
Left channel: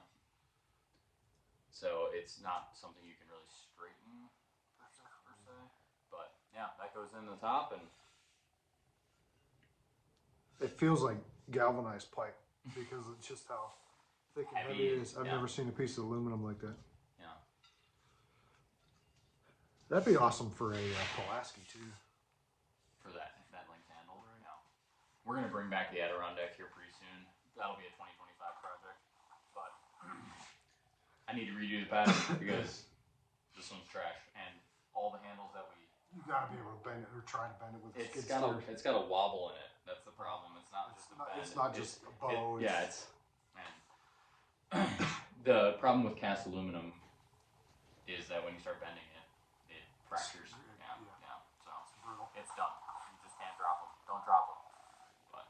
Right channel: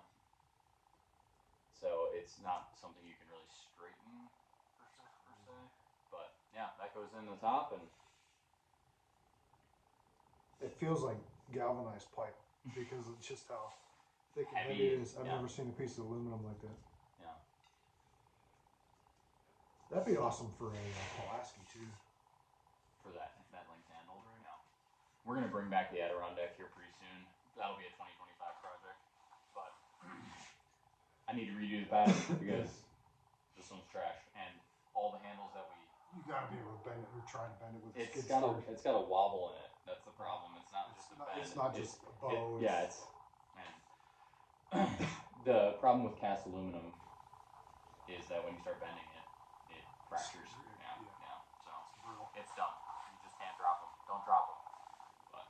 So it's not something you can really straighten per se, but yeah, that goes in the top and. It feels like galvanized pipe because of just how thick and heavy it is. I've never seen a piece of aluminum like that. Yeah. That'd be awesome for a Pulaski too. For that length handle. Yeah. We're gonna bring back the Adirondack here pretty soon. That'll be a 2025 project. But I need to redo the pattern because this one's trash, and all the handles that we. You gotta be able to bend it or try to bend it with. It's got a wobble in it. That's the problem. It's not just a bend. It's not just a bow. The problem with cast aluminum is that when you start bending it, it fractures. Yeah. So it's done. You just can't drop them. Don't drop them. But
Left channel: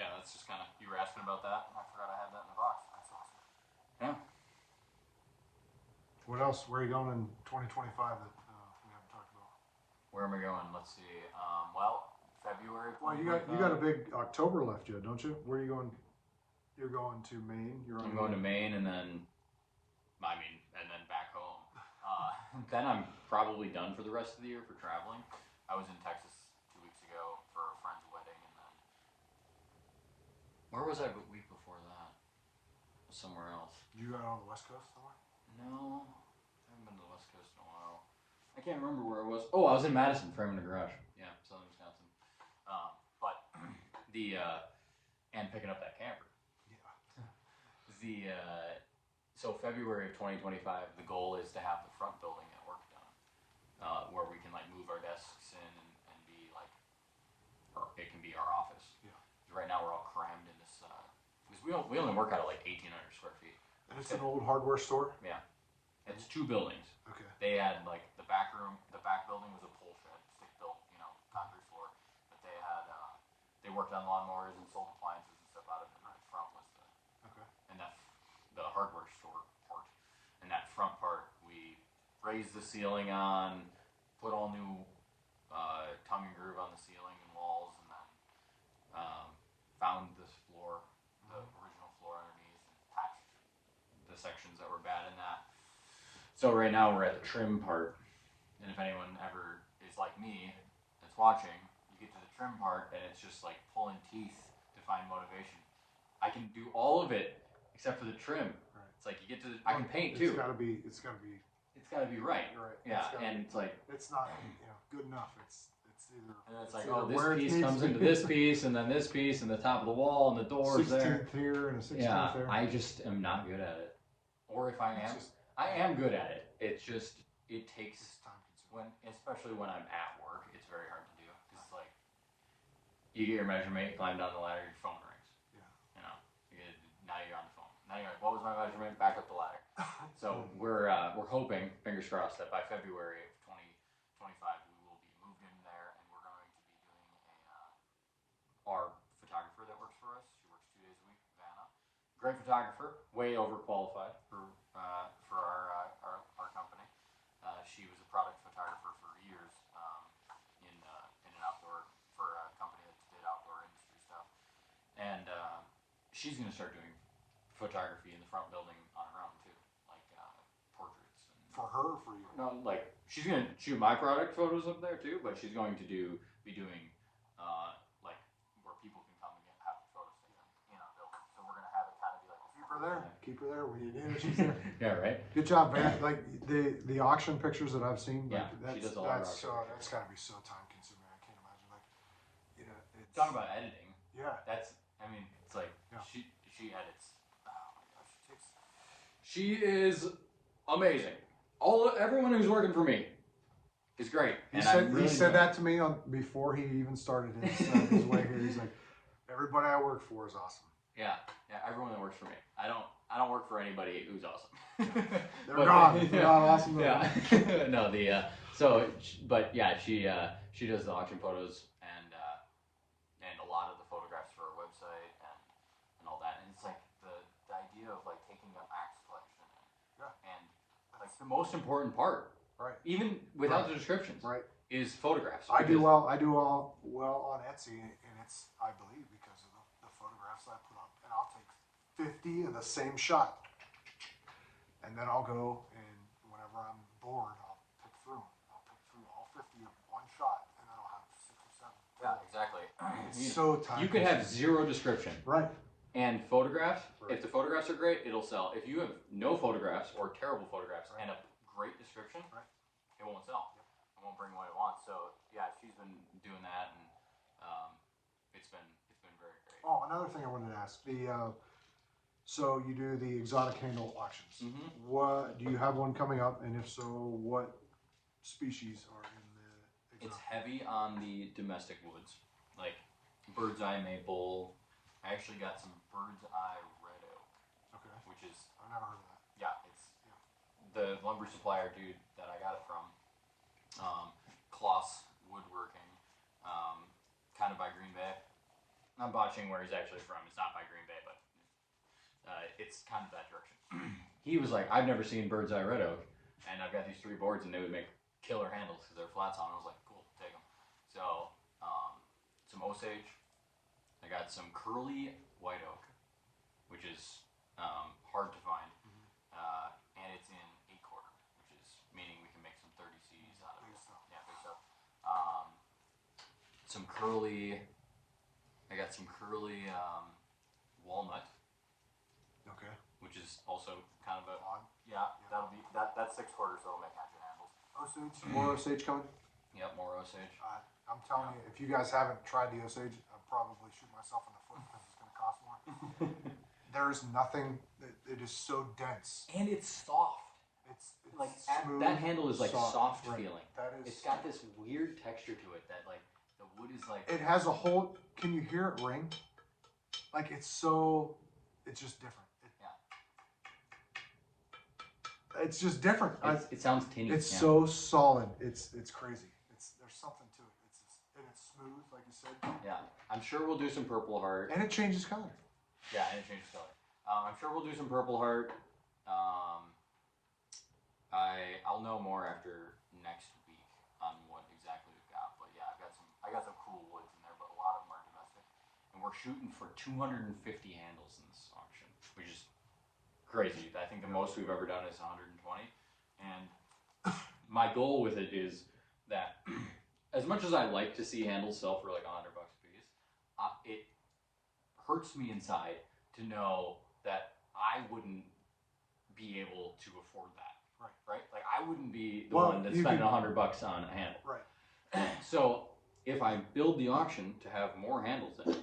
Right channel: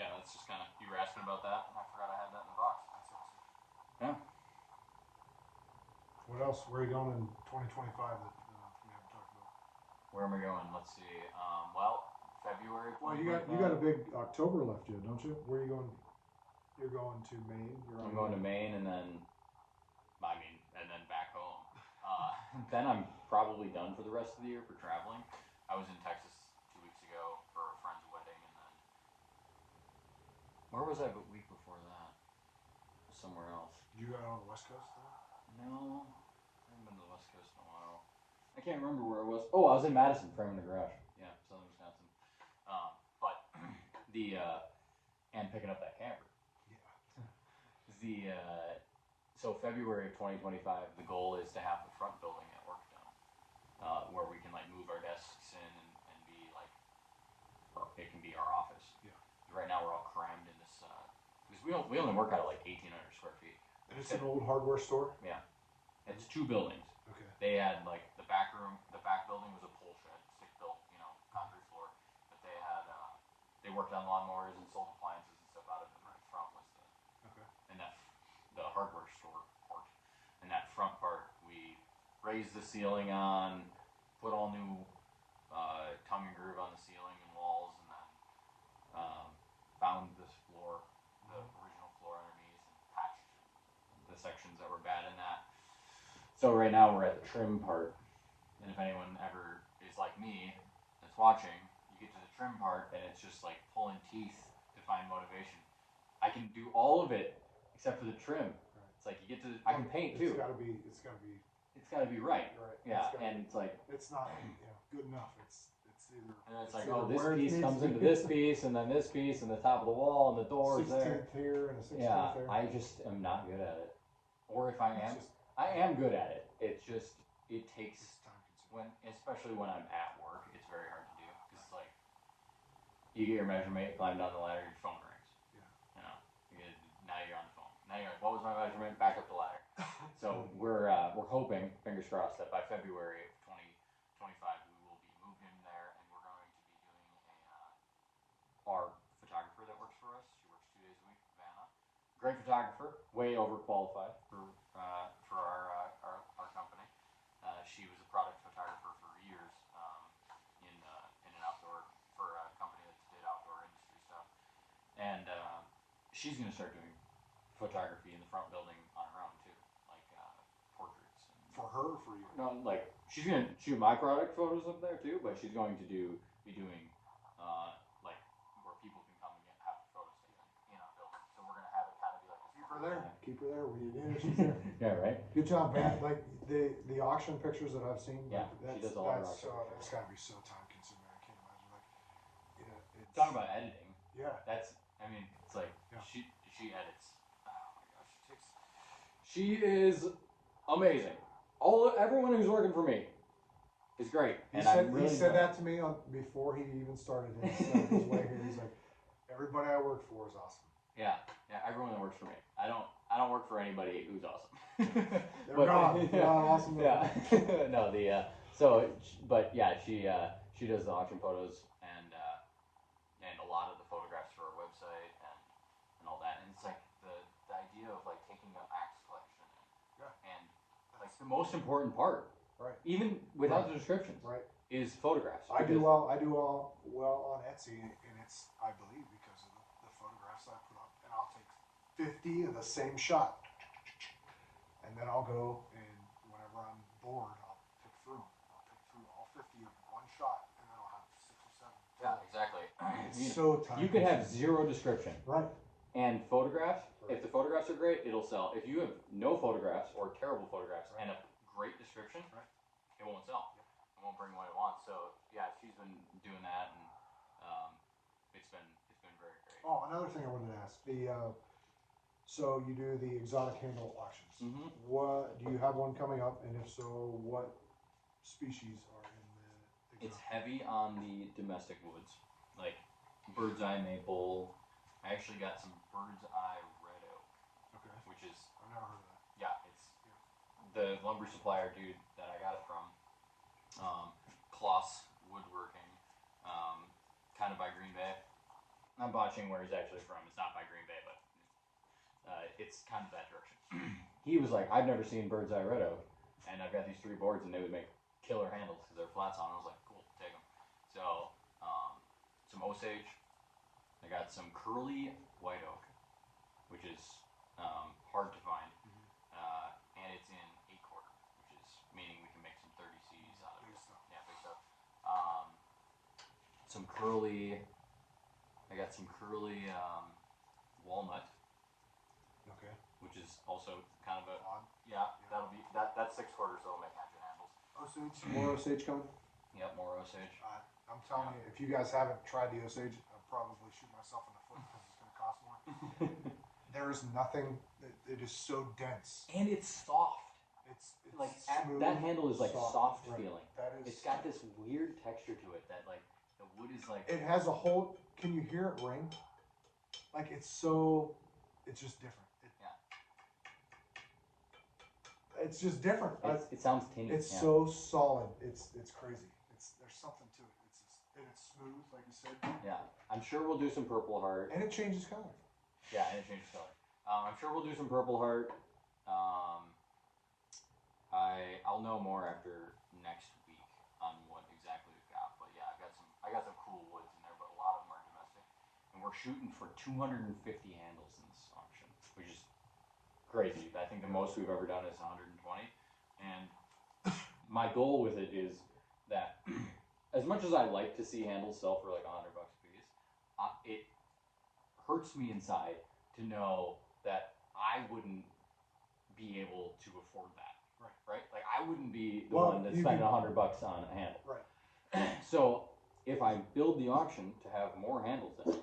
yeah, that's just kind of. You were asking about that, and I forgot I had that in the box. That's awesome. Yeah. What else? Where are you going in 2025 that we haven't talked about? Where am I going? Let's see. Well, February. Well, you got a big October left yet, don't you? Where are you going? You're going to Maine. I'm going to Maine, and then back home. Then I'm probably done for the rest of the year for traveling. I was in Texas 2 weeks ago for a friend's wedding, and then where was I the week before that? Somewhere else. You got on the West Coast somewhere? No, I haven't been to the West Coast in a while. I can't remember where I was. Oh, I was in Madison, framing a garage. Yeah, Southern Wisconsin. But and picking up that camper. Yeah. So February of 2025, the goal is to have the front building at work done, where we can like move our desks in and be like, it can be our office. Yeah. Right now we're all crammed in this because we only work out of like 1,800 square feet. And it's an old hardware store. Yeah. It's 2 buildings. Okay. They had like the back building was a pole shed, stick built, concrete floor. But they had they worked on lawnmowers and sold appliances and stuff out of it. And the front was the hardware store part. And that front part, we raised the ceiling on, put all new tongue and groove on the ceiling and walls, and then found this floor, the original floor underneath, and patched the sections that were bad in that. So right now we're at the trim part, and if anyone ever is like me that's watching, you get to the trim part and it's just like pulling teeth to find motivation. I can do all of it except for the trim. Right. It's like you get to I can paint too. It's gotta be right. Right. Yeah, and it's like it's not good enough. It's either. And it's like, oh, this piece comes into this piece, and then this piece, and the top of the wall, and the doors there. 16th here and a 16th Yeah, there. I just am not good at it. Or if I am good at it. It takes especially when I'm at work, it's very hard to do because it's like you get your measurement, you climb down the ladder, your phone rings. Yeah. Now you're on the phone. Now you're like, what was my measurement? Back up the ladder. So we're hoping, fingers crossed, that by February of 2025 we will be moved in there, and we're going to be doing our photographer that works for us. She works 2 days a week, Vanna. Great photographer, way overqualified for our company. She was a product photographer for years in an outdoor for a company that did outdoor industry stuff, and she's going to start doing photography in the front building on her own too, like portraits. For her or for you? No, like she's going to shoot my product photos up there too, but she's going to be doing like where people can come and have photos taken in our building. So we're going to have it kind of be like keep her there. We need she's there. Yeah, right. Good job, man. Like the auction pictures that I've seen. Yeah, like, she does a lot of auction. That's got to be so time consuming. I can't imagine. Like, talk about editing. Yeah. It's like she edits. Oh my gosh, she is amazing. Everyone who's working for me is great. He said that to me before he even started his way here. He's like, everybody I work for is awesome. Yeah, everyone that works for me. I don't work for anybody who's awesome. They're not awesome. Yeah. No, she does the auction photos and a lot of the photographs for our website and all that. And it's like the idea of like taking the axe collection and like the most important part, right? Even without the descriptions, right? Is photographs. I do well on Etsy, and it's, I believe, because of the photographs I put up, and I'll take 50 of the same shot, and then I'll go and whenever I'm bored, I'll pick through all 50 of one shot, and then I'll have 6 or 7. Yeah, exactly. It's so time. You can have zero description, right? And photographs. Right. If the photographs are great, it'll sell. If you have no photographs or terrible photographs and a great description, it won't sell. It won't bring what it wants. So yeah, she's been doing that, and it's been very great. Oh, another thing I wanted to ask: so you do the exotic handle auctions. Mm-hmm. What do you have one coming up? And if so, what species are in the exotic? It's heavy on the domestic woods, like bird's eye maple. I actually got some bird's eye red oak. Okay. Which is I've never heard of that. Yeah, it's the lumber supplier dude that I got it from. Kloss Woodworking, kind of by Green Bay. I'm botching where he's actually from. It's not by Green Bay, but it's kind of that direction. He was like, I've never seen bird's eye red oak, and I've got these 3 boards, and they would make killer handles because they're flats on. I was like, cool, take them. So, some Osage. I got some curly white oak, which is hard to find. And it's in 8/4, which is meaning we can make some 30Cs out of it. Yeah, big stuff. Some curly. I got some curly walnut. Okay. Which is also kind of a odd. Yeah, that'll be that's 6/4, so it'll make half your handles. Osage, more Osage cone. Yep, more Osage. I'm telling you, if you guys haven't tried the Osage, I'll probably shoot myself in the foot because it's going to cost more. There is nothing. It is so dense, and it's soft. It's like smooth, that handle is like soft right. feeling. That is. It's got this weird texture to it that like the wood is like. It has a whole. Can you hear it ring? Like it's so. It's just different. It's just different. It sounds tinny. It's so solid. It's crazy. There's something to it. It's smooth, like you said. Yeah, I'm sure we'll do some Purple Heart. And it changes color. Yeah, and it changes color. I'm sure we'll do some Purple Heart. I'll know more after next week on what exactly we've got. But yeah, I got some cool woods in there, but a lot of them are domestic. And we're shooting for 250 handles in this auction, which is crazy. I think the most we've ever done is 120. And my goal with it is that as much as I like to see handles sell for like $100 a piece, it hurts me inside to know that I wouldn't be able to afford that. Right? Like I wouldn't be the one that's spending $100 on a handle. Right. So if I build the auction to have more handles in it,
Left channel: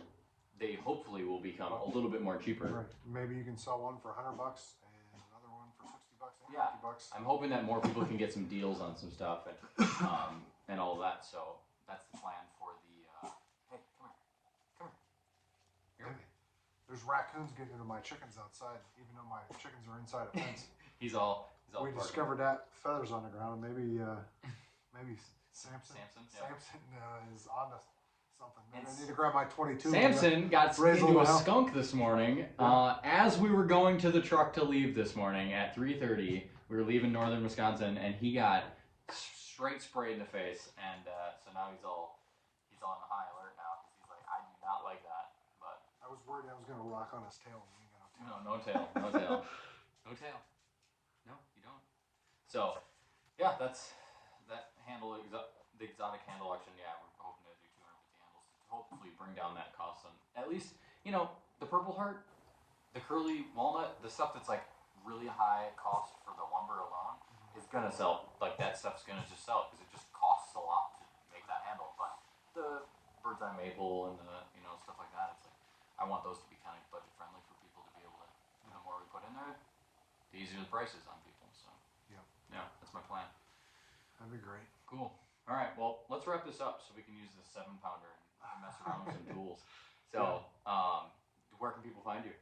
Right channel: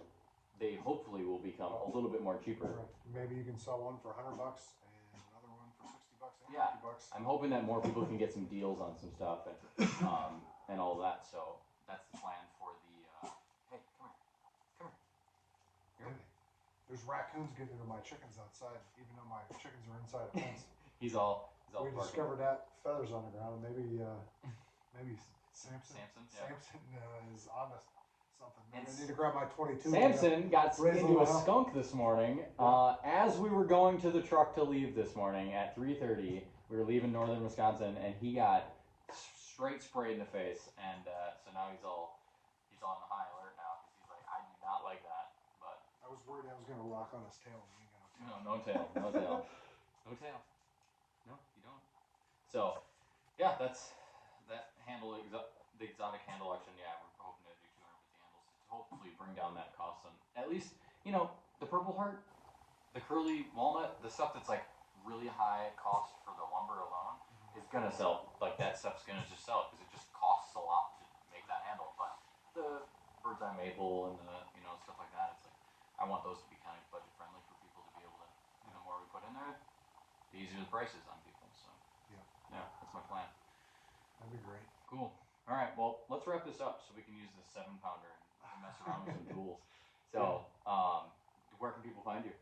they hopefully will become a little bit more cheaper. Right. Maybe you can sell one for $100 and another one for $60 and $50. I'm hoping that more people can get some deals on some stuff and all that. So that's the plan for the. Hey, come here. There's raccoons getting into my chickens outside, even though my chickens are inside a fence. He's all. We discovered that feathers on the ground. Maybe Samson is on to something. Maybe I need to grab my 22. Samson got into a skunk this morning. As we were going to the truck to leave this morning at 3:30, we were leaving northern Wisconsin, and he got straight sprayed in the face. And so now he's all on the high alert now because he's like, I do not like that. But I was worried I was going to rock on his tail. No tail. No tail. No tail. No, you don't. So, yeah, that's that handle, the exotic handle auction. Yeah, we're hoping to do 250 handles to hopefully bring down that cost on at least, the Purple Heart, the curly walnut, the stuff that's like really high cost for the lumber alone is gonna sell. Like that stuff's gonna just sell because it just costs a lot to make that handle. But the bird's eye maple and the stuff like that, it's like I want those to be kind of budget friendly for people to be able to. The more we put in there, the easier the prices on people. So yeah, that's my plan. That'd be great. Cool. All right, well, let's wrap this up so we can use the 7-pounder and mess around with some tools. So, where can people find you?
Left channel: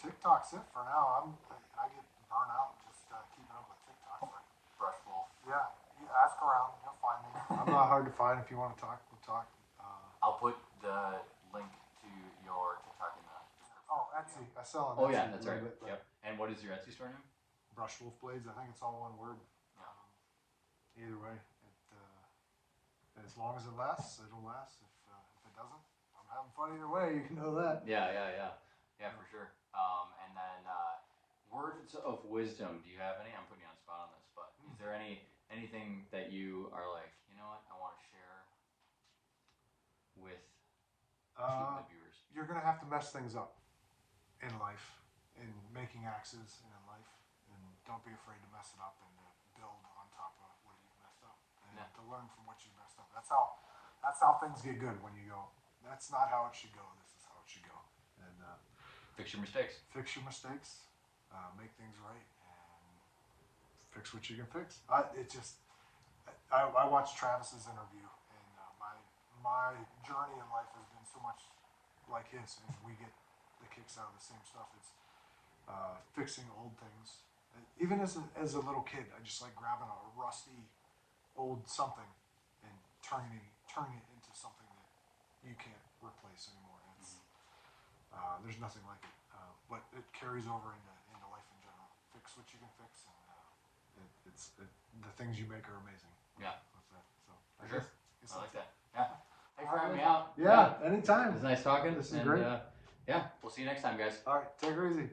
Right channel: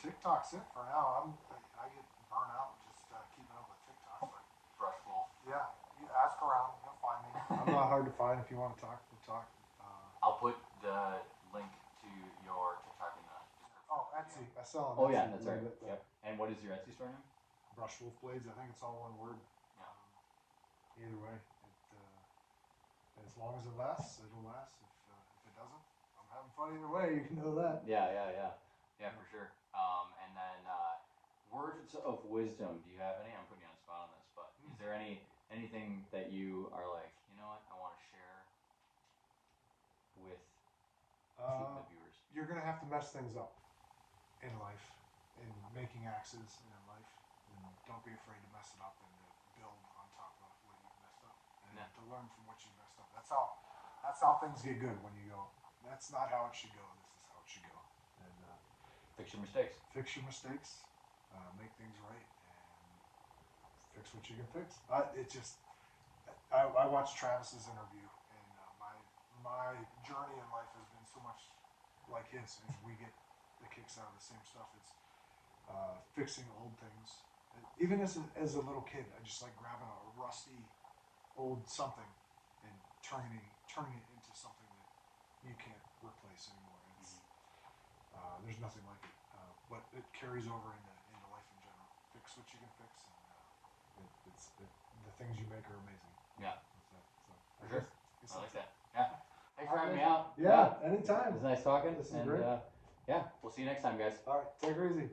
TikTok's it for now. I get burnt out just keeping up with TikTok. Brush Wolf. Yeah, you ask around, you'll find me. I'm not hard to find. If you want to talk, we'll talk. I'll put the link to your TikTok in the description. Oh, Etsy. I sell on Etsy. Oh yeah, that's right. Yep. And what is your Etsy store name? Brush Wolf Blades. I think it's all one word. Either way, as long as it lasts, it'll last. If it doesn't, I'm having fun either way. You know that. Yeah, for sure. And then words of wisdom. Do you have any? I'm putting you on the spot on this, but is there anything that you are like, you know what, I want to share with the viewers? You're gonna have to mess things up in life, in making axes, and in life, and don't be afraid to mess it up and build on top of what you messed up, and to learn from what you messed up. That's how things get good when you go. That's not how it should go. This is how it should go. And fix your mistakes. Fix your mistakes. Make things right, and fix what you can fix. I watched Travis's interview, and my journey in life has been so much like his, and we get the kicks out of the same stuff. It's fixing old things. And even as a little kid, I just like grabbing a rusty old something and turning it into something that you can't replace anymore. There's nothing like it, but it carries over into life in general. Fix what you can fix, and the things you make are amazing. Yeah. So, for sure. I like that. Yeah. Thanks for having me out. Yeah, anytime. It was nice talking. This is great. yeah, we'll see you next time, guys. All right, take it easy.